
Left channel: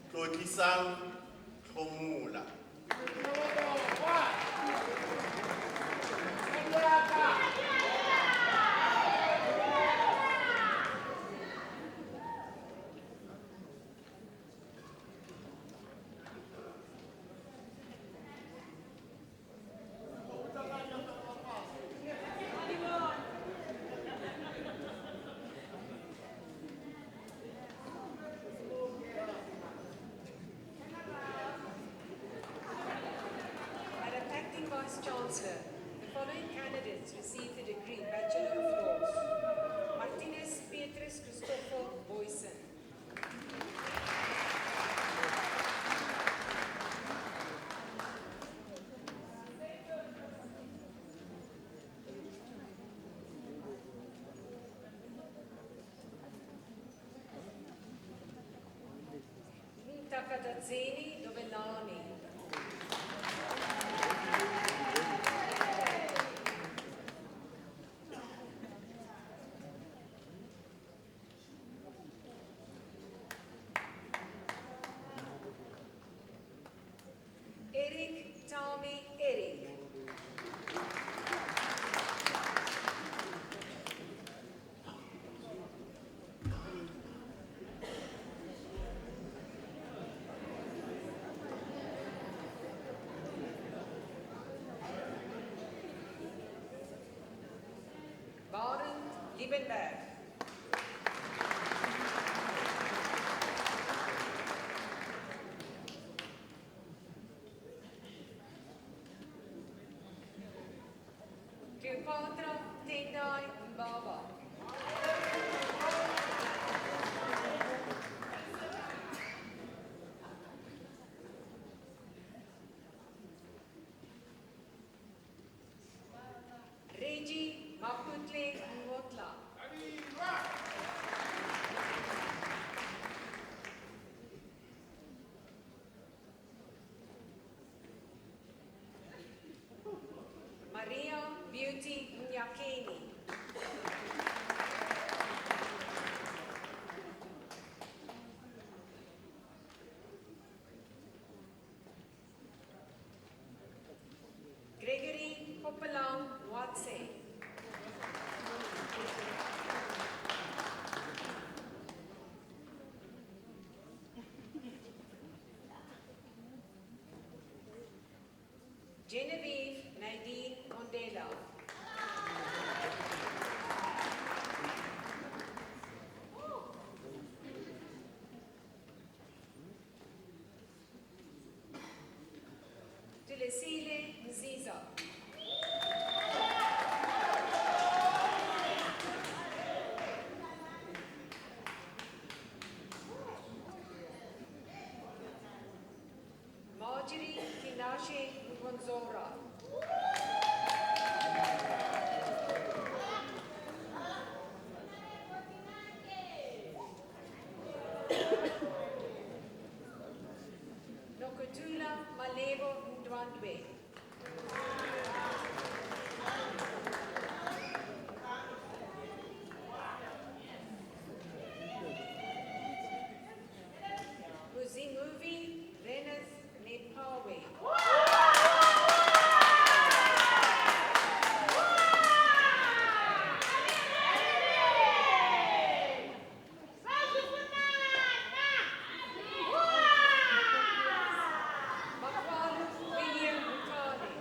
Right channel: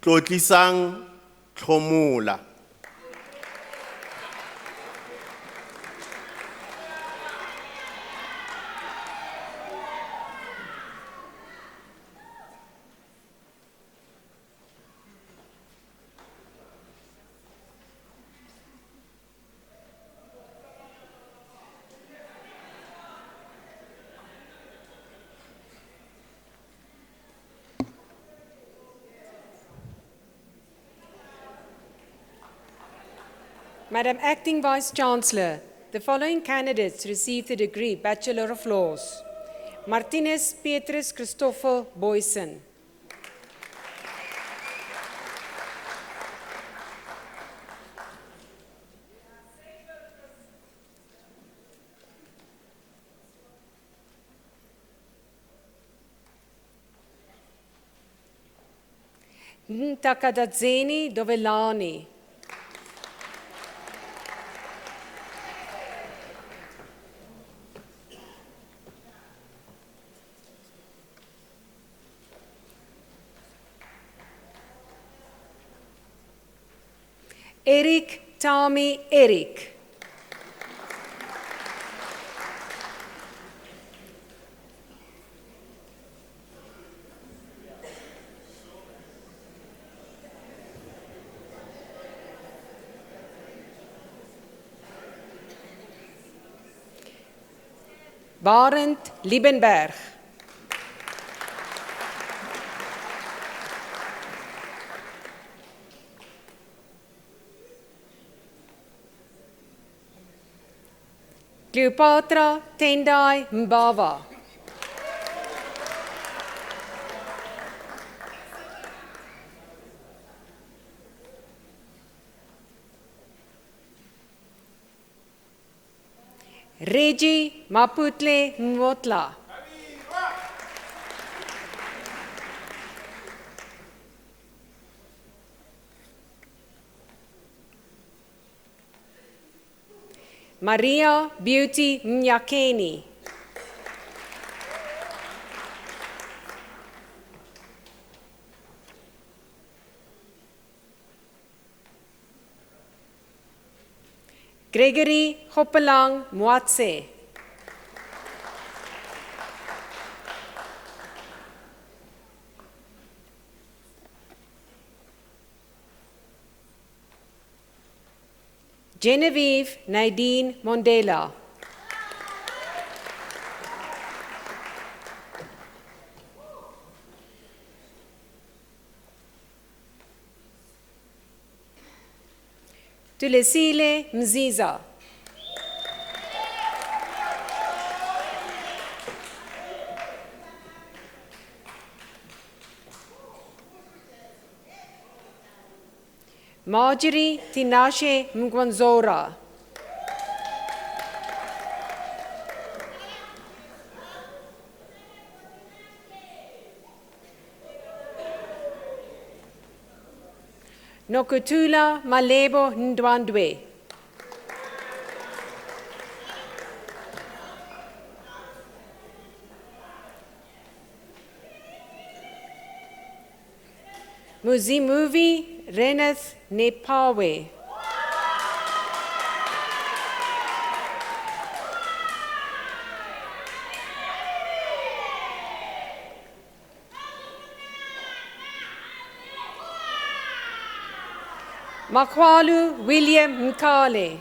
Tlotlisang Tlhomola. Madam Acting Vice-Chancellor, the following candidates received the degree Bachelor of Laws. Martinez Petrus Christopher Boyson. Ntakadadzeni Dovelani. Eric Tami Eric. Barend Liebenberg. Cleopatra Tendai Mbava. Reggie Maputle Nwotla. Maria Beauty Mnyakeni. Gregory Hopelang Mwatse. Genevieve Nadine Mondela. Tulesile Mziza. Marjorie Tinashe Mgwanzora. Nokutula Malebo Ndwandwe. Muzimuvi Reneth Nepawe. Makwalu William Nkale.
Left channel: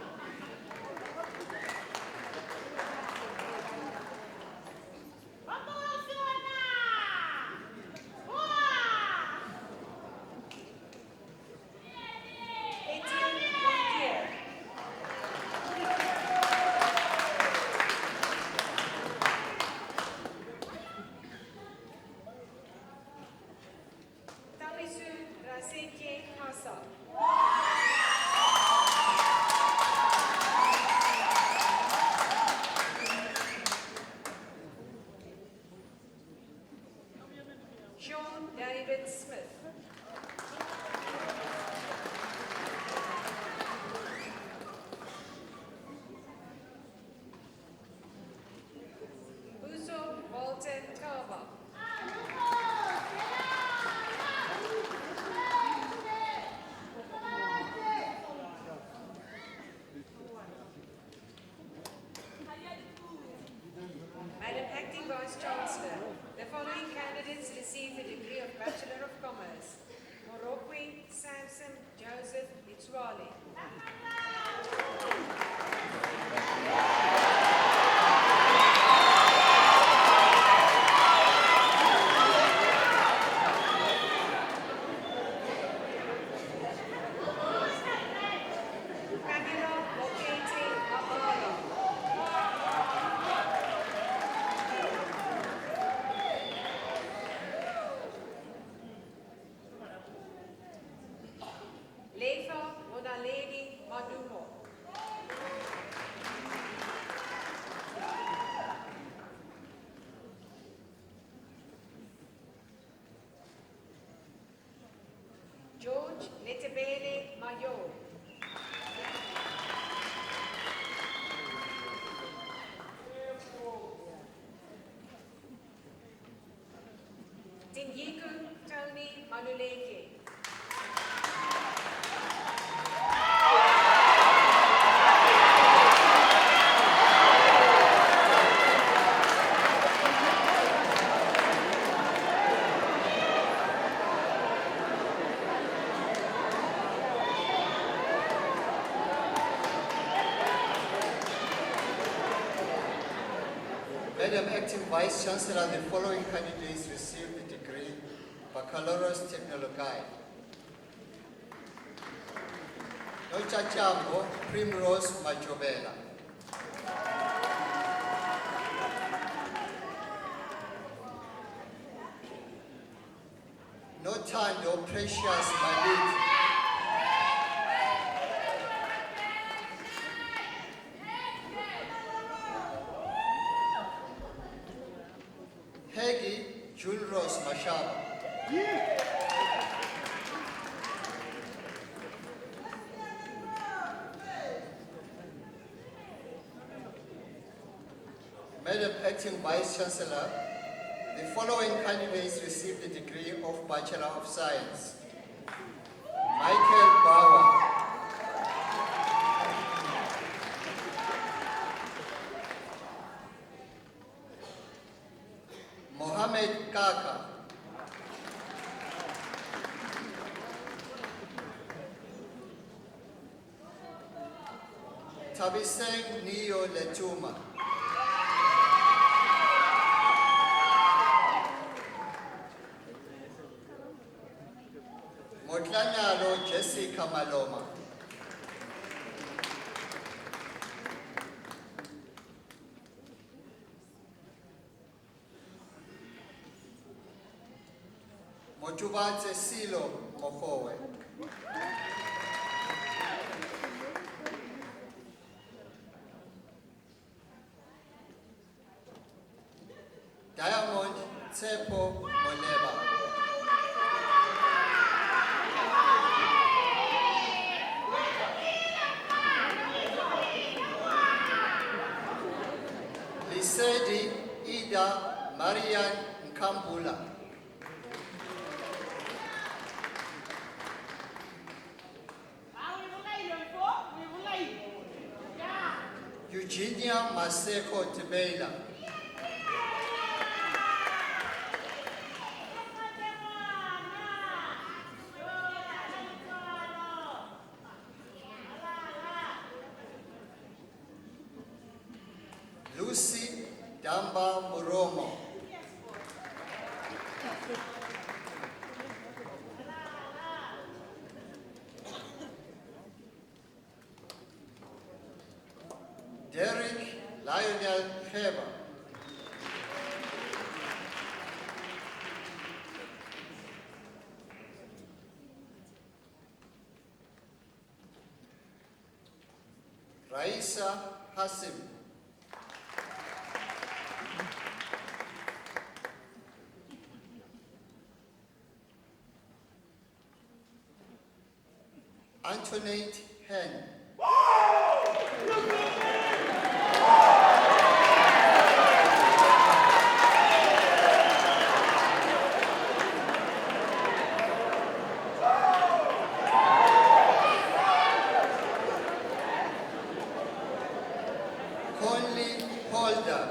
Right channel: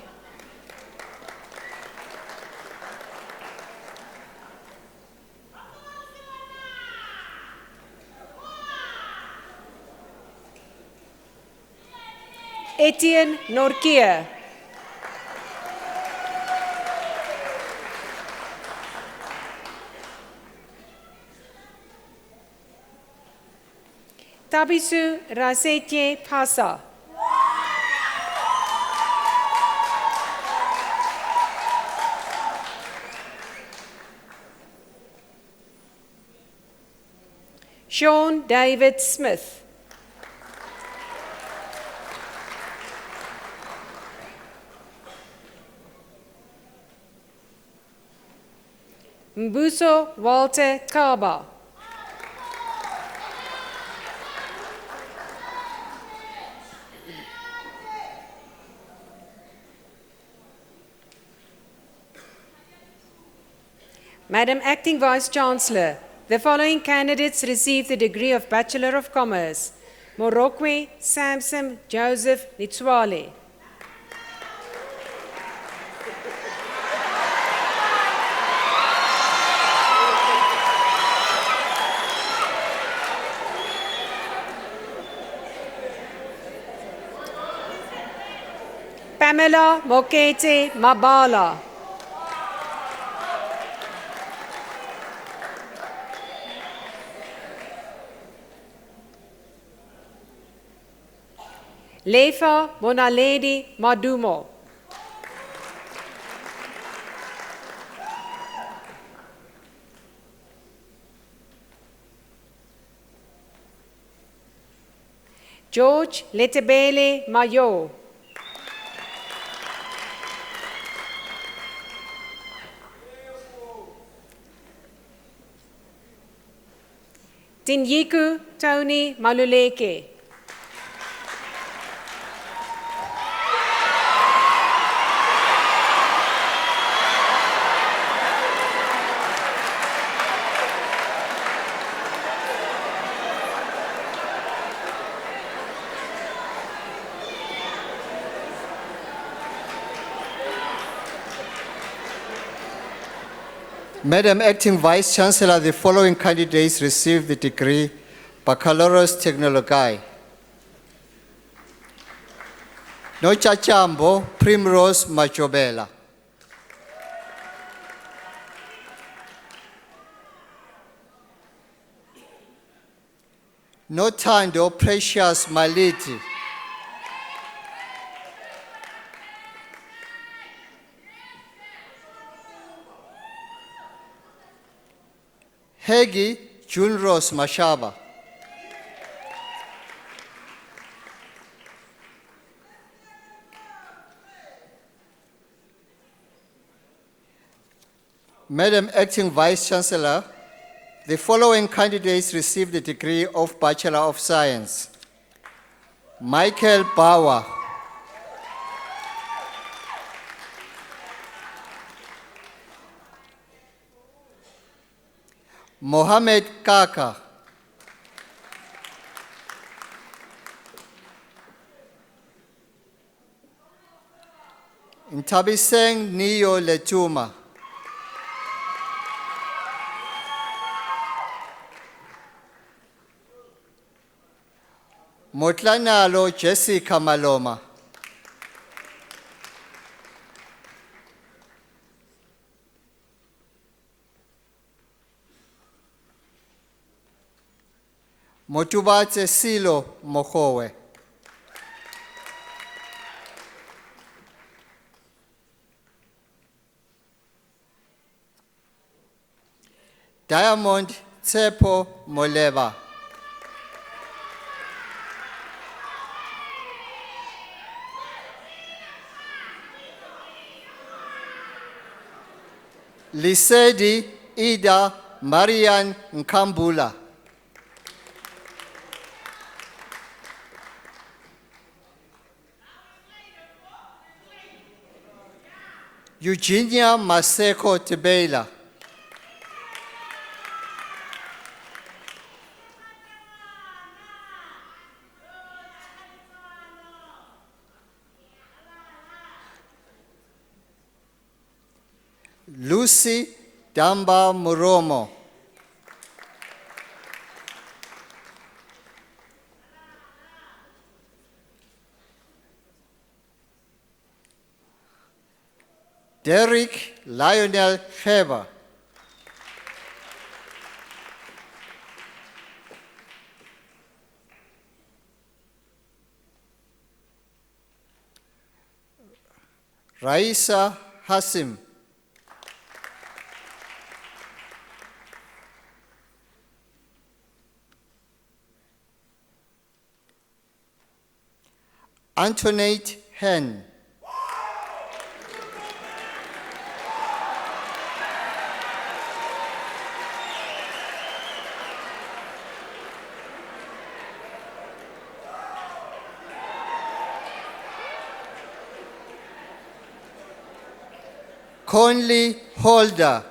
Etienne Norkia. Tabisu Rasetje Pasa. Sean David Smith. Mbuso Walter Kaba. Madam Acting Vice Chancellor, the following candidates received the degree of Bachelor of Commerce: Morokwe Samson Joseph Nitswale. Pamela Mokete Mabala. Lefa Monaledi Madumo. George Letebele Mayo. Tinyiku Tony Maluleke. Madam Acting Vice Chancellor, the following candidates received the degree Baccalaureus Technologiae. Nochachambo Primrose Machobela. Notando Precious Maliti. Hegi Junros Mashaba. Madam Acting Vice Chancellor, the following candidates received the degree of Bachelor of Science: Michael Bauer, Mohammed Kaka. Ntabiseng Niyo Letuma. Motlanalo Jessica Maloma. Motubatse Silo Mokowe. Diamond Tsepo Moleba. Lisedi Ida Marian Nkambula. Eugenia Maseko Tebela. Lucy Damba Muromo. Derek Lionel Feber. Raisa Hassim. Antoinette Hen. Conley Holder.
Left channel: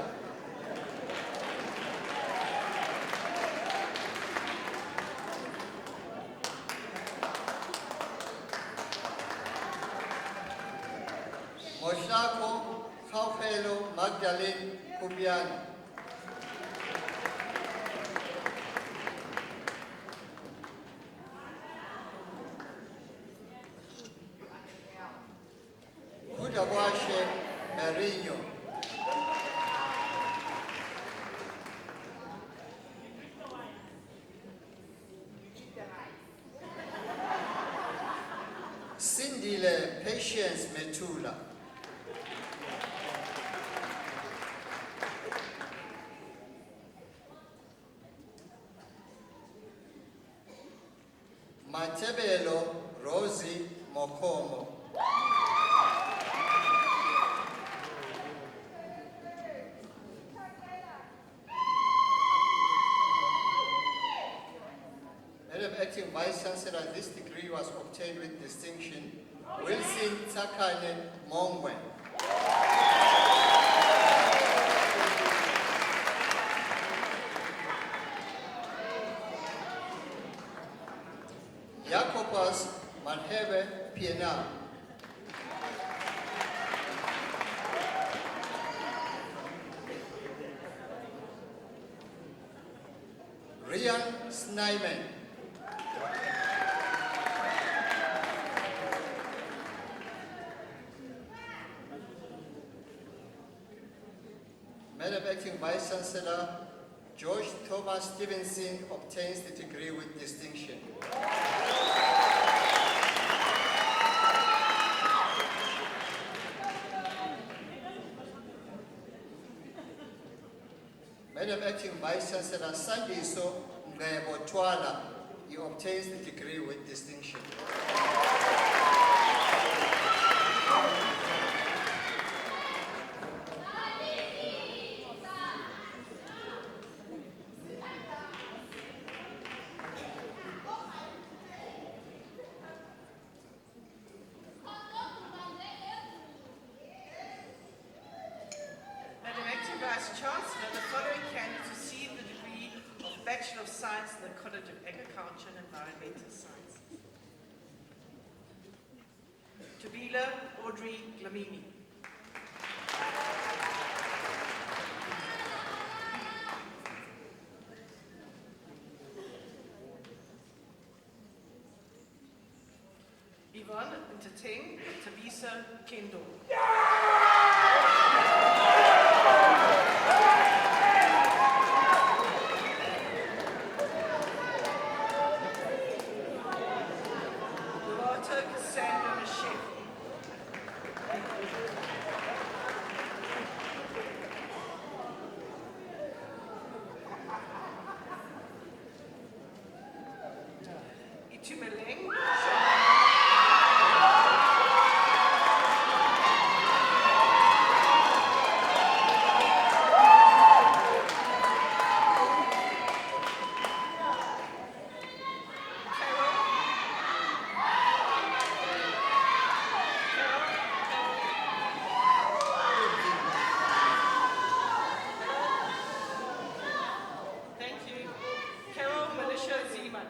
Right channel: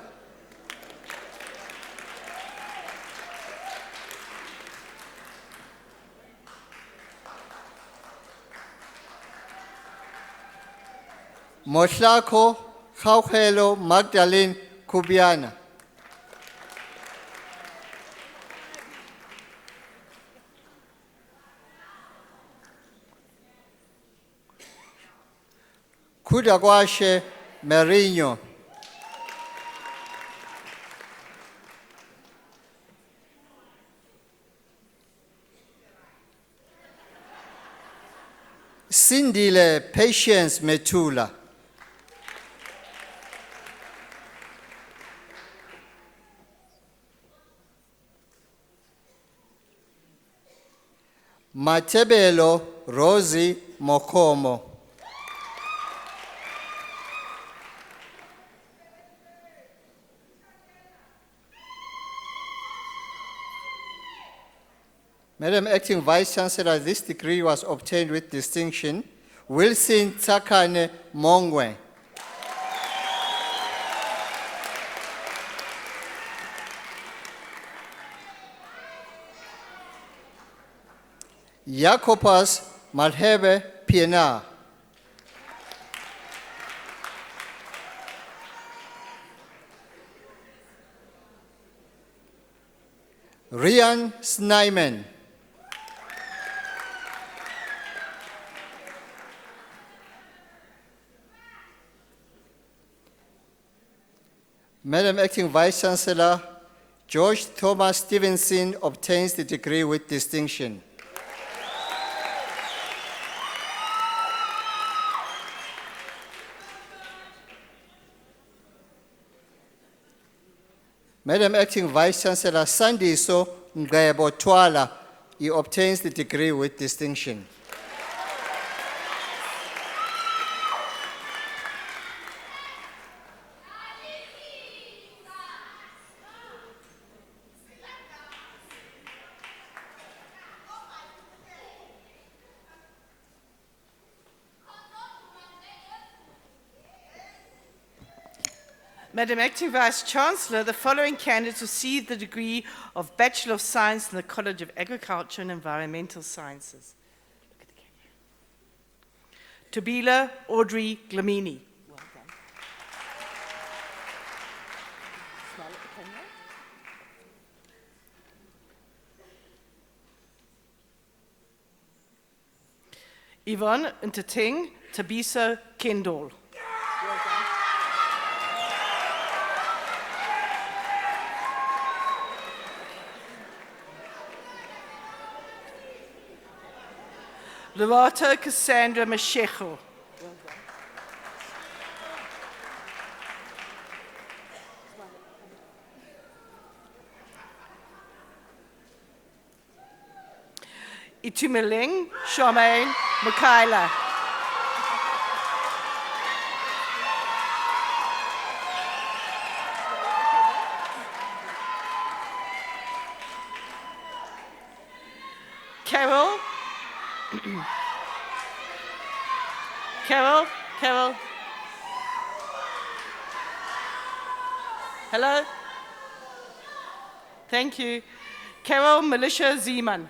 Mohlako Khaukhelo Magdalene Kubiana. Kudakwashe Merinho. Sindile Patience Metula. Matebelo Rosie Mokomo. Madam Acting Vice Chancellor, this degree was obtained with distinction. Wilson Tsakane Mongwe. Jacobus Malhebe Pienaar. Rian Snyman. Madam Acting Vice Chancellor, George Thomas Stevenson obtains the degree with distinction. Madam Acting Vice Chancellor, Sandiso Ngebo Twala, he obtains the degree with distinction. Madam Acting Vice-Chancellor, the following candidates received the degree of Bachelor of Science in the College of Agriculture and Environmental Sciences. Tabila Audrey Glamini. Yvonne Ntateng Tabiso Kendall. Lovato Cassandra Mashego. Itumeleng Charmaine Michaela. Carol. Hello? Thank you. Carol Militia Zeman.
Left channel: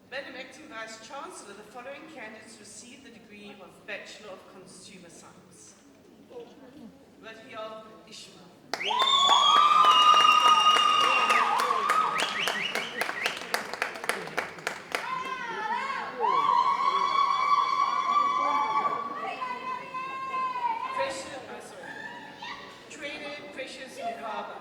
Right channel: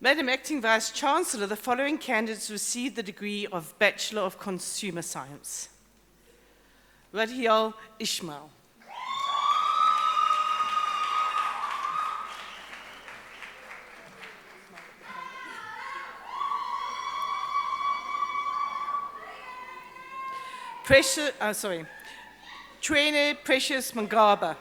Madam Acting Vice-Chancellor, the following candidates received the degree of Bachelor of Consumer Science. Radhiel Ishmael. Trainer Precious Mangaba.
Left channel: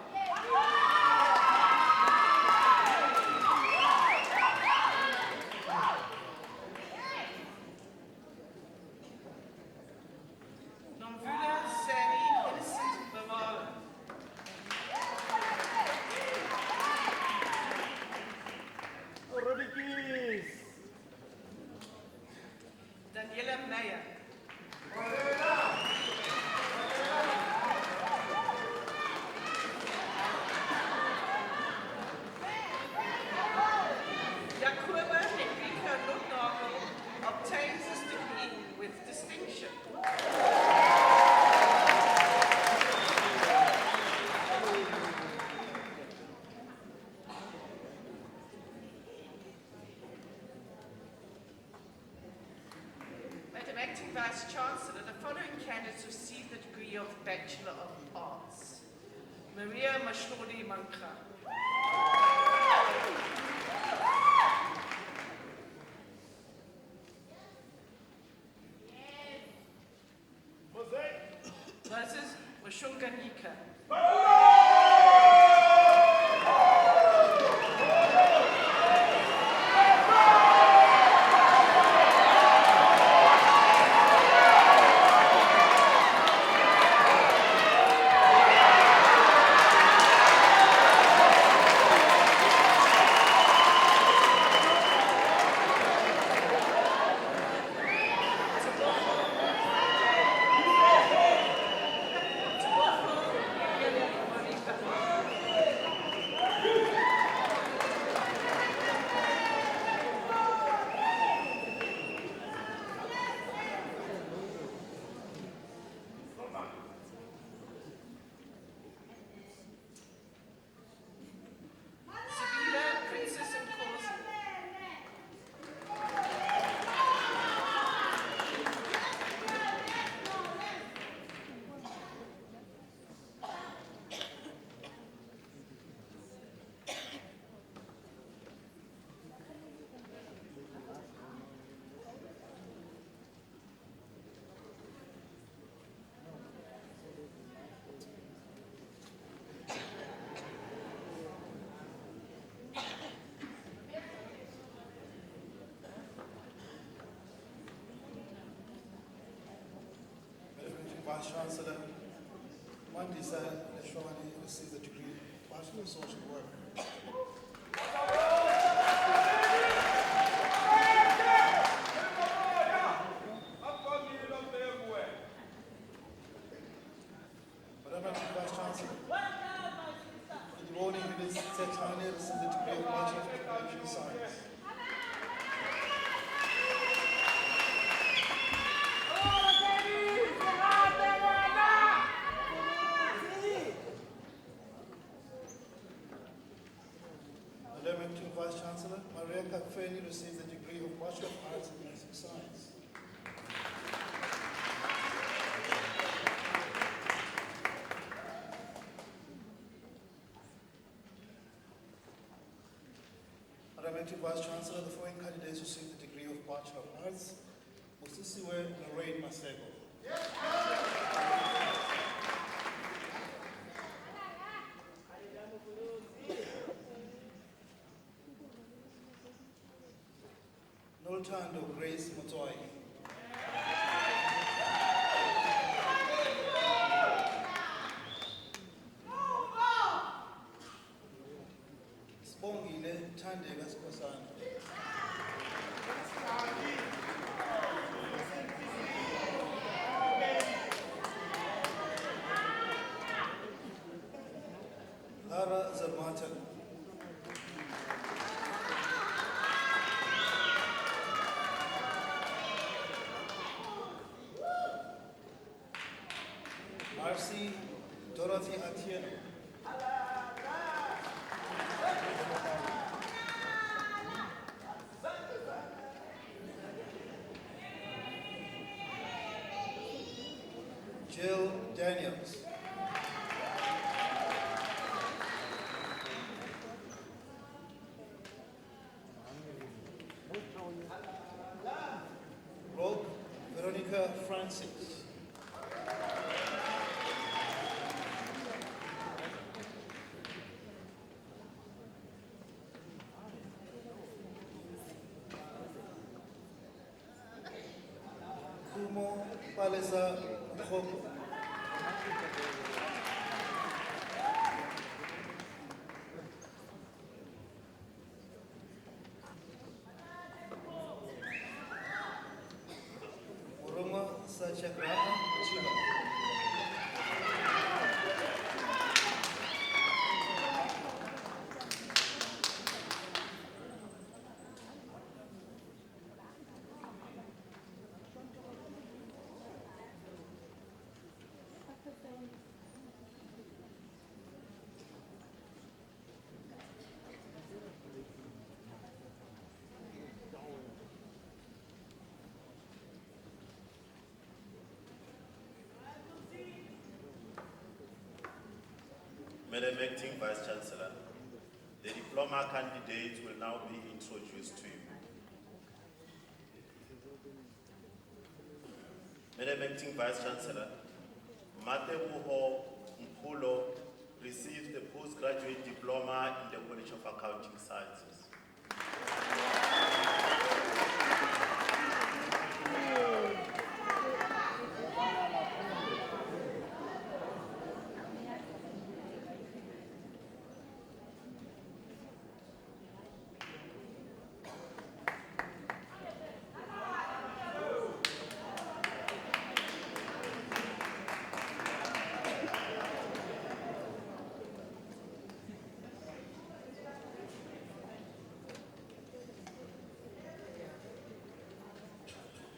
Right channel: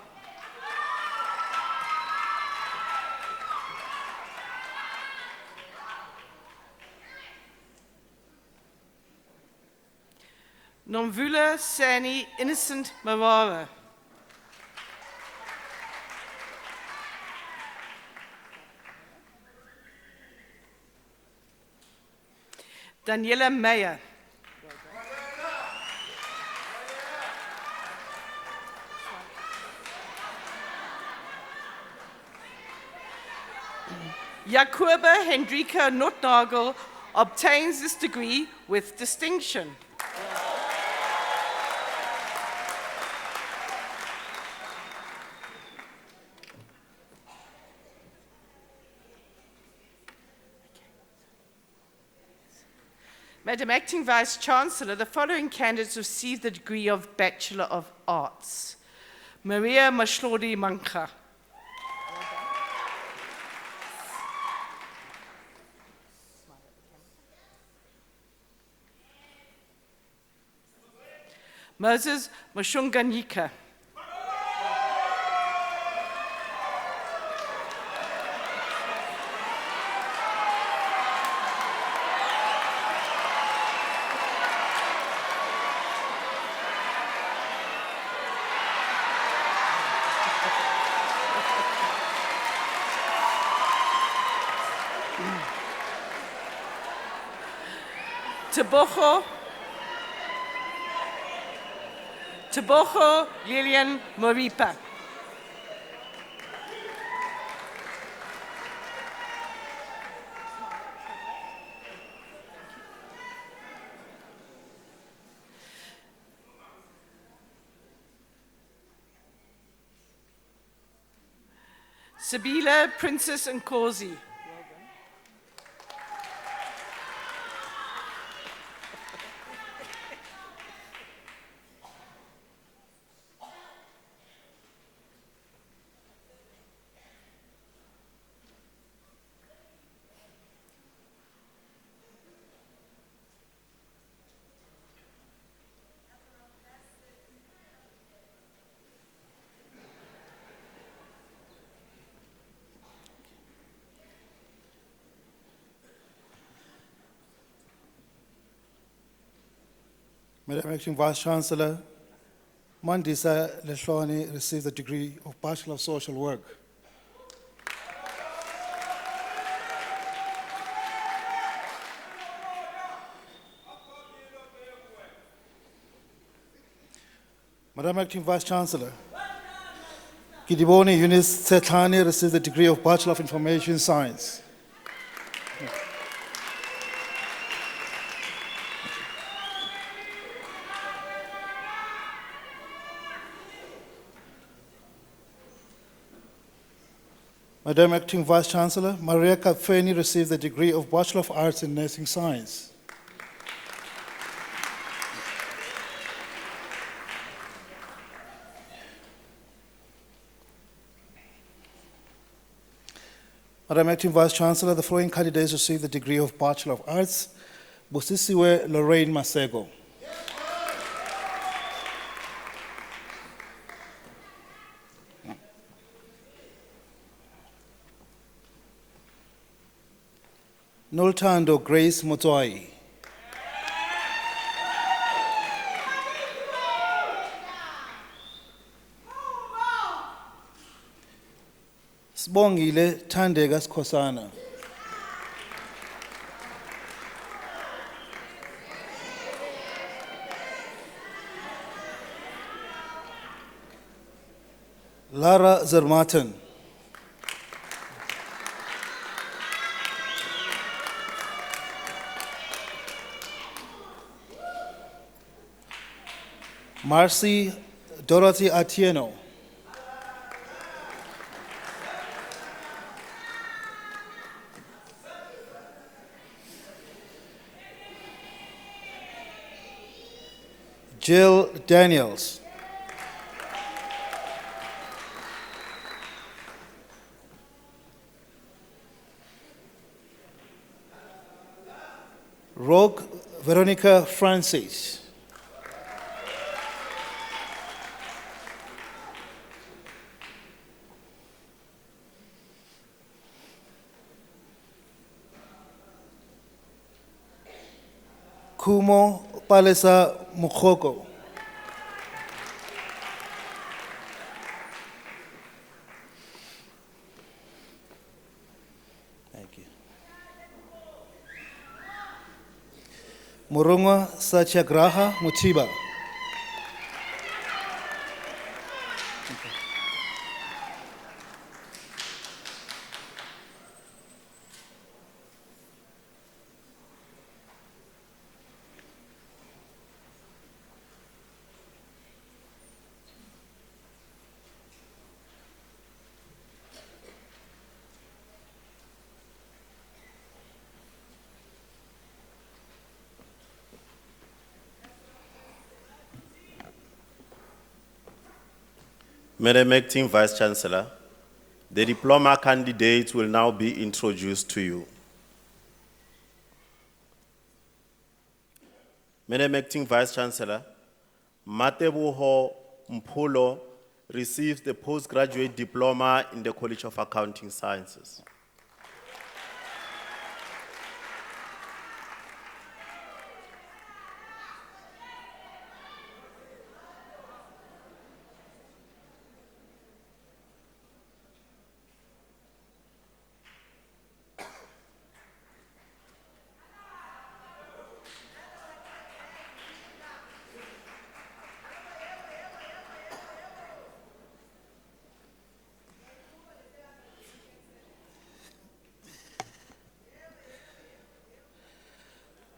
Nomvula Sani Innocent Mawara. Daniela Meyer. Jakoba Hendrika Notnagel obtains this degree with distinction. Madam Acting Vice-Chancellor, the following candidates received the degree of Bachelor of Arts. Maria Mashlodi Manka. Moses Mashunganyika. Teboho Lilian Moripa. Sabila Princess Nkosi. Madam Acting Vice-Chancellor, Mandisa Lehloni received the degree of Bachelor of Social Work. Madam Acting Vice-Chancellor, Kidiboni Eunice Setlane received the degree of Bachelor of Information Science. Madam Acting Vice Chancellor, Maria Kapfeni received the degree of Bachelor of Arts in Nursing Science. Madam Acting Vice Chancellor, the following candidates received the degree of Bachelor of Arts. Busisiwe Lorraine Masego. Noltando Grace Motoai. Sibongile Thandeka Sikhosana. Lara Zermatten. Marcy Dorothy Atieno. Jill Daniels. Rogue Veronica Francis. Kumo Palesa Mukoko. Murunga Satyagraha Mutiba. Madam Acting Vice Chancellor, the diploma candidates will now be introduced to you. Madam Acting Vice Chancellor, Matebuho Mpulo received the postgraduate diploma in the College of Accounting Sciences.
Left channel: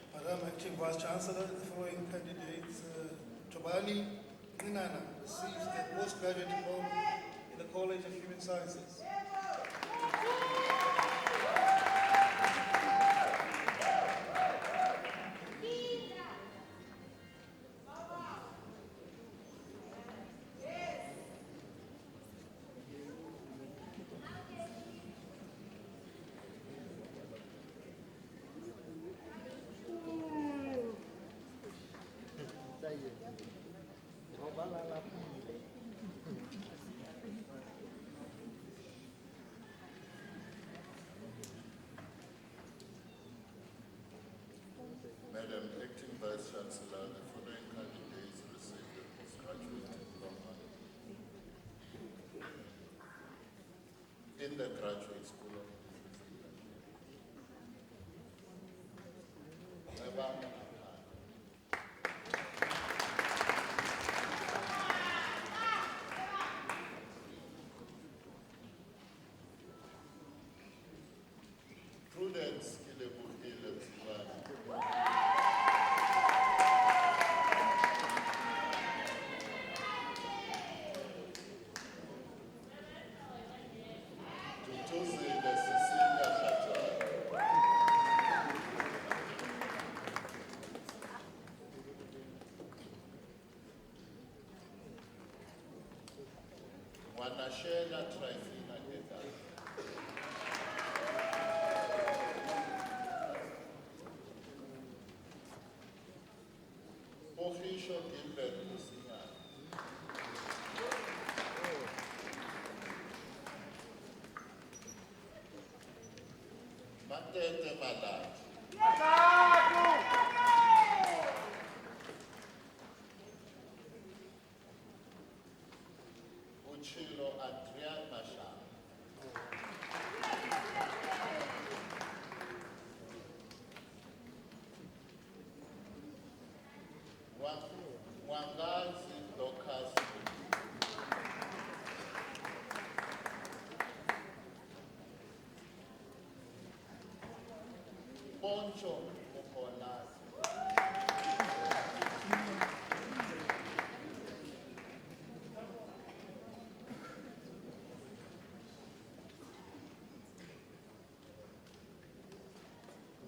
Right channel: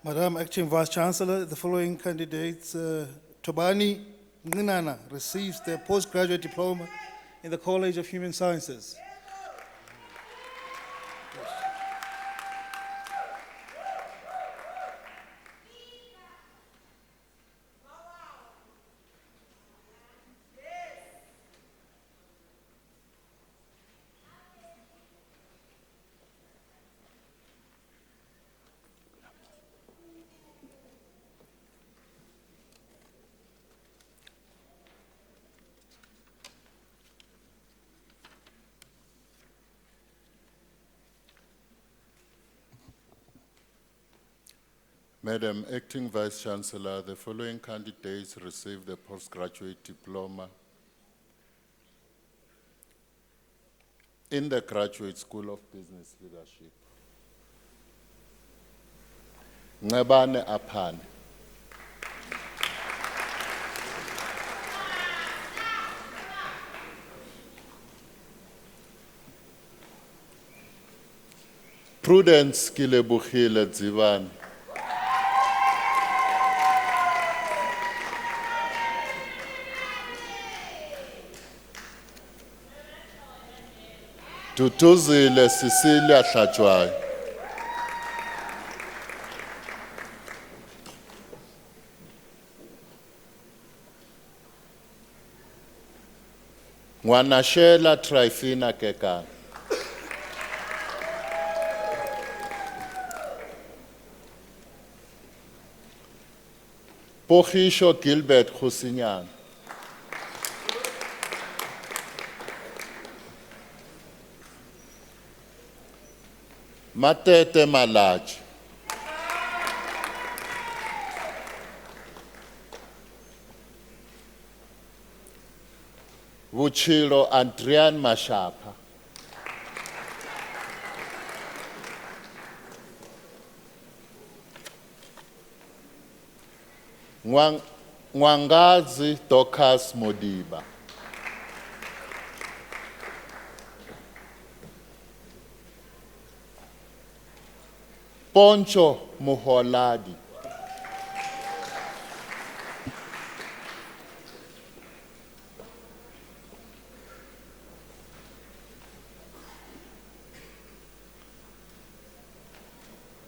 Madam Acting Vice Chancellor, the following candidates, Tobani Nginana receives the postgraduate diploma in the College of Human Sciences. Madam Acting Vice Chancellor, the following candidates received the postgraduate diploma in the Graduate School of Business Leadership. Ngabane Apan. Prudence ke lebogile Dzivane. Tutuzile Cecilia Hlatshwayo. Ngwanashela Tryphina Kekana. Pogisho Gilbert Khusinyana. Matete Malaji. Vuchilo Adrian Mashapa. Nwangazi Dorcas Modiba. Poncho Muholadi.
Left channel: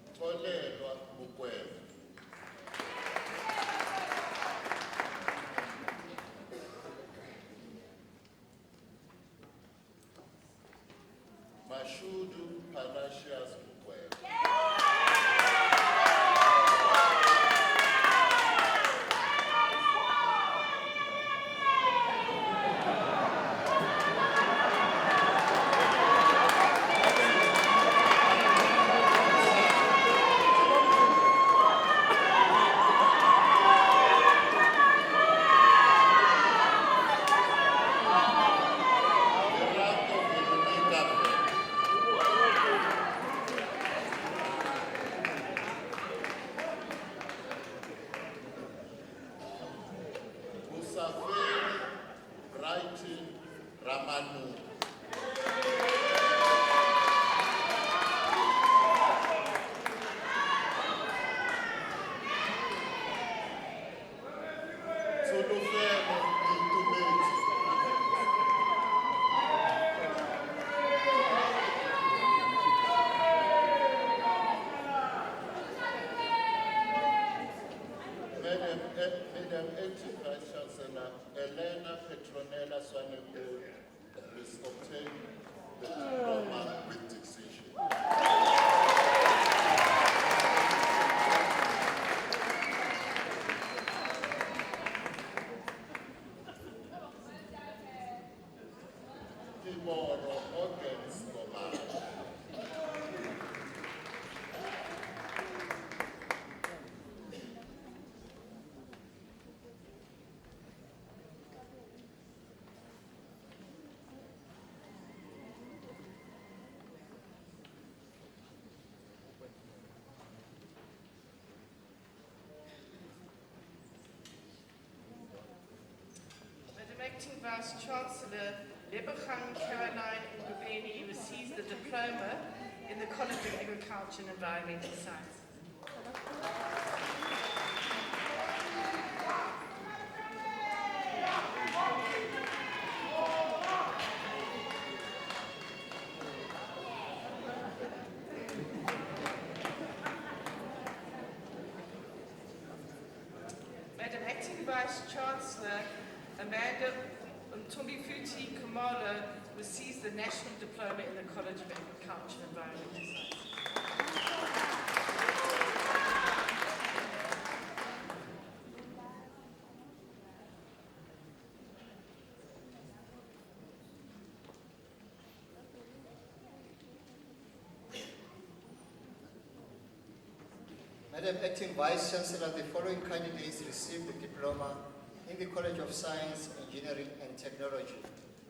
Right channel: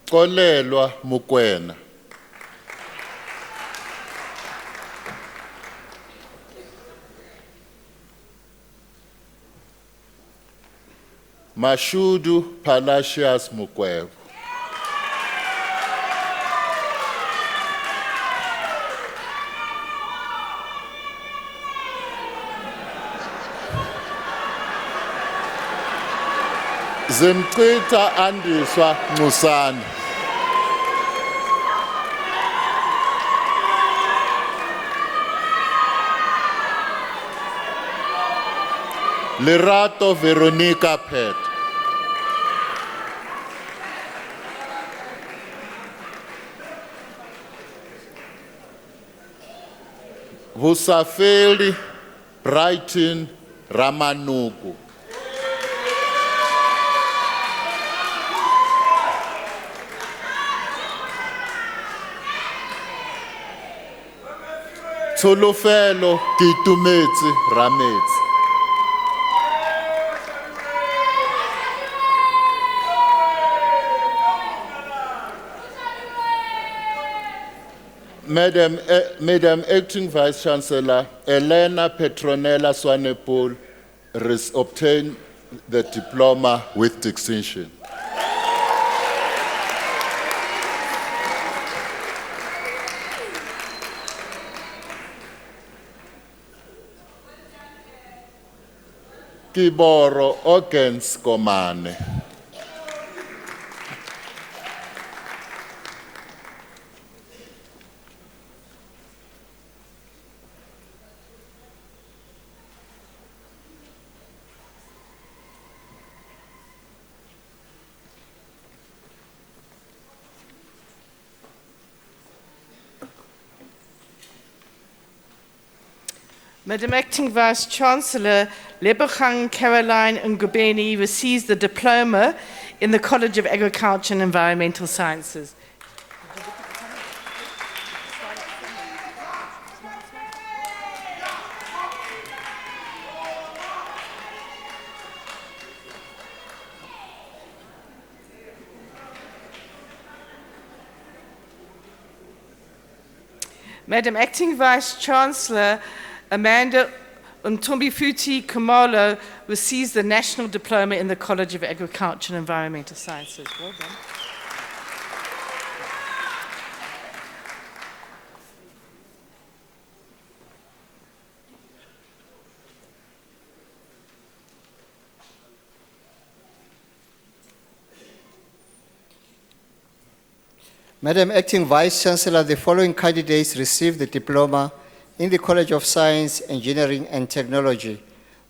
Kolelwa Mukwena. Mashudu Palacios Mukwebo. Zimchita Andiswa Musani. Lerato Veronica Pet. Vusafeli Brighton Ramanuku. Tsolofelo Kitumetse Rametse. Madam Acting Vice Chancellor, Elena Petronella Swanepoel obtained the diploma with distinction. Kiboro Ogens Komane. Madam Acting Vice Chancellor, Lebogang Caroline Ngubeni receives the diploma in the College of Agriculture and Environmental Sciences. Madam Acting Vice Chancellor, Amanda Mtumbifuti Kumalo receives the National Diploma in the College of Agriculture and Environmental Sciences. Well done. Madam Acting Vice Chancellor, the following candidates received the diploma in the College of Science, Engineering and Technology.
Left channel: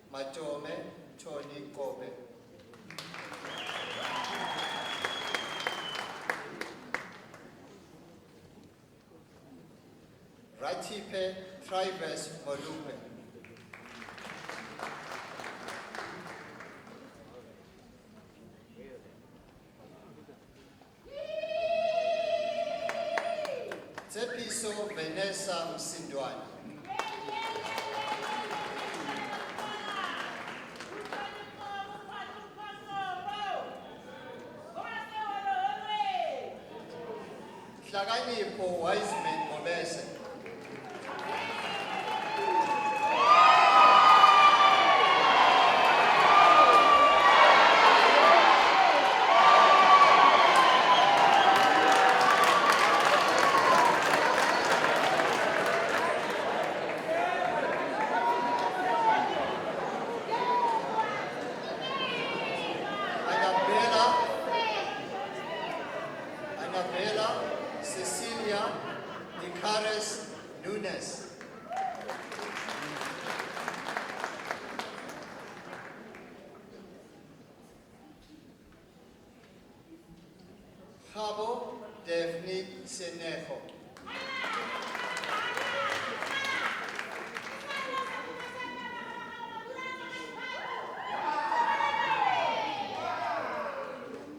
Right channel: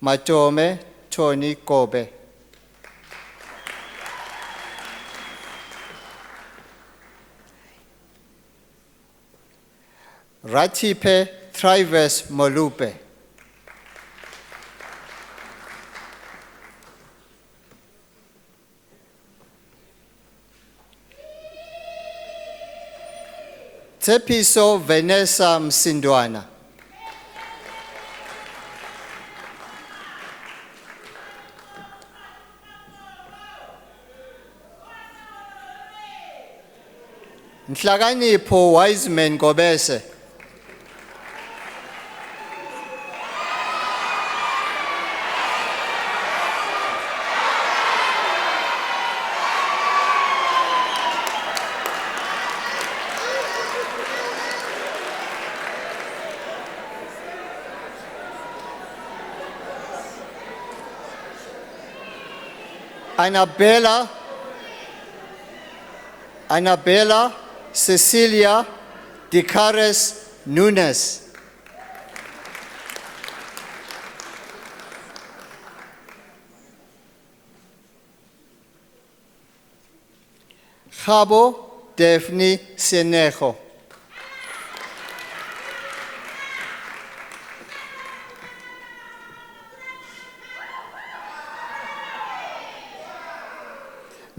Matome Tony Kobe. Ratipe Trivers Molupe. Tepiso Vanessa Msindwana. Nhlakanipho Wiseman Gobese. Annabella Cecilia Dicares Nunes. Khabo Daphne Senejo.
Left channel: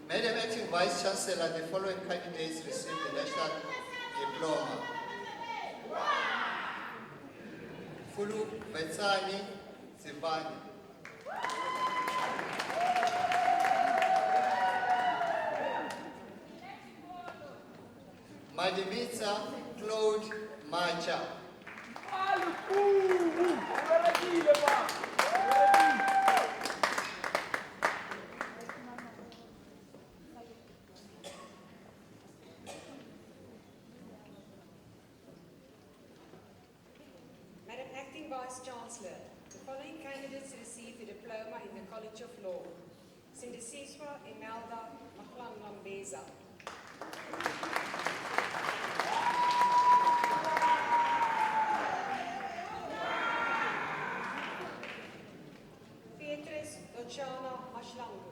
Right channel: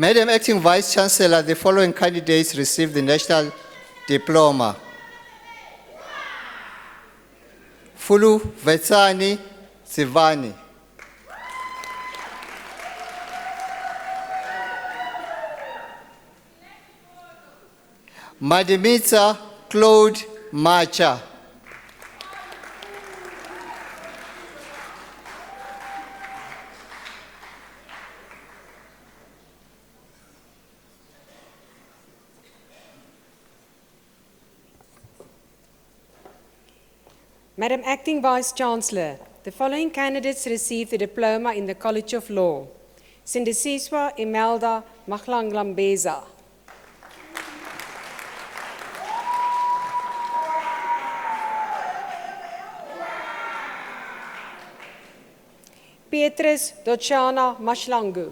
Madam Acting Vice Chancellor, the following candidates received the National Diploma. Fulu Vetsani Sivani. Madimita Claude Macha. Madam Acting Vice Chancellor, the following candidates received the diploma in the College of Law. Sindisiswa Imelda Mahlanglambeza. Petrus Dochana Mashlangu.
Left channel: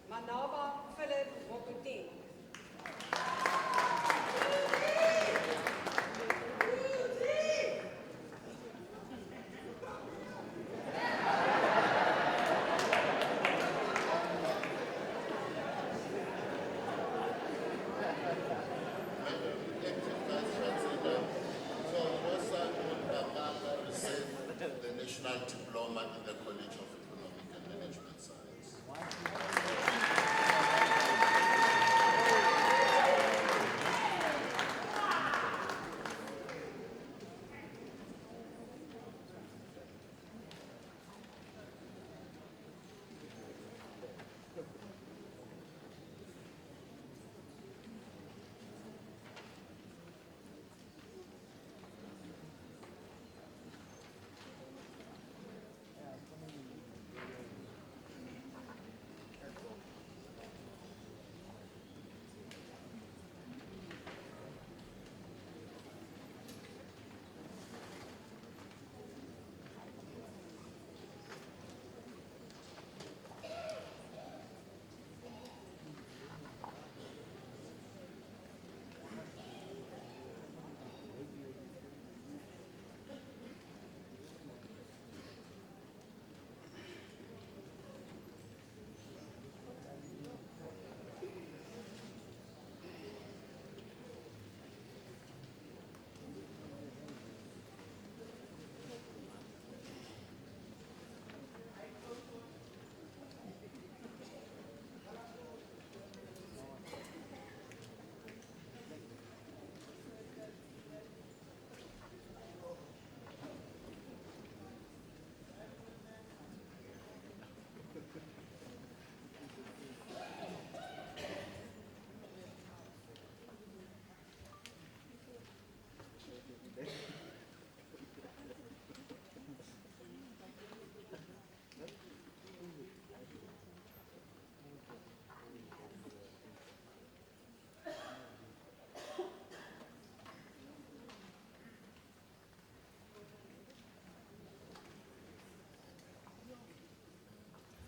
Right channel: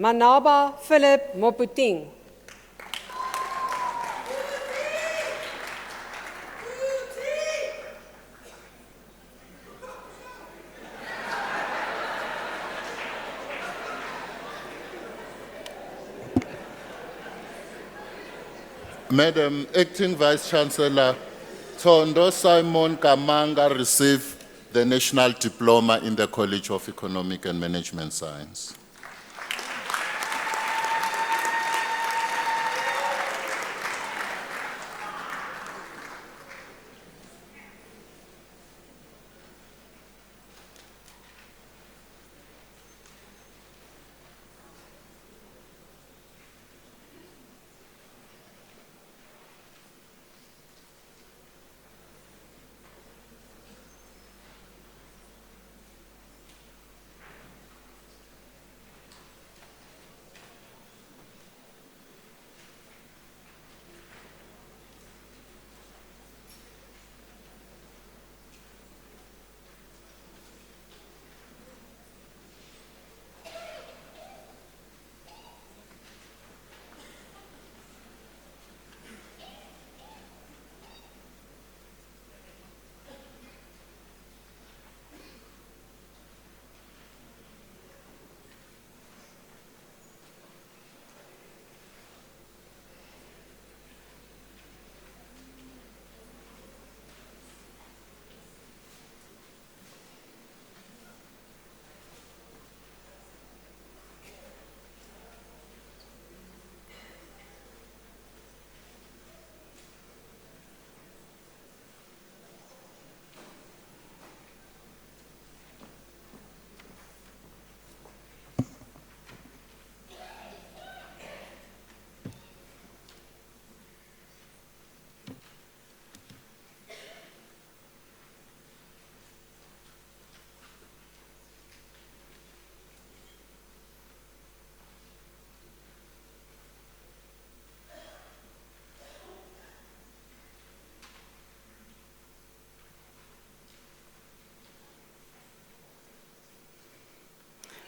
Manaba Philip Moputing. Madam Acting Vice Chancellor, Tondo Simon Kamanga received the National Diploma in the College of Economic and Management Science.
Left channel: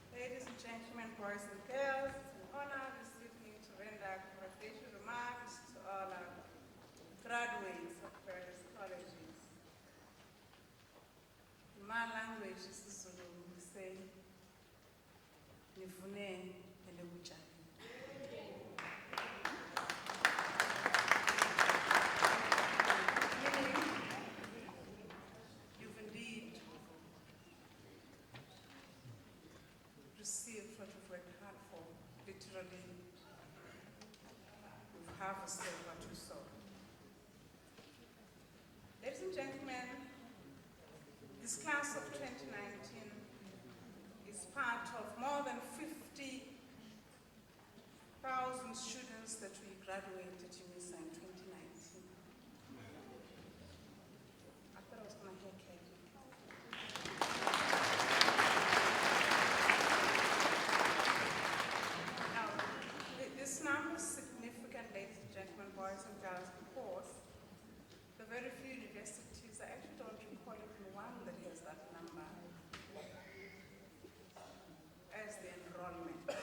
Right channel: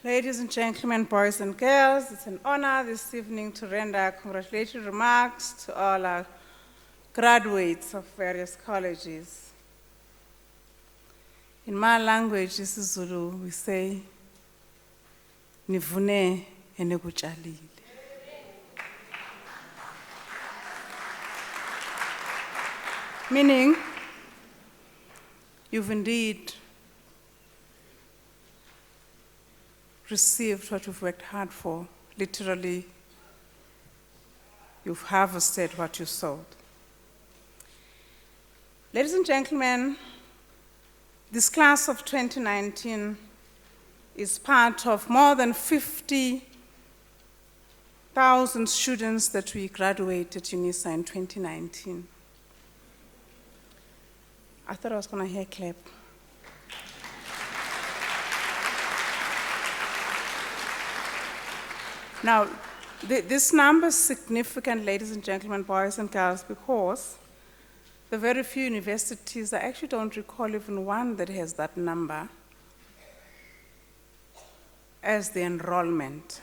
Ladies and gentlemen, boys and girls, it's an honor this evening to render congratulatory remarks to all our graduates of various colleges. In my language, this is Zulu, we say, nivune enekutshalile. Meaning, you've indeed received what you've worked hard for. Literally, you've harvested what you sowed. Ladies and gentlemen, this class of 2019 is part of more than 50,000 students that we graduated Unisa in 2019. I thought I was going to hear a clap. Now, this number is significant, ladies and gentlemen, boys and girls, because the very few universities, I actually don't recall even one that has that number as the enrollment.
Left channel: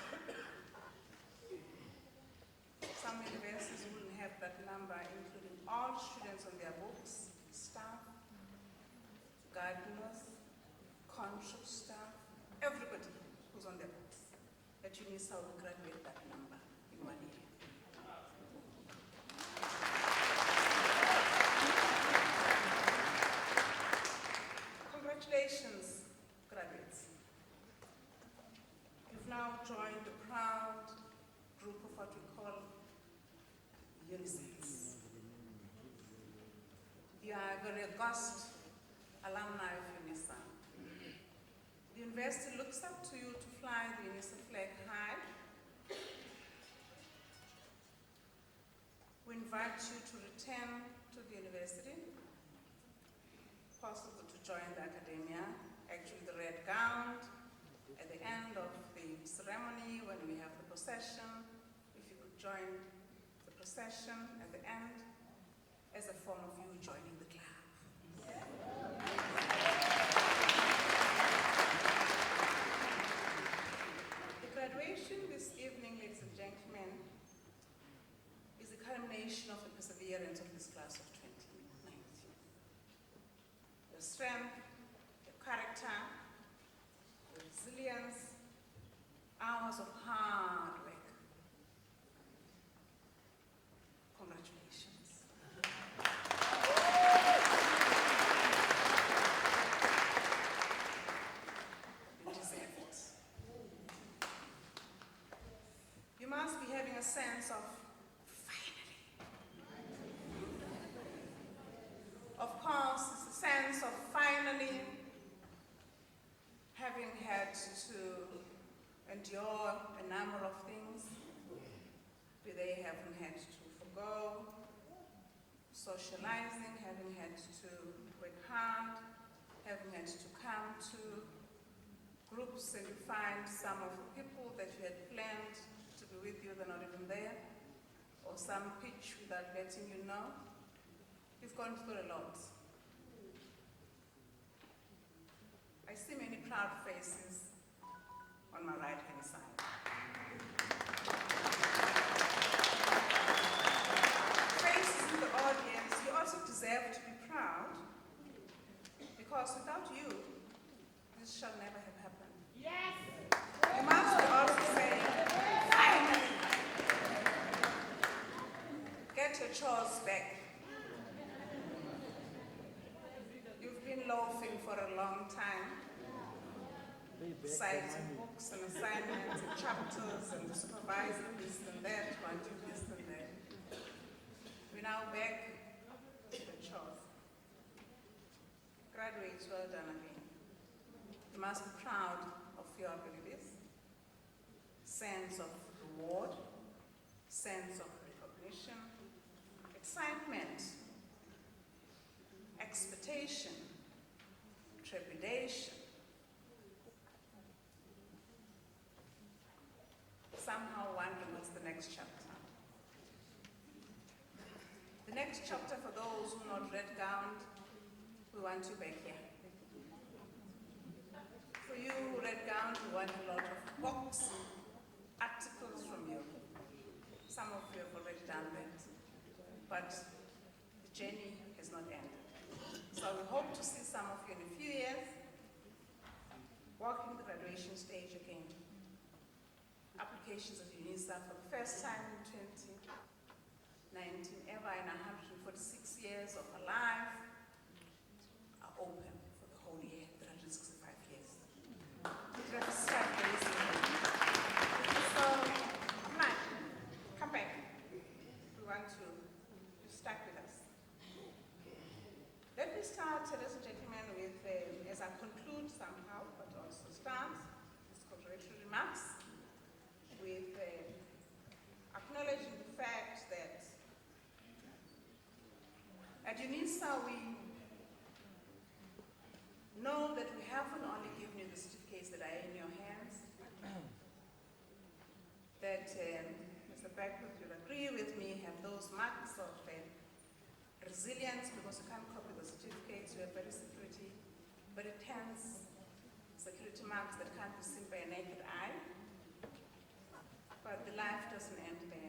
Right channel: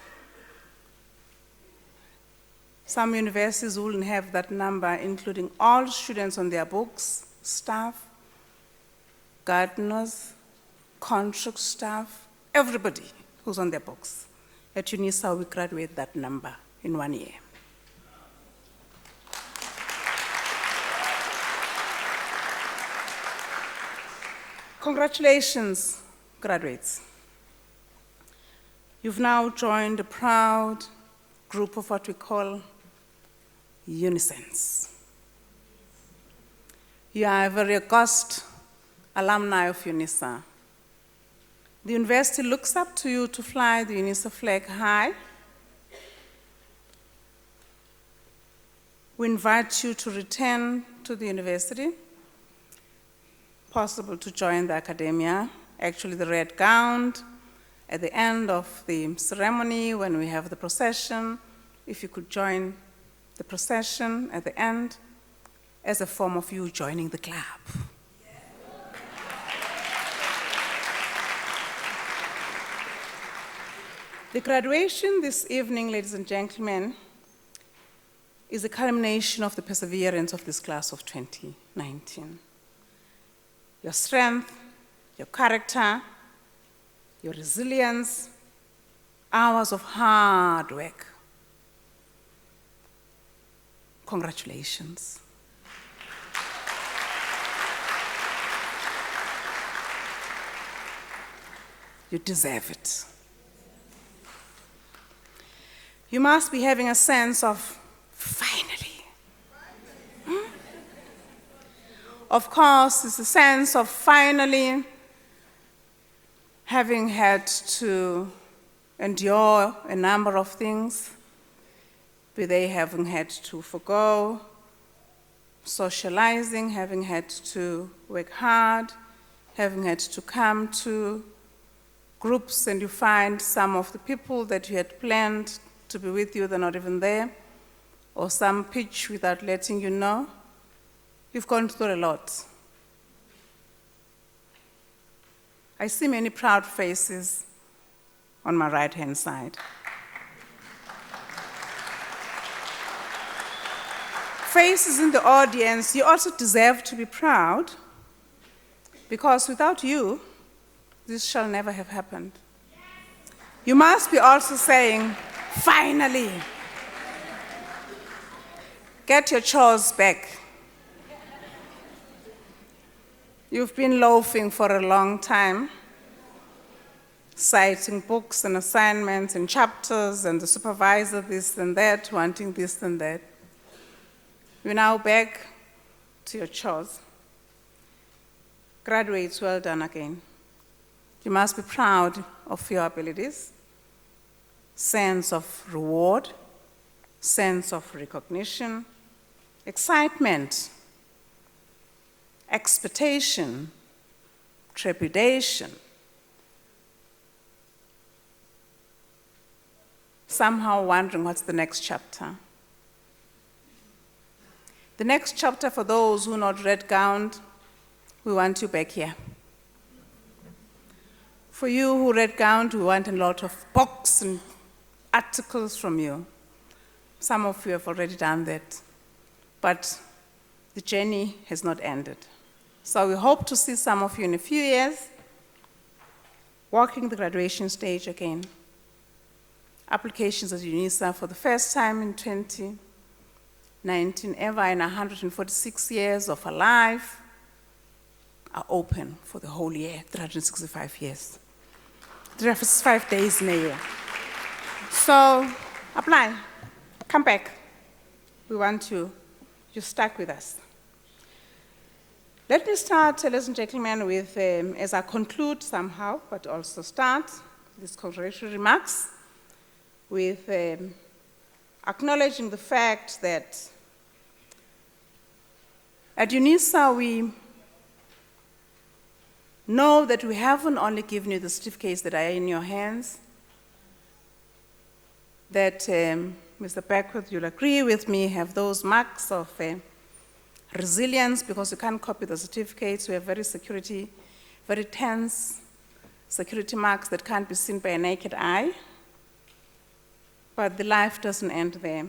Some universities wouldn't have that number, including all students on their books, staff, gardeners, contract staff, everybody who's on their books. At Unisa, we graduate that number in 1 year. Congratulations, graduates. You've now joined a proud group of what we call Unisans. You are a very august alumni of Unisa. The university looks up to you to fly the Unisa flag high. We invite you to return to the university, possible to join the academia, actually the red gown, at the end of the ceremony when we have the procession, if you could join the procession at the end as a form of you joining the club. The graduation this evening, ladies and gentlemen, is a culmination of the perseverance of this class of 2019. Your strength, your character, your resilience, hours of hard work. Congratulations. You deserve it. You must be having a sense of finally. Of course, it's a sense of finally having had to endure a number of things, be they having had to forgo socializing, having had to work hard, having had to come to groups and you find some of the people that you had planned to be with you, they're not even there, or some pitch without letting you know. You've gone through a lot. I see many proud faces on my right-hand side. Faces in the audience, you also deserve to be proud, because without you, this shall never have happened. You must be also saying, finally, get your chores back. You've been loafing for a long time, citing books and assignments and chapters and the supervisor this and that, wanting this and that. You're now back to your chores. Graduates, well done again. You must be proud of your abilities, sense of reward, sense of recognition, excitement, expectation, trepidation, somehow wondering what's the next chapter. The next chapter, for those who are not red-gowned, we want you back here. For you who red-gowned, we want a lot of books and articles from you. Some of you have already done that, but the journey has not ended. So we hope to see some of you in a few years walking the graduation stage again. applications at Unisa for the first time in 2019 ever in 146 years of our life are open for the whole year, 365 years. 365 days in a year. So apply, come back. We want you stuck with us. Let me start, ladies and gentlemen, with, as I conclude somehow, but also start these congratulatory remarks with acknowledging the fact that at Unisa we know that we haven't only given you the certificates that are in your hands, that Mr. Beckwith, you'll agree with me, have those marks of resilience, because you can't copy the certificates. We have very tense security marks that can't be seen by a naked eye. But the life doesn't end there.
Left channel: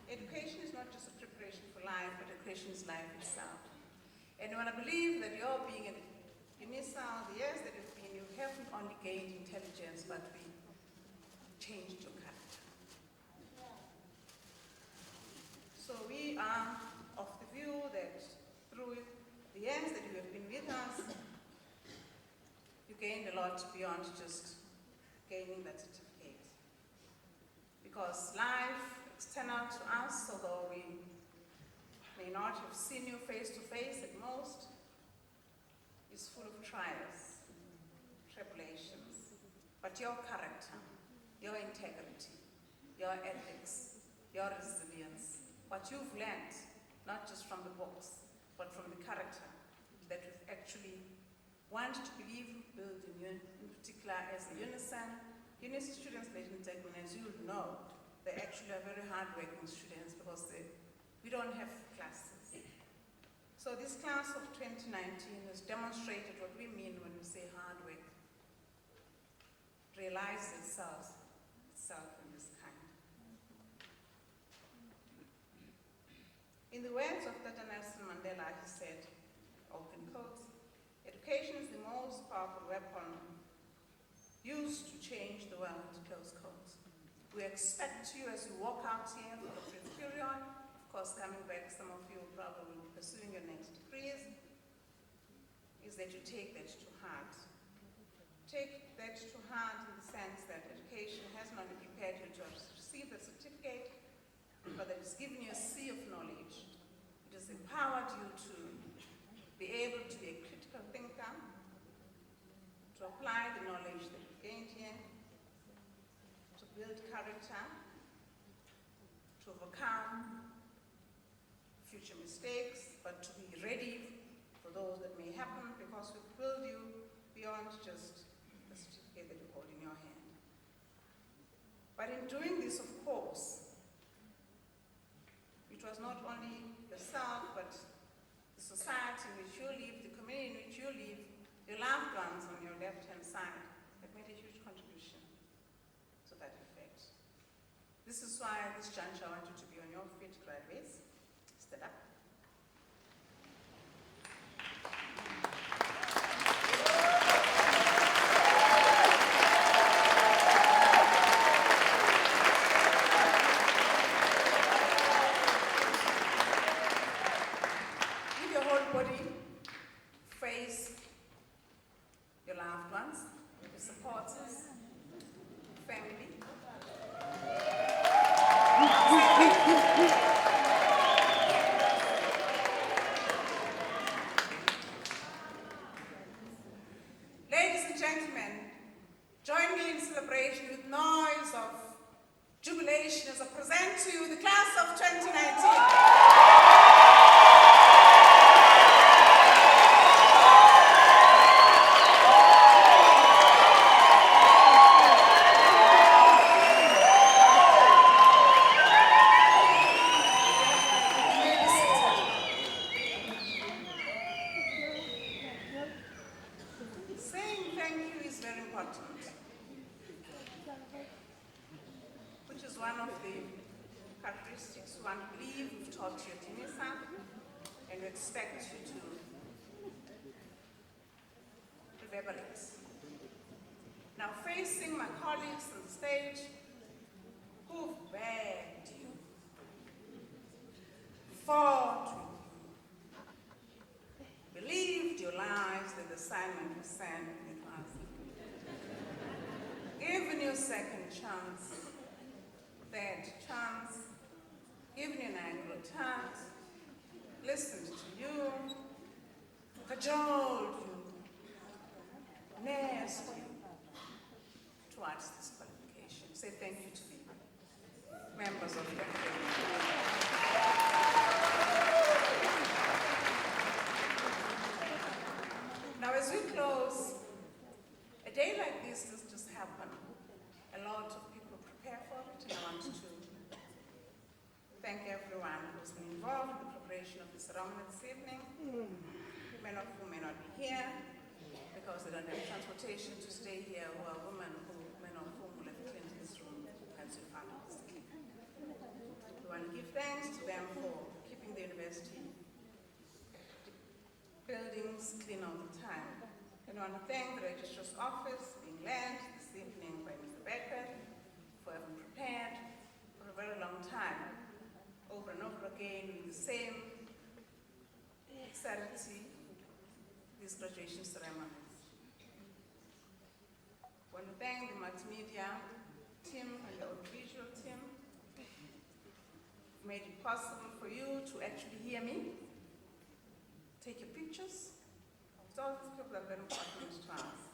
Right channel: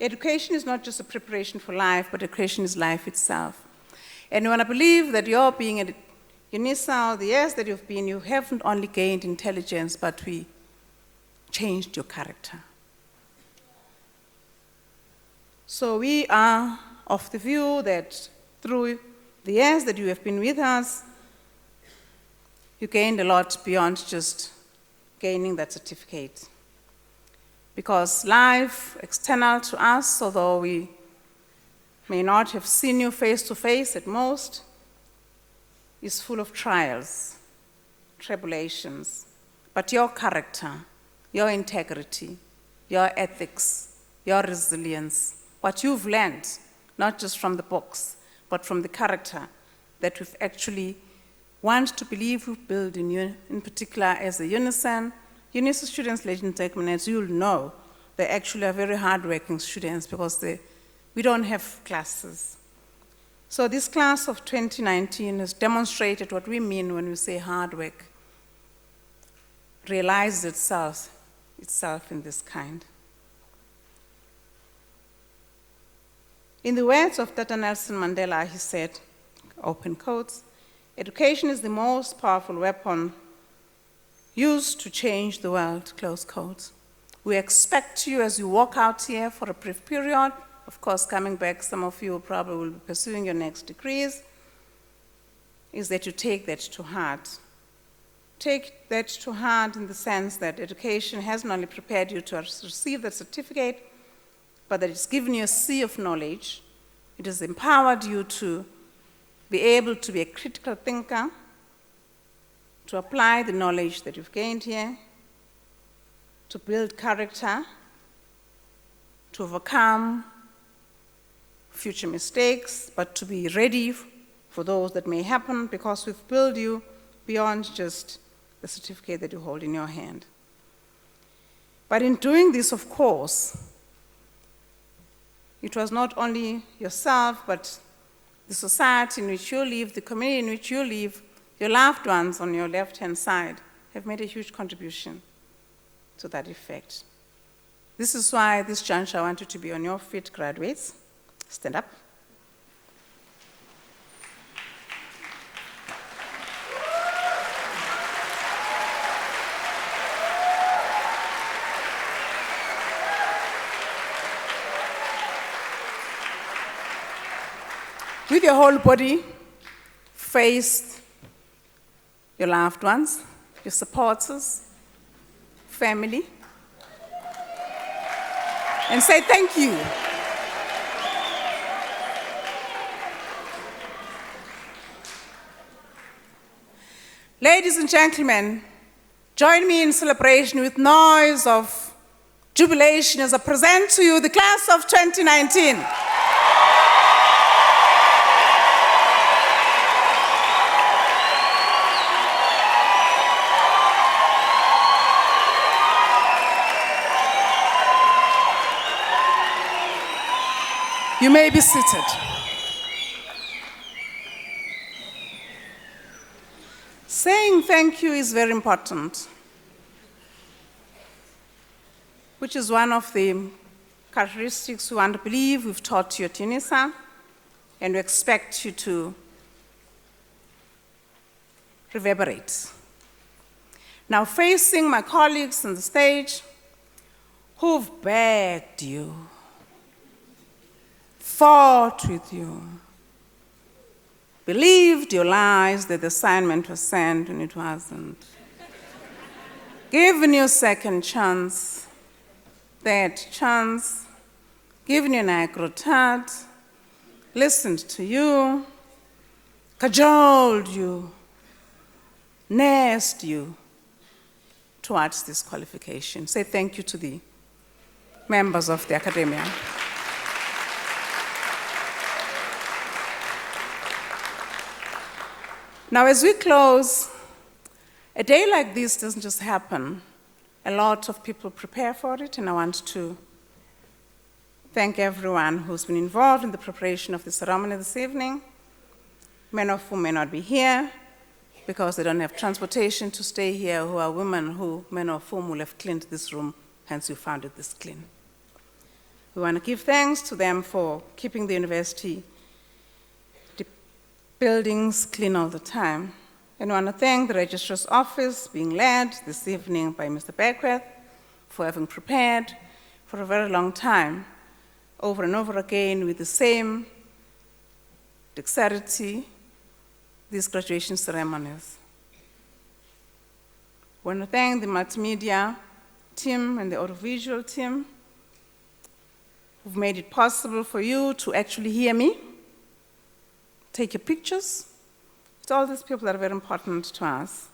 Education is not just a preparation for life, but education is life itself. And when I believe that you're being at Unisa, the years that you've been, you haven't only gained intelligence, but we changed your character. So we are of the view that through the years that you have been with us, you gained a lot beyond just gaining that certificate. Because life external to us, although we may not have seen you face to face at most, is full of trials, tribulations. But your character, your integrity, your ethics, your resilience, what you've learned, not just from the books, but from the character that we've actually want to believe we've built in you, in particular as a Unisa students, ladies and gentlemen, as you'll know, they actually are very hardworking students because we don't have classes. So this class of 2019 has demonstrated what we mean when we say hard work, realized itself in this kind. In the words of Dr. Nelson Mandela, he said, open quotes, education is the most powerful weapon used to change the world, close quotes. We expect you as you walk out here for a brief period, of course, coming back, some of you probably will be pursuing your next degrees, is that you take that to heart. Take that to heart in the sense that education hasn't only prepared you to receive that certificate, but that it's given you a sea of knowledge. It has empowered you to be able to be a critical thinker, to apply the knowledge that you've gained here, to build character, to overcome future mistakes, but to be ready for those that may happen, because we've built you beyond just the certificate that you hold in your hand. But in doing this, of course, it was not only yourself, but the society in which you live, the community in which you live, your loved ones on your left-hand side have made a huge contribution to that effect. This is why this juncture I want you to be on your feet, graduates. Stand up. With your whole body, face your loved ones, your supporters, family, and say thank you. Ladies and gentlemen, join me in celebration with noise of jubilation as I present to you the class of 2019. You may be seated. Saying thank you is very important, which is one of the characteristics we want to believe we've taught you at Unisa, and we expect you to reverberate. Now, facing my colleagues on the stage, who've begged you, fought with you, believed your lies that the assignment was sent when it wasn't, given you a second chance, third chance, given you an agro-tat, listened to you, cajoled you, nursed you towards this qualification. Say thank you to the members of the academia. Now, as we close, a day like this doesn't just happen. A lot of people prepare for it, and I want to thank everyone who's been involved in the preparation of the ceremony this evening, many of whom may not be here because they don't have transportation to stay here, who are women who, many of whom will have cleaned this room, hence we found it this clean. We want to give thanks to them for keeping the university buildings clean all the time. And I want to thank the Registrar's Office, being led this evening by Mr. Beckwith, for having prepared for a very long time, over and over again, with the same dexterity, these graduation ceremonies. I want to thank the multimedia team and the audiovisual team who've made it possible for you to actually hear me, take your pictures. It's all these people that are very important to us.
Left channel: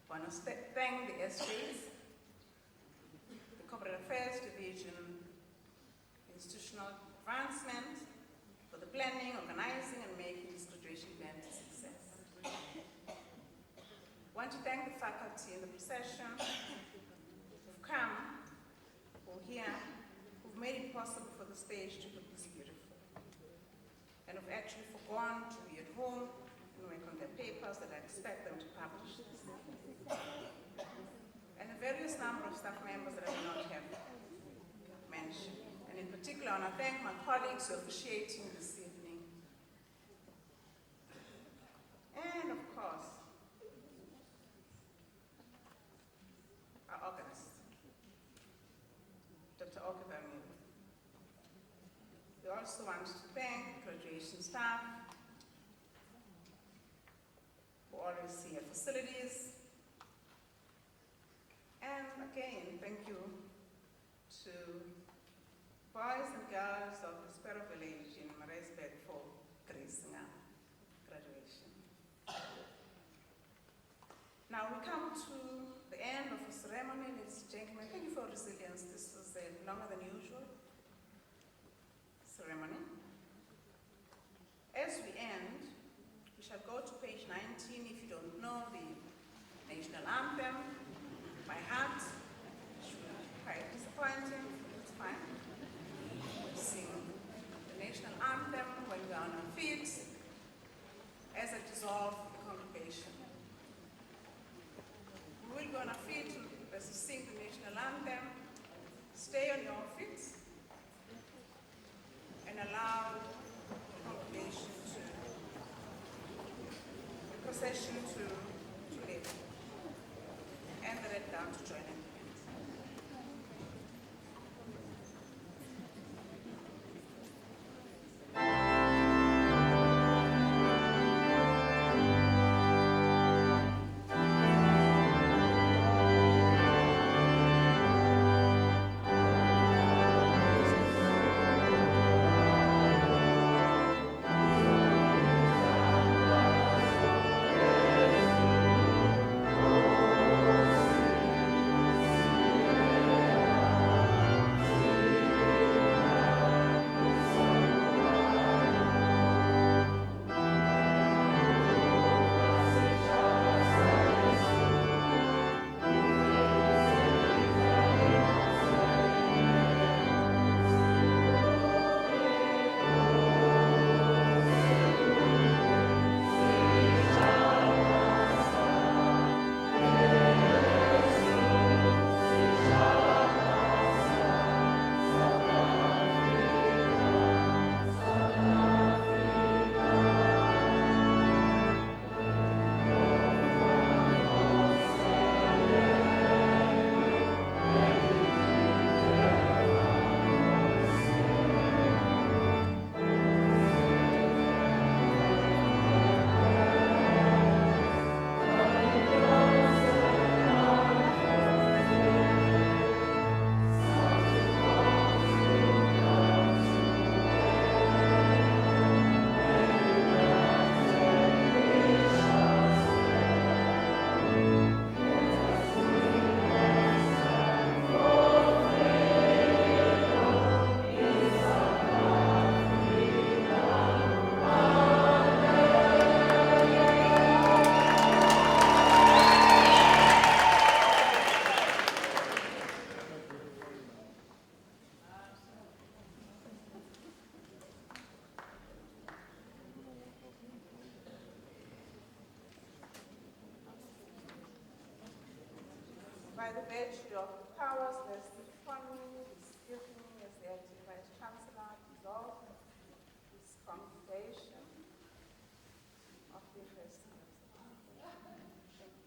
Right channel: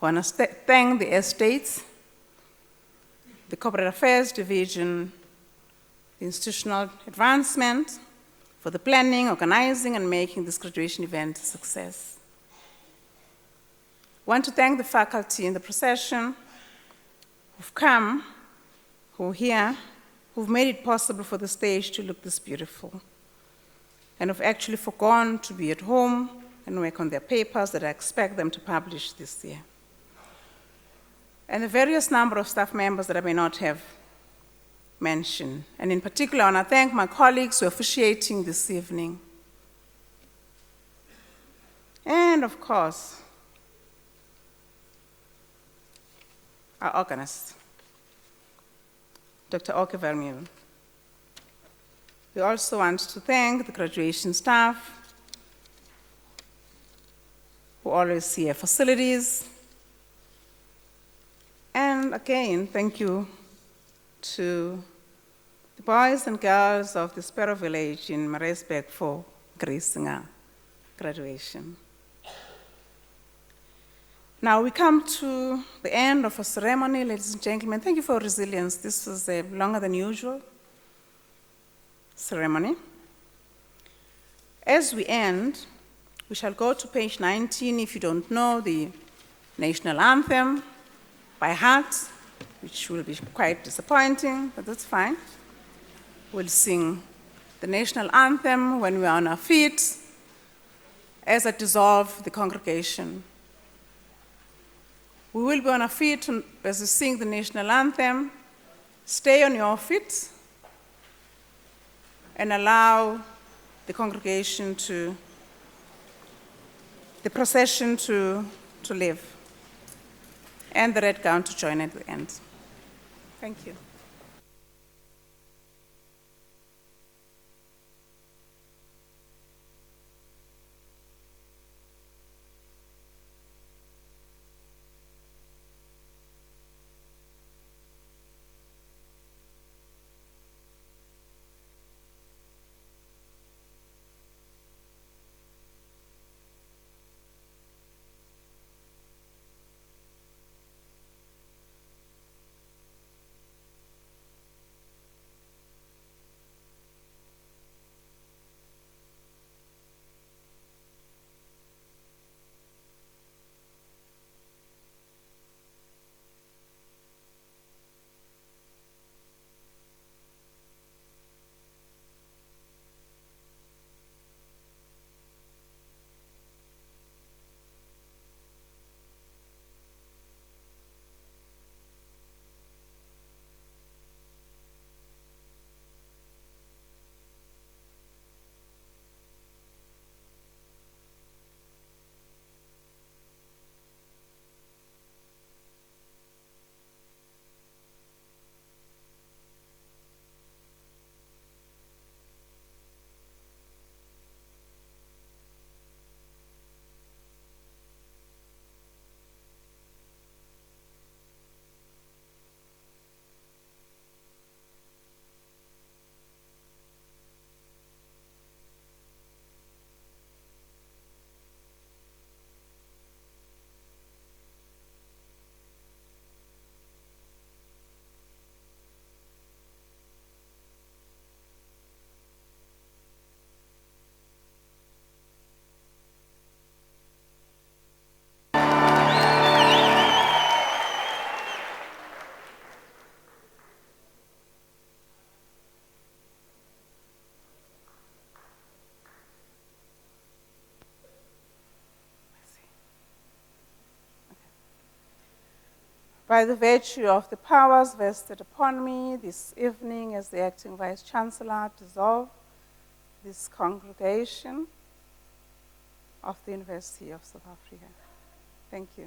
I want to thank the estates, the Corporate Affairs Division, the Institutional Advancement, for the planning, organizing, and making this graduation event a success. I want to thank the faculty in the procession who've come, who are here, who've made it possible for the stage to look this beautiful, and have actually forgone to be at home and work on their papers that I expect them to publish this year. And the various number of staff members that I may not have mentioned. And in particular, I want to thank my colleagues who are officiating this evening. And of course, our organist, Dr. Oke Vermeer. We also want to thank the graduation staff who always see our facilities. And again, thank you to the boys and girls of the Sparrow Village in Maritzburg for gracing our graduation. Now we come to the end of a ceremony, ladies and gentlemen. Thank you for your resilience. This was a longer than usual ceremony. As we end, we shall go to page 19, if you don't know, the national anthem by heart, which will be quite disappointing, but that's fine. We'll sing the national anthem when we are on our feet as I dissolve the congregation. We will be on our feet as we sing the national anthem. Stay on your feet and allow the congregation the procession to leave, and the red gown to join at the end. Thank you. By the virtue of the powers vested upon me this evening as the Acting Vice Chancellor, dissolve this congregation of the University of South Africa. Thank you.